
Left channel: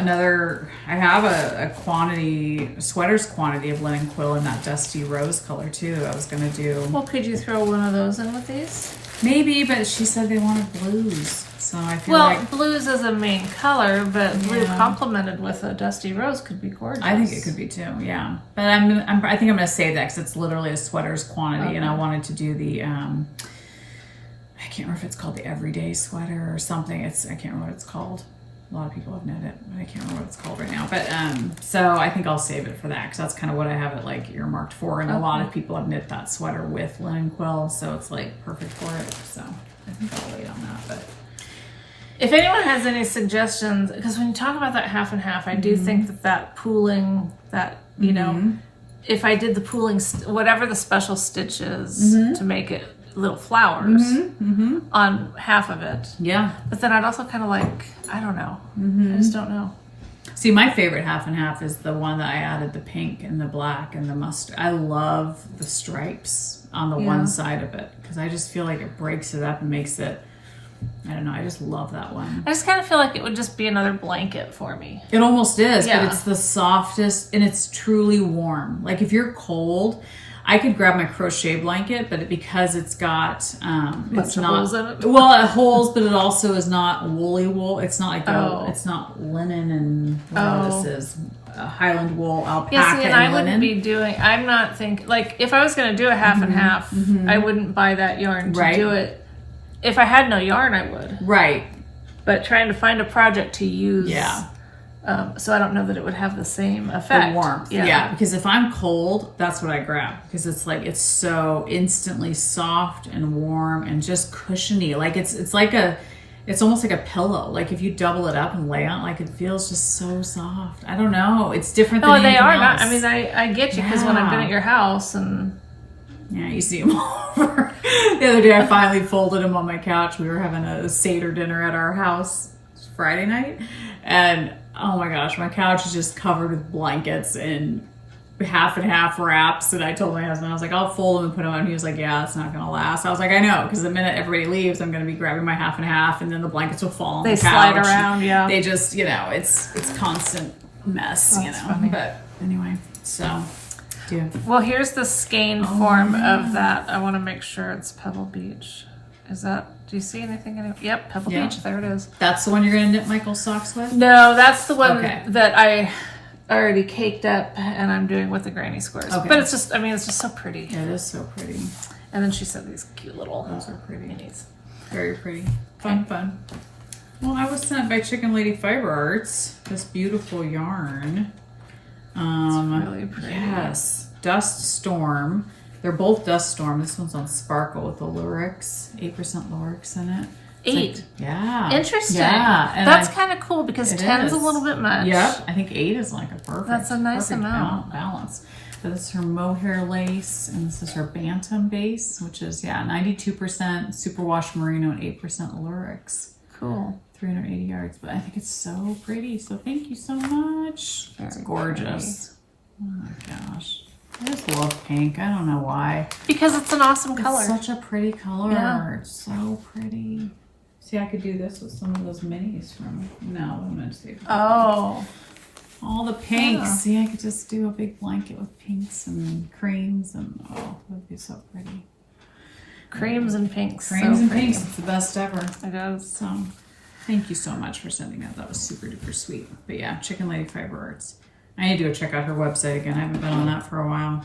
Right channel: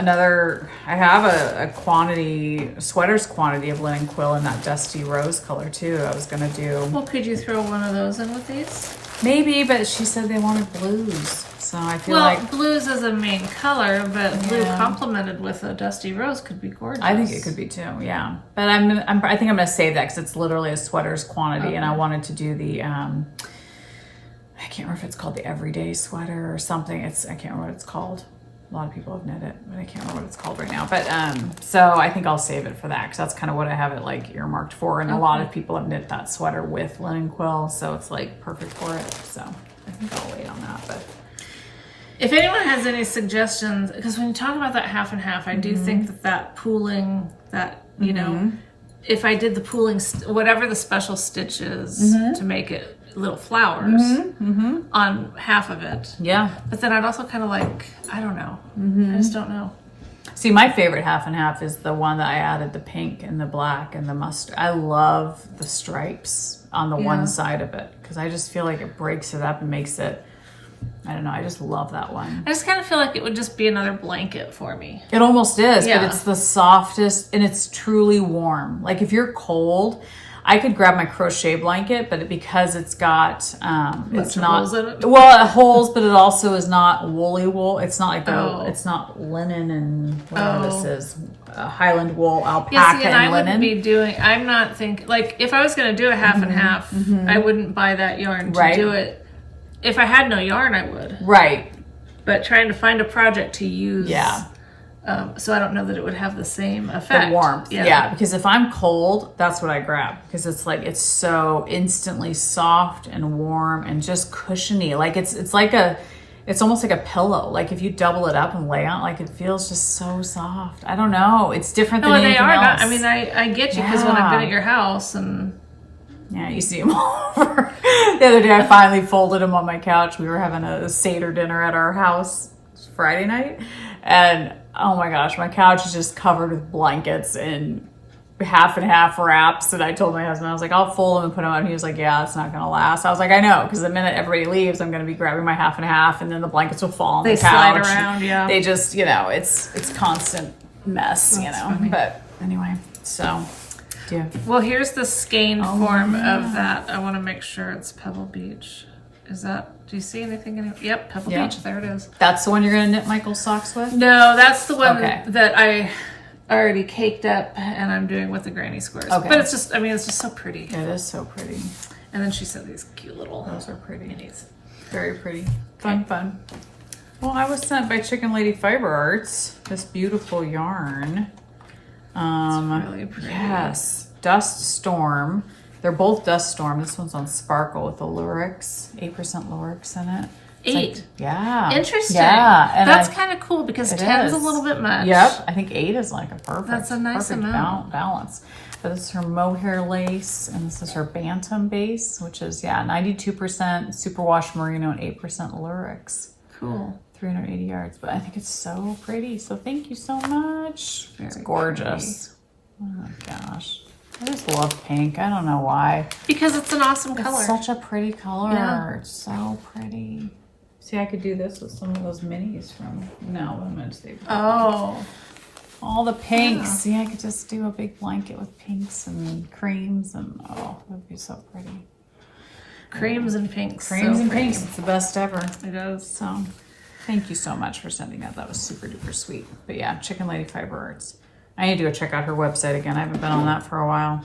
a sweaters quantity of linen quill in that dusty rose color too. I was gonna do. Well, could you throw one of those in with these? Maybe, but she said they wanted blues, so I feel Well, like blues is a main color, but blue complemented with a dusty rose could be gorgeous. I think it could be too. Yeah, but I think I'm gonna save that because it's literally a sweaters quantity, and I wanted to do the I can't remember if it's called the everyday sweater or something. I can't remember what it's called. A lot of people have knit it, but I can't remember what it's called right now. But so I think I'll save it for that because that's kind of what I have it like earmarked for. And a lot of people have knit that sweater with linen quill, so it's like perfect for it. So I think I'll wait on that. But if anyone has any suggestions, because when you talk about that half and half, I do think that pooling, that you know, if I did the pooling, whatever the special stitch is to make it little flowers on half of it. Yeah. But then I'd also kind of like, I don't know. I just don't know. See, my favorite half and half is the one that I added the pink and the black and the mustard. I love the stripes on the one side of it because I just feel like it breaks it up and makes it, I don't know, I just love that one. I just kind of feel like it would just be another blanket for me. It almost is, Yeah. but it's the softest and it's truly warm. Like if you're cold, I could grab my crochet blanket, but because it's got it's not holes in it? Well, holes, but it also is not woolly wool. It's not like it's not linen and what this is Highland wool, alpaca. Yeah, see, and I linen. wouldn't be doing. I'm not thinking like if I was going to do a half and half, I wouldn't buy that yarn to do it. If I had no yarn, I would. Right. But trying to find a project to use. Yeah. So I don't know that it would have the same effect. The warmth. Yeah, because if I'm cold, that's what I grab. Because it's like, it's so instantly soft and warm and just cushiony. Like it's like it's almost like a pillow. Like if you double it up and lay on, like it feels just so soft. I don't know. It's different than anything else. Not. I mean, I get you because when I've been at your house and. Yeah, you see them all over. The other day I finally folded them on my couch. We were having a Seder dinner at our house Friday night. And oh my gosh, my couch is just covered with blankets and half and half wraps. And I told my husband, I was like, I'll fold them and put them out. And he was like, yeah, it's not going to last. I was like, I know, because the minute everybody leaves, I'm going to be grabbing my half and half, and then the blankets will fall on the couch. They slide around, yeah. They just, it's constant mess, That's funny. But anyway, so... Yeah. Well, here's the skeined form of that. I want to make sure it's Pebble Beach. Is that, do you see anything? Yep, Pebble Beach. There it is. That's the one you're going to knit Michael's socks with? No, that's the one that I already caked up and I'm doing with the granny squares. Okay. But it's just, I mean, it's just so pretty. It is so pretty. And then she said these cute little Those are pretty. minis. Very pretty. Fun. Well, I was sent by Chicken Lady Fiber Arts this beautiful yarn. It's really pretty. Yes. Dust Storm. They're both Dust Storm. This one's on Sparkle with the Lurex. 8% Lurex in it. 8. Yeah. Interesting. Yeah. And that's kind of cool because 10's a little bit much. Yep. I think 8 is like a perfect. That's a nice amount. Balance. But this is her mohair lace, and this is her bantam base, which is 92% superwash merino and 8% Lurex. Cool. 380 yards, but I think it's so pretty. So thank you so much. It's gorgeous. Pretty. Oh my gosh. I just love pink. I don't know why. Because it's an awesome color. It's such a pretty color. Yeah. It's so pretty. See, I could do this with some of those minis from, no, I'm going to save Oh. all the pinks. Yeah. See, I could just do a big blanket with pinks and creams and, oh, that would be so pretty. Creams and pinks. Creams so and pretty. pinks, it's the best ever. It is. So, thank you so much for sending that. That was super duper sweet. But yeah, Chicken Lady Fiber Arts. I need to go check out her website again. I haven't been on that for a while.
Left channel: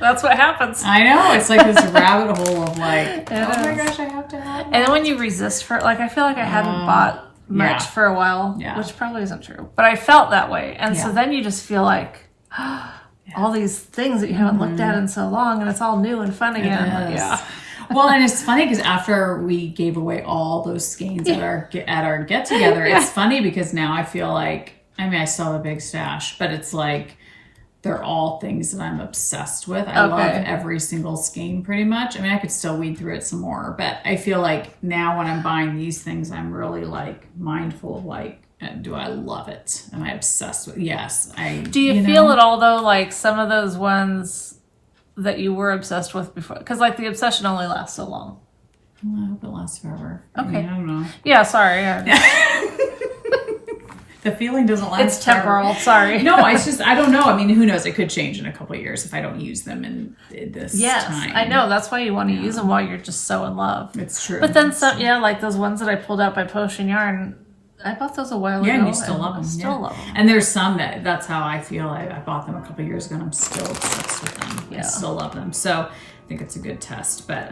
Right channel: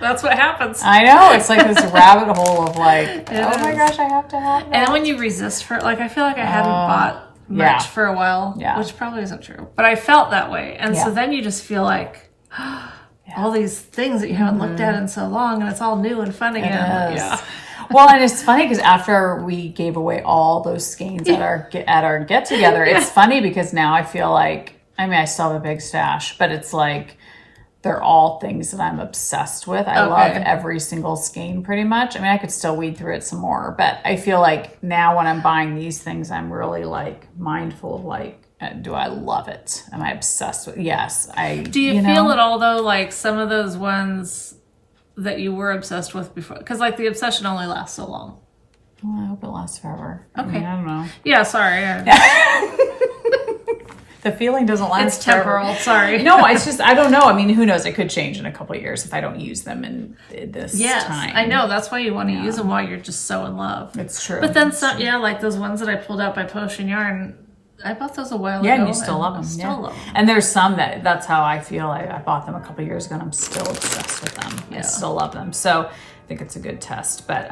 That's what happens. I know. It's like this rabbit hole of like, It oh my is. gosh, I have to have that. And then when you resist for, like, I feel like I hadn't bought much yeah. for a while, Yeah. which probably isn't true. But I felt that way. And so Yeah. then you just feel like, all these things that you haven't looked at in so long, and it's all new and fun again. It is. Yeah. Well, and it's funny because after we gave away all those skeins at our get together, it's funny because now I feel like, I mean, I still have a big stash, but it's like they're all things that I'm obsessed with. I love every single skein pretty much. I mean, I could still weed through it some more, but I feel like now when I'm buying these things, I'm really like mindful of like, do I love it? Am I obsessed with? Yes, I. Do you feel at all though, like some of those ones that you were obsessed with before? Because like the obsession only lasts so long. Well, I hope it lasts forever. Okay. I mean, I don't know. Yeah, sorry. The feeling doesn't last. It's temporal. Forever. Sorry. No, it's just I don't know. I mean, who knows? It could change in a couple of years if I don't use them in this time. I know. That's why you want to use them while you're just so in love. It's true. But then some, like those ones that I pulled out by Potion Yarn. I bought those a while ago. Yeah, and you still love them. Still love them. And there's some that's how I feel. I bought them a couple of years ago and I'm still obsessed with them. Yeah. I still love them. So I think it's a good test. But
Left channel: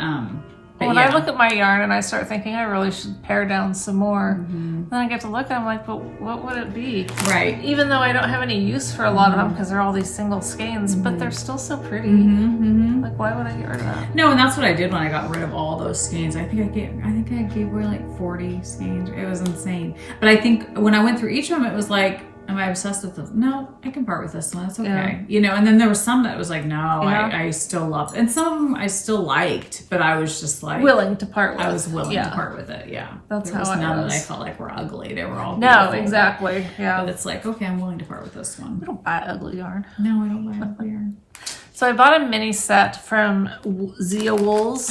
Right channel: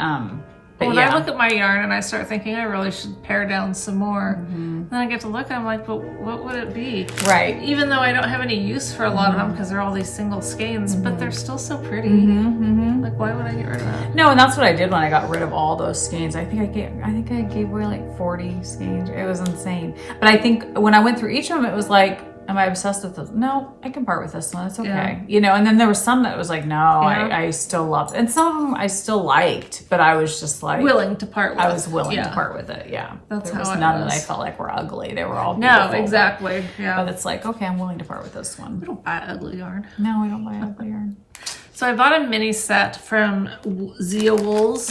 when I look at my yarn and I start thinking I really should pare down some more, then I get to look and I'm like, but what would it be? Right. Even though I don't have any use for a lot of them because they're all these single skeins, but they're still so pretty. Like, why would I get rid of that? No, and that's what I did when I got rid of all those skeins. I think I gave away like 40 skeins. It was insane. But I think when I went through each of them, it was like, am I obsessed with this? No, I can part with this one. It's okay. Yeah. And then there was some that was like, no, I still loved. And some of them I still liked, but I was just like willing to part with. I was willing to part with it. Yeah. That's there how was it none was. that I felt like were ugly. They were all No, beautiful, exactly. Yeah. But it's like, okay, I'm willing to part with this one. We don't buy ugly yarn. No, we don't buy ugly yarn. So I bought a mini set from Zia Wools.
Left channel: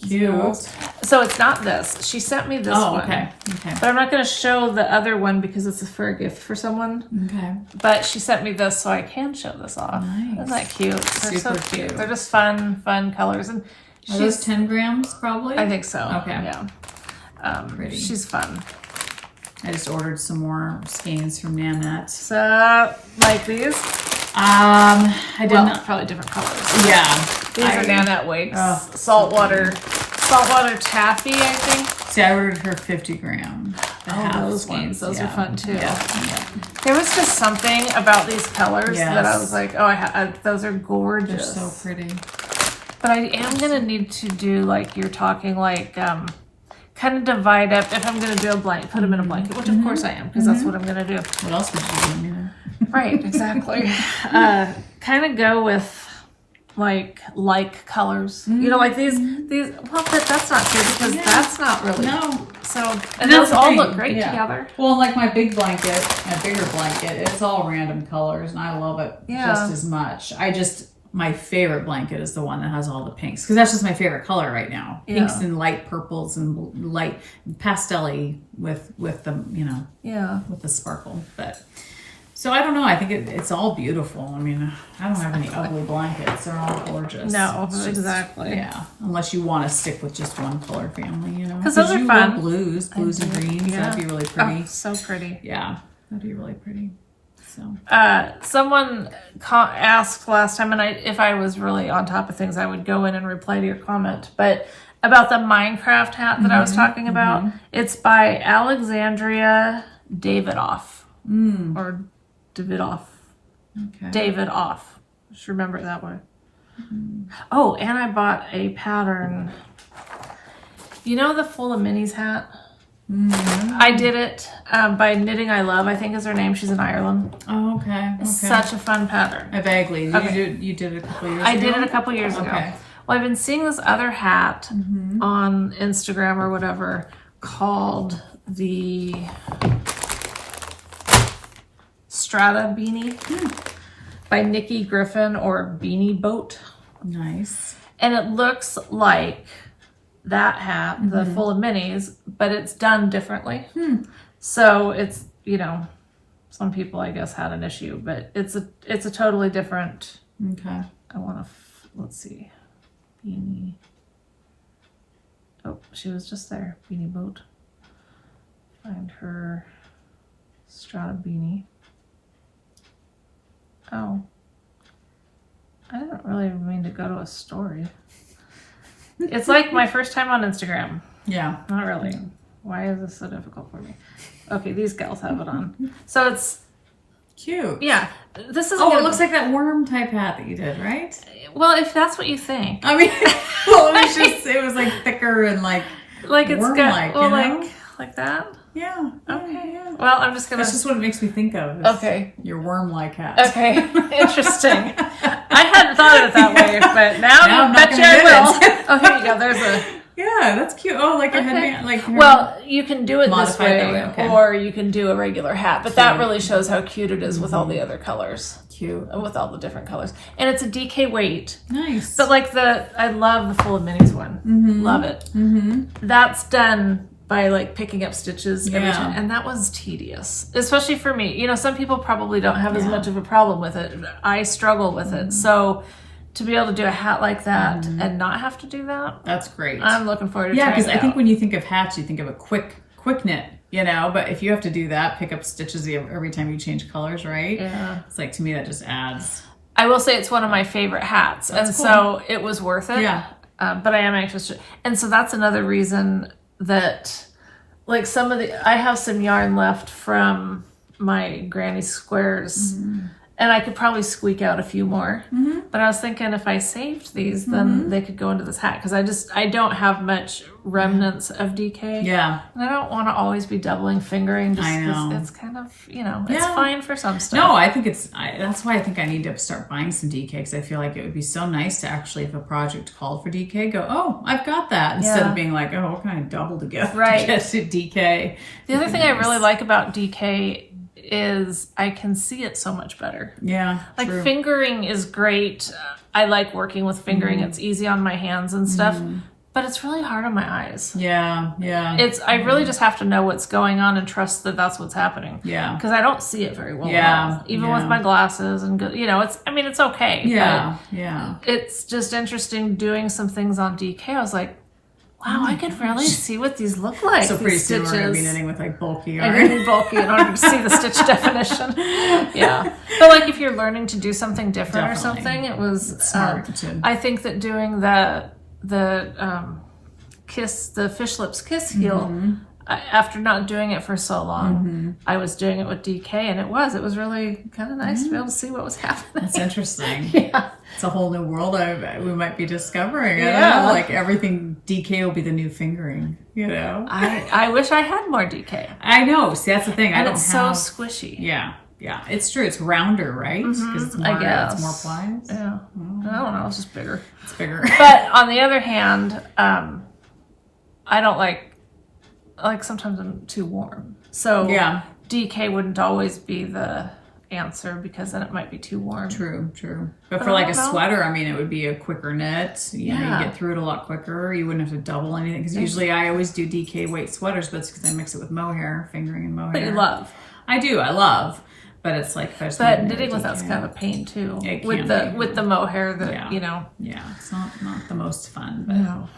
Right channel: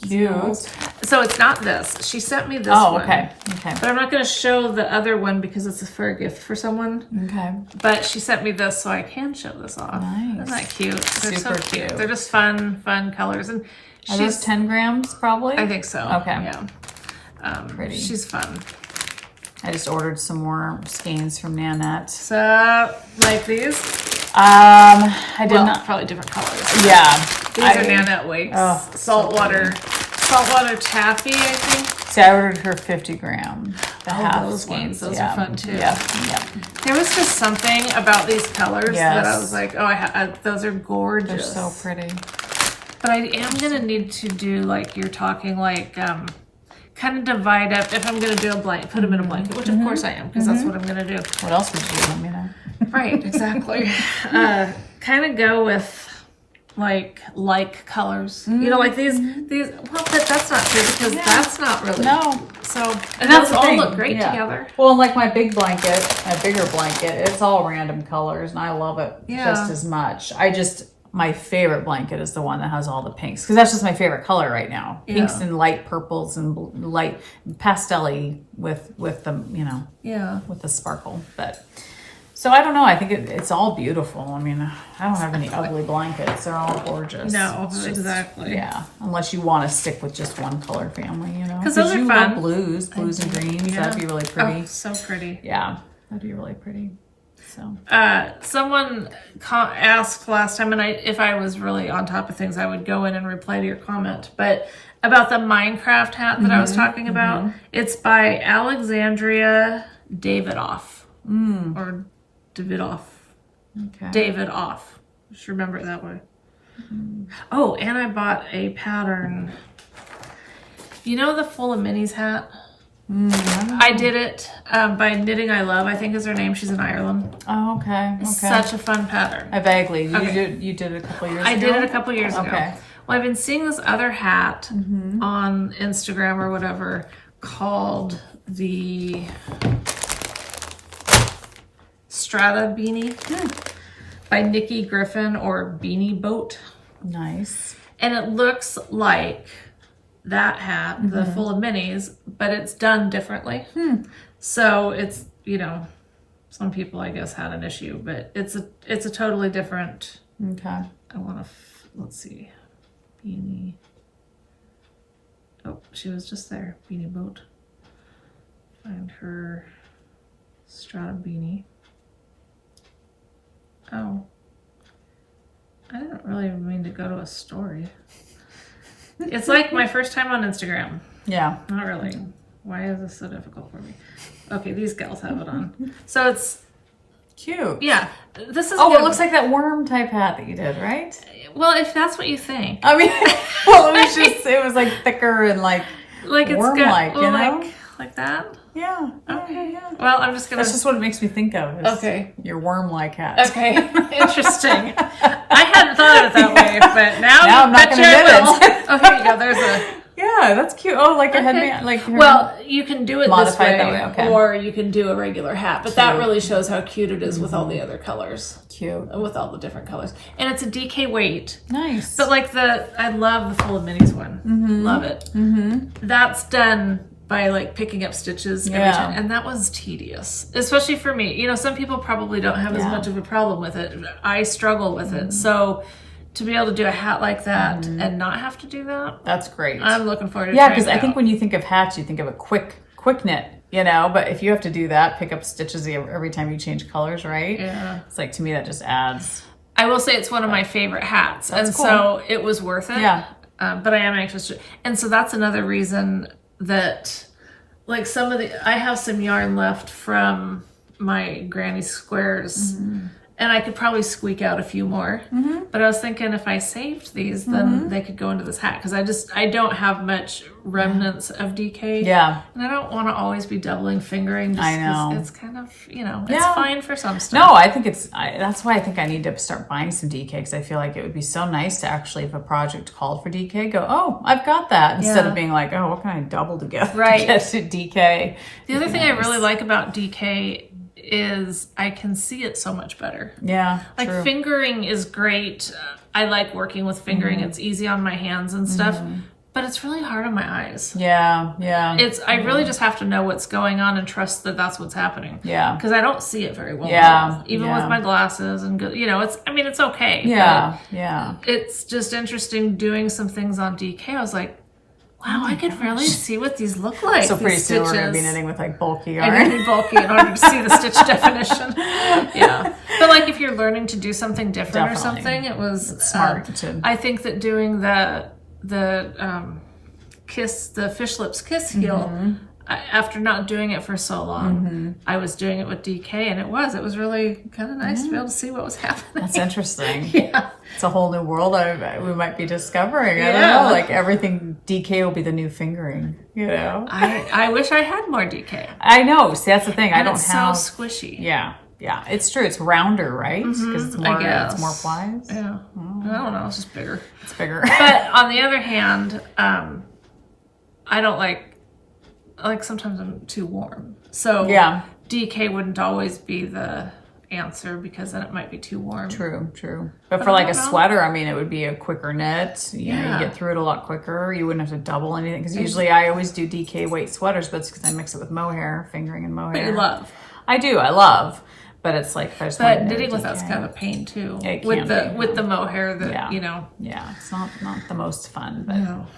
Cute. So it's not this. She sent me this one. Okay. But I'm not going to show the other one because it's for a gift for someone. Okay. But she sent me this so I can show this off. Nice. Isn't that cute? They're Super so cute. cute. They're just fun colors. And Are those 10 grams probably? I think so. Okay. Yeah. Pretty. She's fun. I just ordered some more skeins from Nanette. So, like these? I did not. Probably different colors. Yeah. These are Nanette weights. Saltwater taffy, I think. See, I ordered her 50 gram. Those ones. Those are fun too. Yeah. There was just something about these colors that I was like, those are gorgeous. They're so pretty. But I am going to need to do, like you're talking, like, kind of divide up. If I'm going to do a blanket, put them in a blanket, which of course I am, because that's what I'm going to do. What else would you do? You know? Right, exactly. Kind of go with like colors. You know, like these. Well, that's not true because that's not really. No. So and those all look great together. Well, like my bigger blanket, it's all random colors, and I love it just as much. My favorite blanket is the one that has all the pinks because that's just my favorite color right now. Pinks and light purples and light pastel-y with the with the sparkle. But so I don't know. I think it's all beautiful. I mean, I don't have any ugly blankets. They're all gorgeous. No, exactly. Yeah, unless you want to stick with just one color family, because those are you fun. love blues and greens. Yeah. That'd be really pretty. Oh, so pretty. Yeah, that'd be really pretty. So. Someone asked last time, and if I was really on top of things, I would go in and reply to your comment. But about the Minecraft hat that I was talking about, it's by Alexandria Davidoff or Davidoff. Okay. Davidoff. Just remember it that way. Oh, and I bought a pattern. You know the Full of Minis hat? I did it by Knitting I Love, I think is her name. She's in Ireland. Oh, okay. Such a fun pattern. I vaguely. You did it a couple years ago? I did it a couple years ago. Well, I've been seeing this other hat on Instagram or whatever called the Strata Beanie by Nikki Griffin or Beanie Boat. Nice. And it looks like that hat, the full of minis, but it's done differently. So it's, you know, some people I guess had an issue, but it's a totally different. Okay. I want to, let's see, beanie. Oh, she was just there. Beanie boat. Find her Strata Beanie. Oh. I didn't really mean to go to a story. It's like my first time on Instagram. Yeah. Not really. Why is this so difficult for me? Okay, these gals have it on. So it's cute. Yeah. This is it looks like that worm type hat that you did, right? Well, if that's what you think. I mean, well, it was just, it was like thicker and like it's worm-like, got, well, you know? like that? Yeah. Okay. Yeah. Well, I'm just gonna. That's just what it makes me think of. Okay. Your worm-like hat. Okay. Interesting. I hadn't thought of it that way, but now you I'm bet you I will. Oh, here you go. There's a. Yeah, that's cute. Oh, like a headband. Like well, you can do it this modify it way, that way, okay. or you can do a regular hat. But that really shows how cute it is with all the other colors. Cute. With all the different colors, and it's a DK weight. Nice. But like I love the full of minis one. Love it. That's done by like picking up stitches every time, and that was tedious, especially for me. You know, some people probably don't have as much of a problem with it. I struggle with it, so to be able to do a hat like that and not have to do that, that's great. I'm looking forward to yeah, because I think when you think of hats, you think of a quick knit, you know, but if you have to do that, pick up stitches every time you change colors, right? Yeah, it's like, to me, that just adds. I will say it's one of my favorite hats, and cool. so it was worth it. Yeah. But I am anxious to, and so that's another reason that, like, I have some yarn left from my granny squares, and I could probably squeak out a few more. But I was thinking if I saved these, then they could go into this hat, because I don't have much remnants of DK. Yeah. And I don't want to always be doubling fingering. I know. It's kind of, you know, it's fine for some stuff. No, I think that's why I think I need to start buying some DK, because I feel like it would be so nice to actually, if a project called for DK, go, oh, I've got that, instead of being like, oh, what can I double together to get to DK? The other thing I really like about DK is I can see it so much better. Yeah. Like fingering is great. I like working with fingering. It's easy on my hands and stuff. But it's really hard on my eyes. Yeah, yeah. I really just have to know what's going on and trust that that's what's happening. Yeah. Because I don't see it very well. Yeah. Even with my glasses and, you know, it's okay. Yeah, but yeah. It's just interesting doing some things on DK. I was like, wow, I could really see what these look like. So pretty these soon stitches. we're going to be knitting with like bulky yarn. I'm going to be bulky in order to see the stitch definition. Yeah. But like if you're learning to do something different or something, it was smart. I think that doing the fish lips kiss heel, after not doing it for so long, I was doing it with DK, and it was really kind of nice to be able to see what was happening. That's interesting. Yeah. It's a whole new world we might be discovering. Yeah. Like everything DK will be the new fingering, you know? I wish I had more DK. I know. See, that's the thing. And it's so squishy. Yeah. Yeah. It's true. It's rounder, right? It's more, I guess. It's more plies. Yeah. I don't know. It's just bigger. It's bigger. But on the other hand, I don't like sometimes I'm too warm. So DK wouldn't always be the answer, because then it might be too warm. True. But for like a sweater, I mean, it would be a quicker knit. You get through it a lot quicker. You wouldn't have to double anything, because usually I always do DK weight sweaters, but it's because I mix it with mohair, fingering and mohair. But you love. I do. I love. But it's like, but knitting with that's kind of a pain too. With the mohair that you know. Yeah, it's not the most fun. But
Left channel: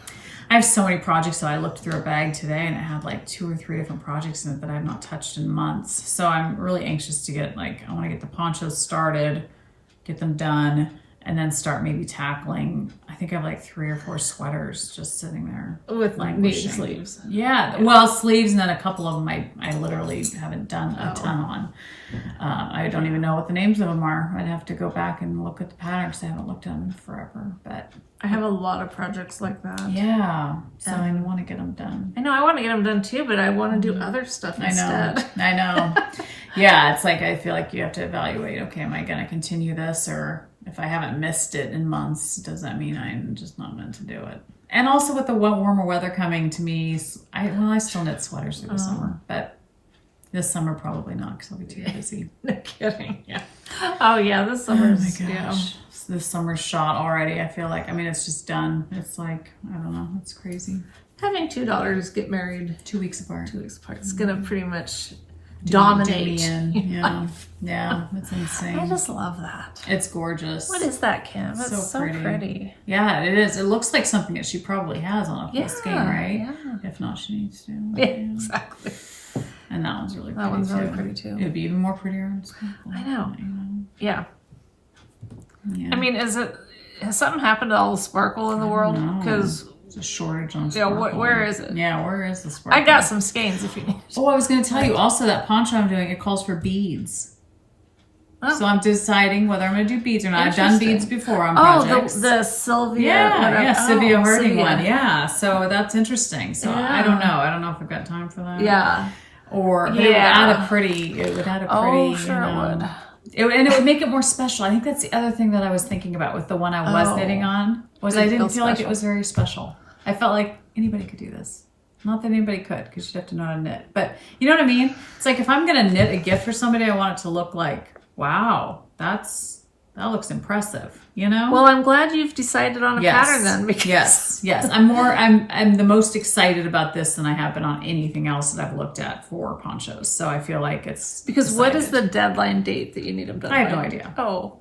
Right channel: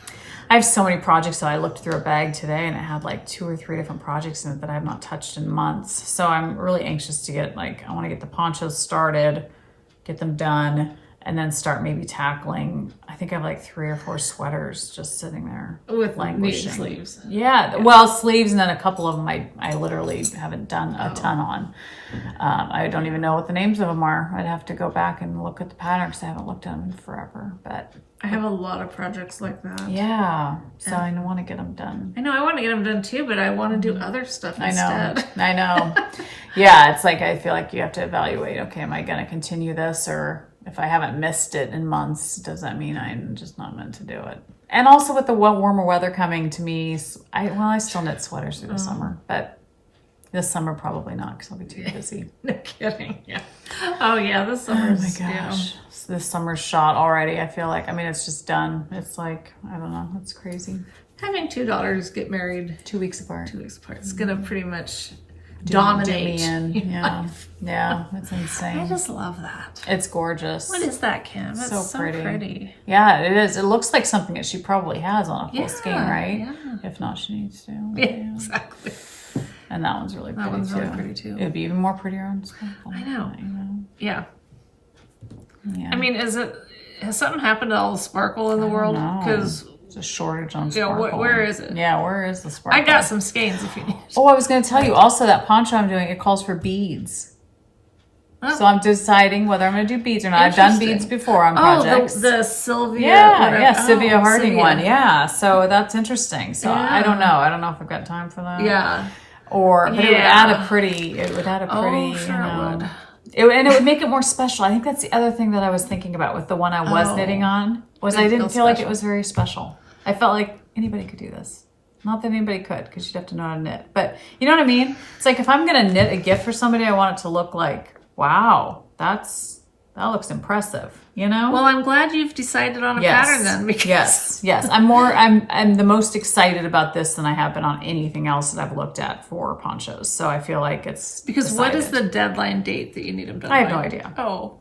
I have so many projects that I looked through a bag today, and it had like 2 or 3 different projects in it that I've not touched in months. So I'm really anxious to get I want to get the ponchos started, get them done, and then start maybe tackling. I think I have like 3 or 4 sweaters just sitting there with needed sleeves. Yeah, well, sleeves, and then a couple of them I literally haven't done a ton on. I don't even know what the names of them are. I'd have to go back and look at the patterns. I haven't looked at them in forever, but I have a lot of projects like that. Yeah, so I want to get them done. I know, I want to get them done too, but I want to do other stuff instead. I know. Yeah, it's like I feel like you have to evaluate, okay, am I going to continue this? Or if I haven't missed it in months, does that mean I'm just not meant to do it? And also with the warmer weather coming to me, I still knit sweaters through the summer, but this summer probably not, because I'll be too busy. No kidding, yeah. Oh yeah, this summer's, oh my gosh. This summer's shot already, I feel like. I mean, it's just done. It's like, I don't know, it's crazy. Having two daughters get married 2 weeks apart. 2 weeks apart. It's gonna pretty much dominate. Yeah. Yeah, it's insane. I just love that. It's gorgeous. What is that, Kim? It's so pretty. Yeah, it is. It looks like something that she probably has on a full skein, right? Yeah. If not, she needs to. Yeah, exactly. And that one's really pretty. That one's really pretty too. It'd be even more prettier on skein. I know. Yeah. Yeah. I mean, has something happened to all the sparkle in the world? Because it's a shortage on sparkle. Yeah, where is it? Yeah, where is the sparkle? I got some skeins if you need. Oh, I was going to tell you also that poncho I'm doing, it calls for beads. Oh. So I'm deciding whether I'm going to do beads or not. I've done beads before on projects. The Sylvia. Yeah, Sylvia Harding one. Yeah, so that's interesting. So I don't know. I don't know if I've got time for that. Yeah. But it would add a pretty. Oh, sure it would. And it would make it more special. I think that's the other thing that I was thinking about with the one I was knitting on was I didn't feel like it was very special. I felt like anybody could do this. Not that anybody could, because you'd have to know how to knit. But you know what I mean? It's like if I'm going to knit a gift for somebody, I want it to look like, wow, that looks impressive. You know? Well, I'm glad you've decided on a pattern then. Because yes. I'm the most excited about this than I have been on anything else that I've looked at for ponchos. So I feel like it's because decided. What is the deadline date that you need them done? I have no idea. Oh,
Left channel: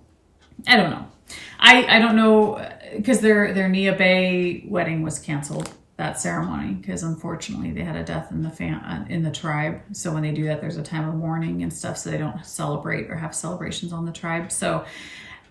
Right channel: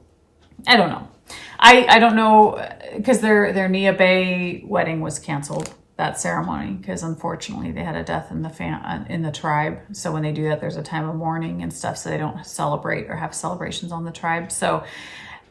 I don't know. I don't know because their Nia Bay wedding was canceled, that ceremony, because unfortunately they had a death in the tribe. So when they do that, there's a time of mourning and stuff, so they don't celebrate or have celebrations on the tribe. So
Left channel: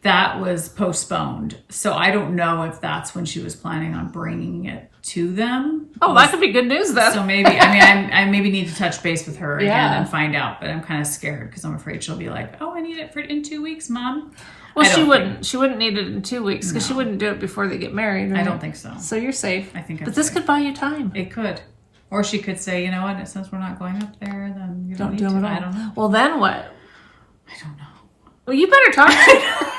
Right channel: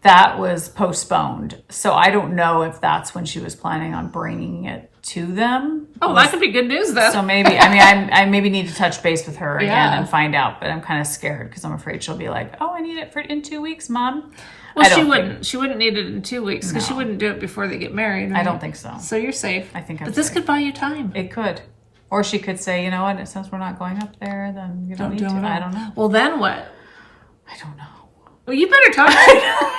that was postponed. So I don't know if that's when she was planning on bringing it to them. Oh, that could be good news then. So maybe, I maybe need to touch base with her again and find out, but I'm kind of scared because I'm afraid she'll be like, oh, I need it in 2 weeks, Mom. Well, she wouldn't. She wouldn't need it in 2 weeks because she wouldn't do it before they get married. Right? I don't think so. So you're safe. I think. But this could buy you time. It could, or she could say, you know what? Since we're not going up there, then you don't do it at all. I don't know. Well, then what? I don't know. Well, you better talk to her.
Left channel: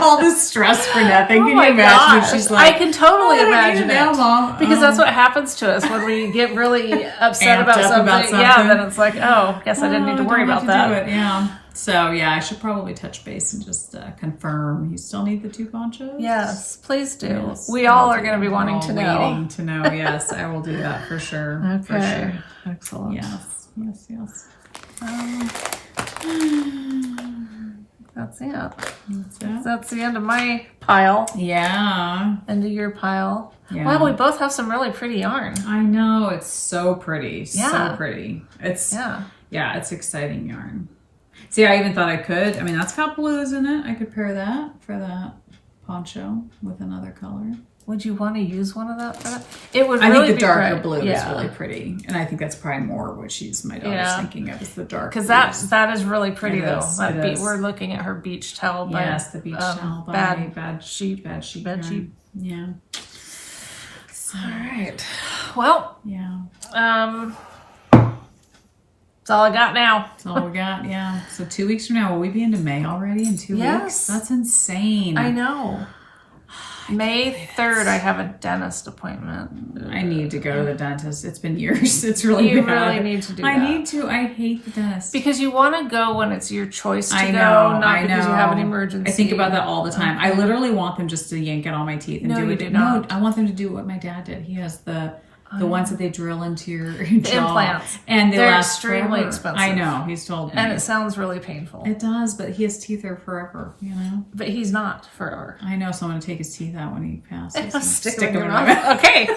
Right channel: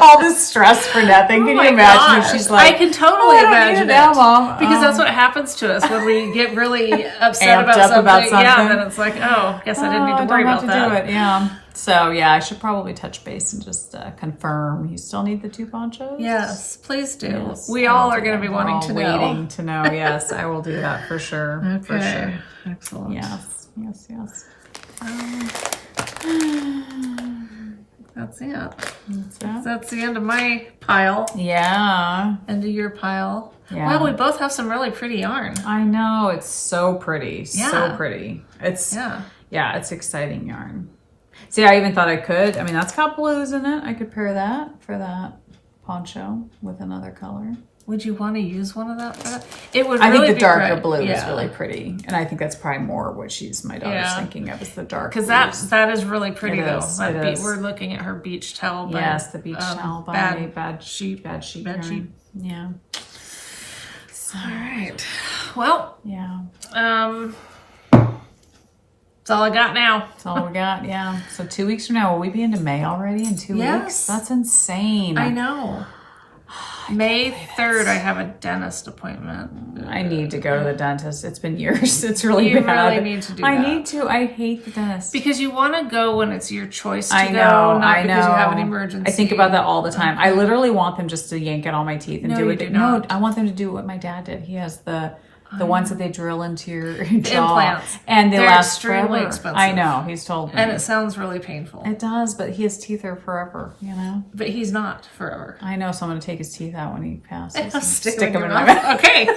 All this stress for nothing. Can you imagine? She's like, I can totally imagine it. Now, Mom. Because that's what happens to us when we get really upset about something. Yeah, then it's like, oh, guess I didn't need to worry about that. Yeah. So yeah, I should probably touch base and just confirm. You still need the 2 ponchos? Yes, please do. Yes, we all are going to be wanting to know. Waiting to know. Yes, I will do that for sure. Okay. For sure. Excellent. Yes. That's it. That's the end of my pile. Yeah. End of your pile. Yeah. Wow, we both have some really pretty yarn. I know. It's so pretty. Yeah. So pretty. It's it's exciting yarn. See, I even thought I could. I mean, that's got blues in it. I could pair that for that poncho with another color. Would you want to use one of that for that? It would really be. I think the darker great. blue is really pretty, and I think that's probably more what my daughter's thinking of is the dark. Because that is really pretty though. We're looking at her beach towel. Yes, the beach towel. Bad sheep. Yeah. So. All right. Well. Yeah. That's all I got now. That's all we got. Yeah. So 2 weeks from now, will we be into May already? In 2 weeks? That's insane. I know. May 3rd, I have a dentist appointment. I need to go to the dentist. It's been years. It's really bad. You really need to do that. I need to. I hate the dentist. Because you want to go when it's your choice to go, not because you have an emergency. I think about that all the time. I literally want them just to yank out all my teeth and do it. No, I want them to do what my dad did. He has the ones that they drill into your jaw. Implants. And they're extremely expensive. I know. He's told me. And it sounds really painful. It does, but his teeth are forever, you know? But he's not forever. I know, so I'm going to take his teeth out when he passes. Stick them in your mouth. Okay.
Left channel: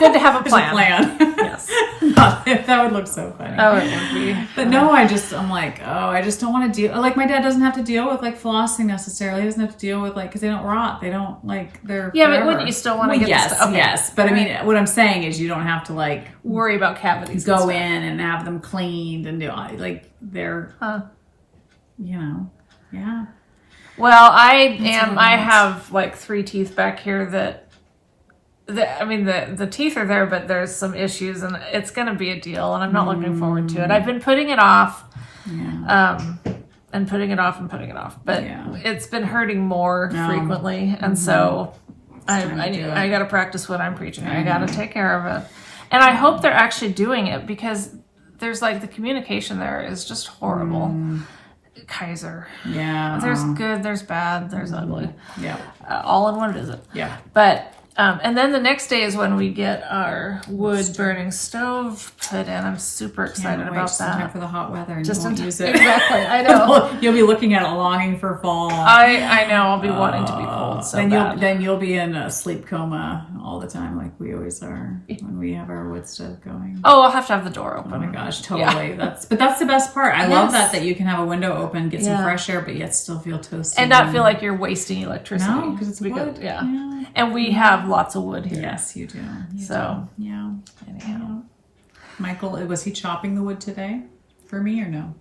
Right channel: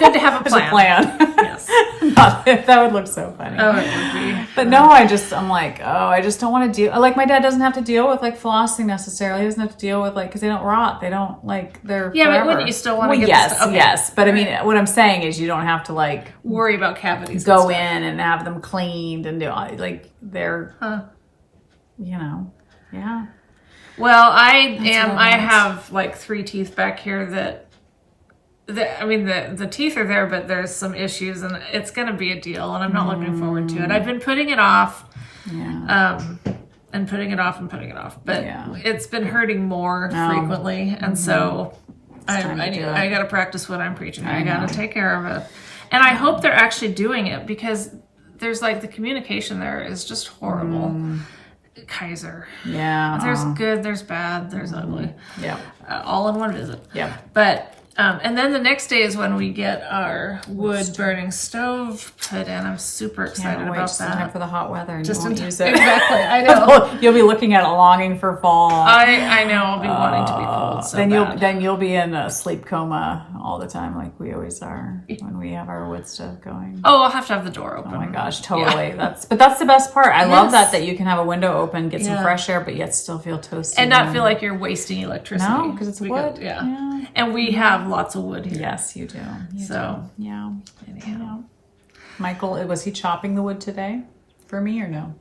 Good to have a plan. Yes. That would look so funny. Oh, it would be. But no, I'm like, I just don't want to deal. Like, my dad doesn't have to deal with, like, flossing necessarily. He doesn't have to deal with, like, because they don't rot. They don't, like, they're forever. But wouldn't you still want to get yes, the stuff? Okay. Yes, but I mean, what I'm saying is you don't have to, like, worry about cavities. Go in and have them cleaned and do all, like, they're, you know, yeah. Well, I have, like, 3 teeth back here that I mean, the teeth are there, but there's some issues, and it's going to be a deal, and I'm not looking forward to it. I've been putting it off, and putting it off, but it's been hurting more frequently, and so I got to practice what I'm preaching. I got to take care of it, and I hope they're actually doing it because there's like the communication there is just horrible. Kaiser. Yeah. There's good, there's bad, there's ugly. Yeah. All in one visit. Yeah. But And then the next day is when we get our wood burning stove put in. I'm super excited about just in time that. for the hot weather, and Just you won't in use it. Exactly, I know. You'll be looking at it, longing for fall. I know. I'll be wanting to be cold so bad. Then you'll be in a sleep coma all the time, like we always are when we have our wood stove going. Oh, I'll have to have the door open. Oh my gosh, totally. Yeah. That's the best part. I love that you can have a window open, get some fresh air, but yet still feel toasty and not feel like you're wasting electricity. No, because it's wood. Yeah. And we have lots of wood here. Yes, you do. Yeah. Anyhow. Michael, was he chopping the wood today for me or no?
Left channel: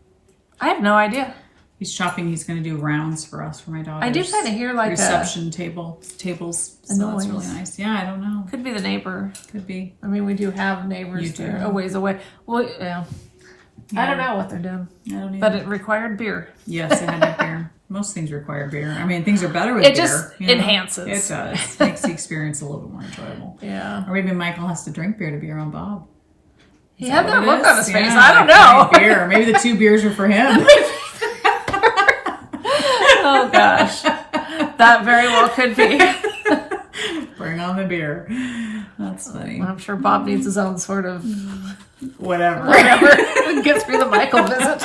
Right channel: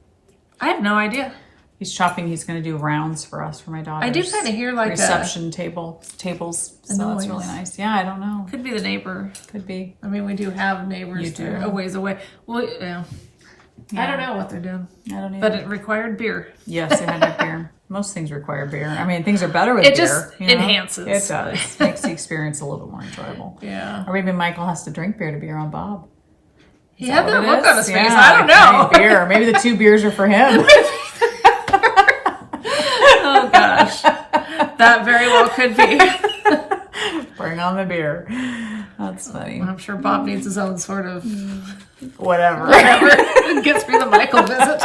I have no idea. He's chopping. He's going to do rounds for us, for my daughter. I do kind of hear like reception tables. So that's really nice. Yeah, I don't know. Could be the neighbor. Could be. I mean, we do have neighbors that are a ways away. Well, yeah. I don't know what they're doing. I don't either. But it required beer. Yes, it had beer. Most things require beer. I mean, things are better with beer. It just enhances. It does. Makes the experience a little bit more enjoyable. Yeah. Or maybe Michael has to drink beer to be around Bob. He had that look on his face. I don't know. Beer. Maybe the 2 beers are for him. Oh gosh, that very well could be. Bring on the beer. That's funny. I'm sure Bob needs his own sort of whatever to get through the Michael visit.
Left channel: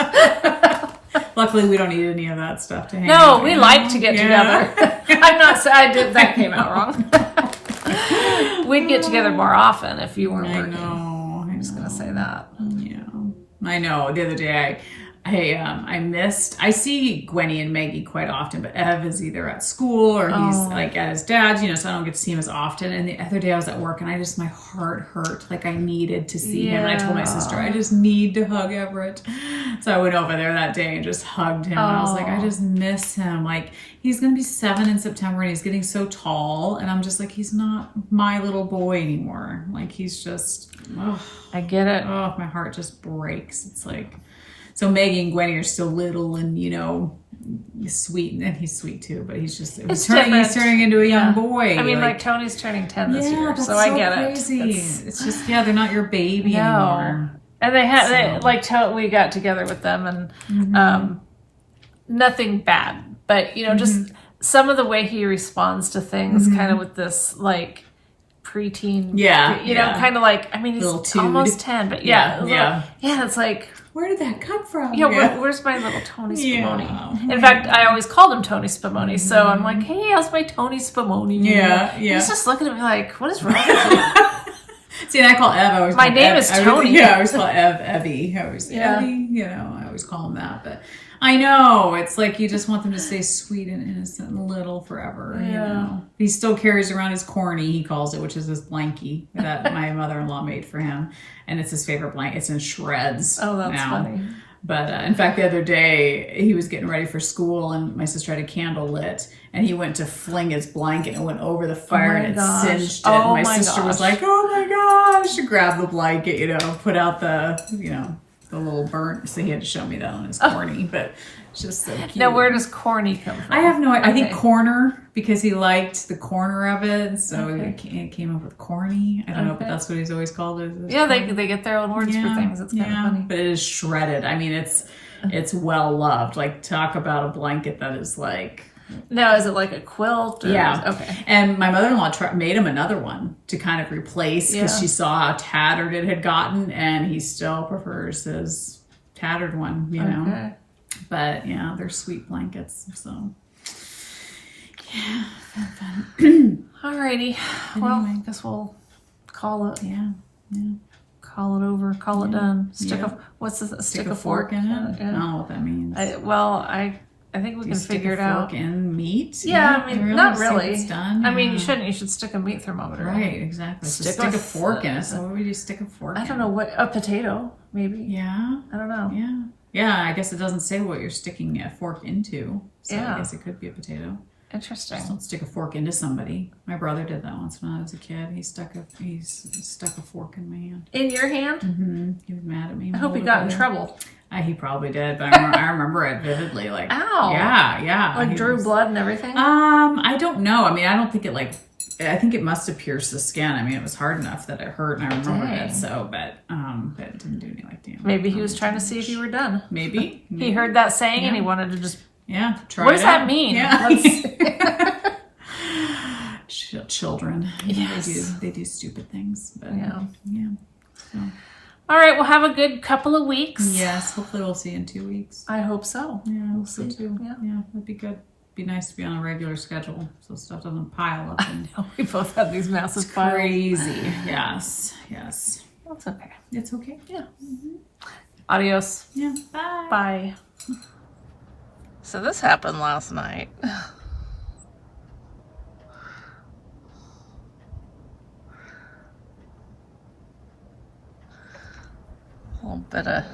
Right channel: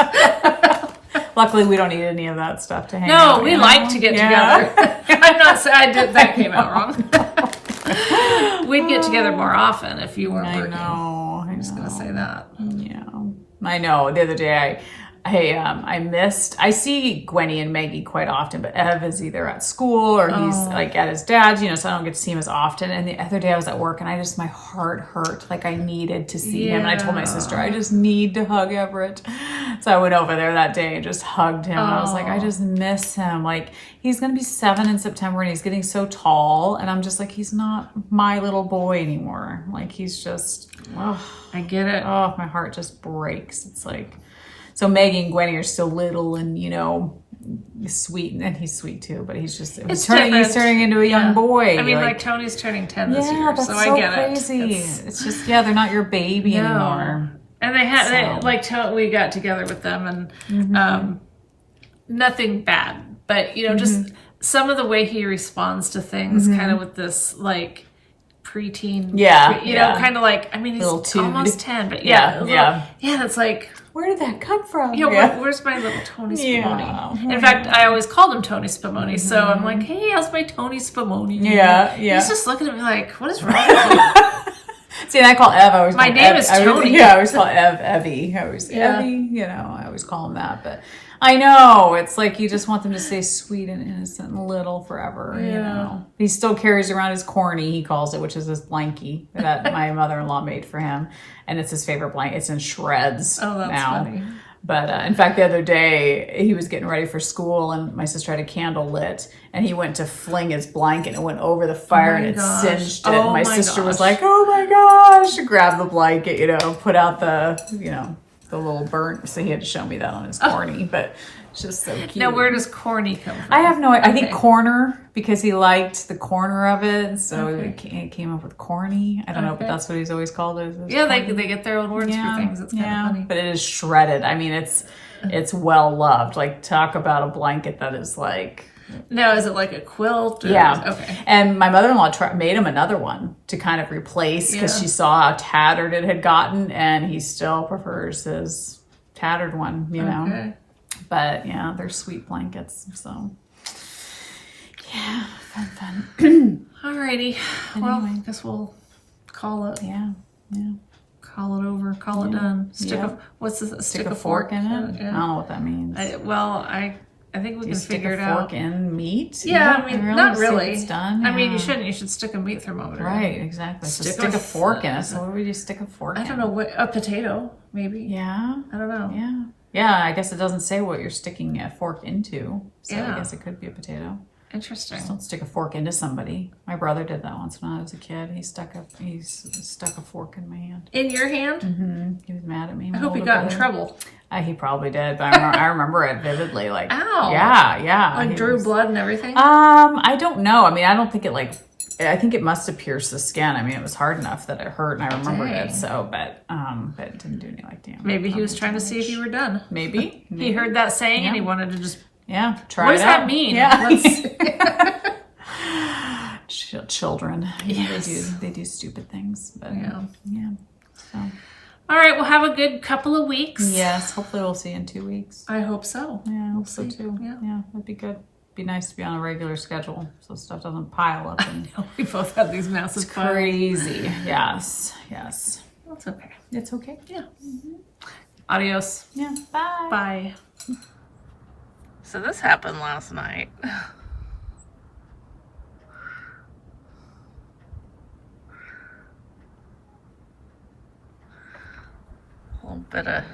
Luckily, we don't need any of that stuff to hang No, out. we like to get together. I'm not saying I did. That came out wrong. We'd get together more often if you weren't working. I'm just gonna say that. Yeah, I know. The other day, I see Gwenny and Maggie quite often, but Ev is either at school or he's like at his dad's, so I don't get to see him as often. And the other day I was at work and my heart hurt. Like I needed to see him. And I told my sister, I just need to hug Everett. So I went over there that day and just hugged him. And I was like, I just miss him. Like he's going to be 7 in September and he's getting so tall. And I'm just like, he's not my little boy anymore. Like he's just, I get it. Oh, my heart just breaks. It's like, so Maggie and Gwenny are still little and, sweet. And he's sweet too, but he's just, he's turning into a young boy. I mean, like Tony's turning 10 this year, so I get crazy. It's just, they're not your baby anymore. And we got together with them and nothing bad, but, just some of the way he responds to things kind of with this, like, preteen, kind of like, I mean, he's almost 10, but it's like, where did that come from? Yeah, where's my little Tony Spumoni? In fact, I always called him Tony Spumoni, so I'm like, hey, how's my Tony Spumoni? Yeah. He's just looking at me like, what is wrong with you? See, and I call Ev, my name is Tony. I always call Ev Evie. Evie, I always call him that, but I know, it's like you just want them to stay sweet and innocent and little forever. Yeah. He still carries around his corny, he calls it, which is this blankie that my mother-in-law made for him. And it's his favorite blanket. It's in shreds. Oh, that's funny. But in fact, the other day, he was getting ready for school and my sister had a candle lit and he went to fling his blanket and went over the fire and it singed it. And my sister was like, oh my gosh, grabbed the blanket, put out the little burnt. So he had to show me that on his corny, but it's just so cute. Now, where does corny come from? I have no idea. I think corner, because he liked the corner of it. So he came up with corny. I don't know, but that's what he's always called it. Yeah, they get their own words for things. It's kind of funny. But it is shredded. I mean, it's well loved. Like, talk about a blanket that is like... Now, is it like a quilt? Or... Yeah. Okay. And my mother-in-law made him another one to kind of replace because she saw how tattered it had gotten, and he still prefers his tattered one, know. But yeah, they're sweet blankets. So yeah, fun. Alrighty. Well, I guess we'll call it. Yeah. Call it over. Call it done. What's this? Stick a fork in it. Yeah. I don't know what that means. I think we can figure it out. Fork in meat? Yeah, I mean, not really. It's done? I mean, you shouldn't. You should stick a meat thermometer. Right, exactly. Stick a fork in it. So what do you stick a fork in? I don't know, a potato, maybe. Yeah. I don't know. Yeah. Yeah, I guess it doesn't say what you're sticking a fork into. So I guess it could be a potato. Interesting. Just don't stick a fork into somebody. My brother did that once when I was a kid. He stuck a fork in my hand. In your hand? Mm-hmm. He was mad at me. I hope he got in trouble. He probably did, but I remember it vividly. Like, ow! Yeah. Like drew blood and everything. I don't know. I mean, I don't think it I think it must have pierced the skin. I mean, it was hard enough that it hurt, and I remembered it. So, but it didn't do any damage. Maybe he was trying to see if you were done. Maybe he heard that saying and he wanted to just. Yeah, try what it does out. that mean? Yeah. children. Yes. They do stupid things. But, Yeah. So. All right, we'll have a good couple of weeks. Yes, hopefully we'll see you in 2 weeks. I hope so. Yeah, We'll so see. too. Yeah. That'd be good. Be nice to be on a regular schedule so stuff doesn't pile up. And We both have these massive piles. crazy. Yes. That's okay. It's okay. Yeah. Adios. Yeah. Bye. Bye. So this happened last night. A little bit of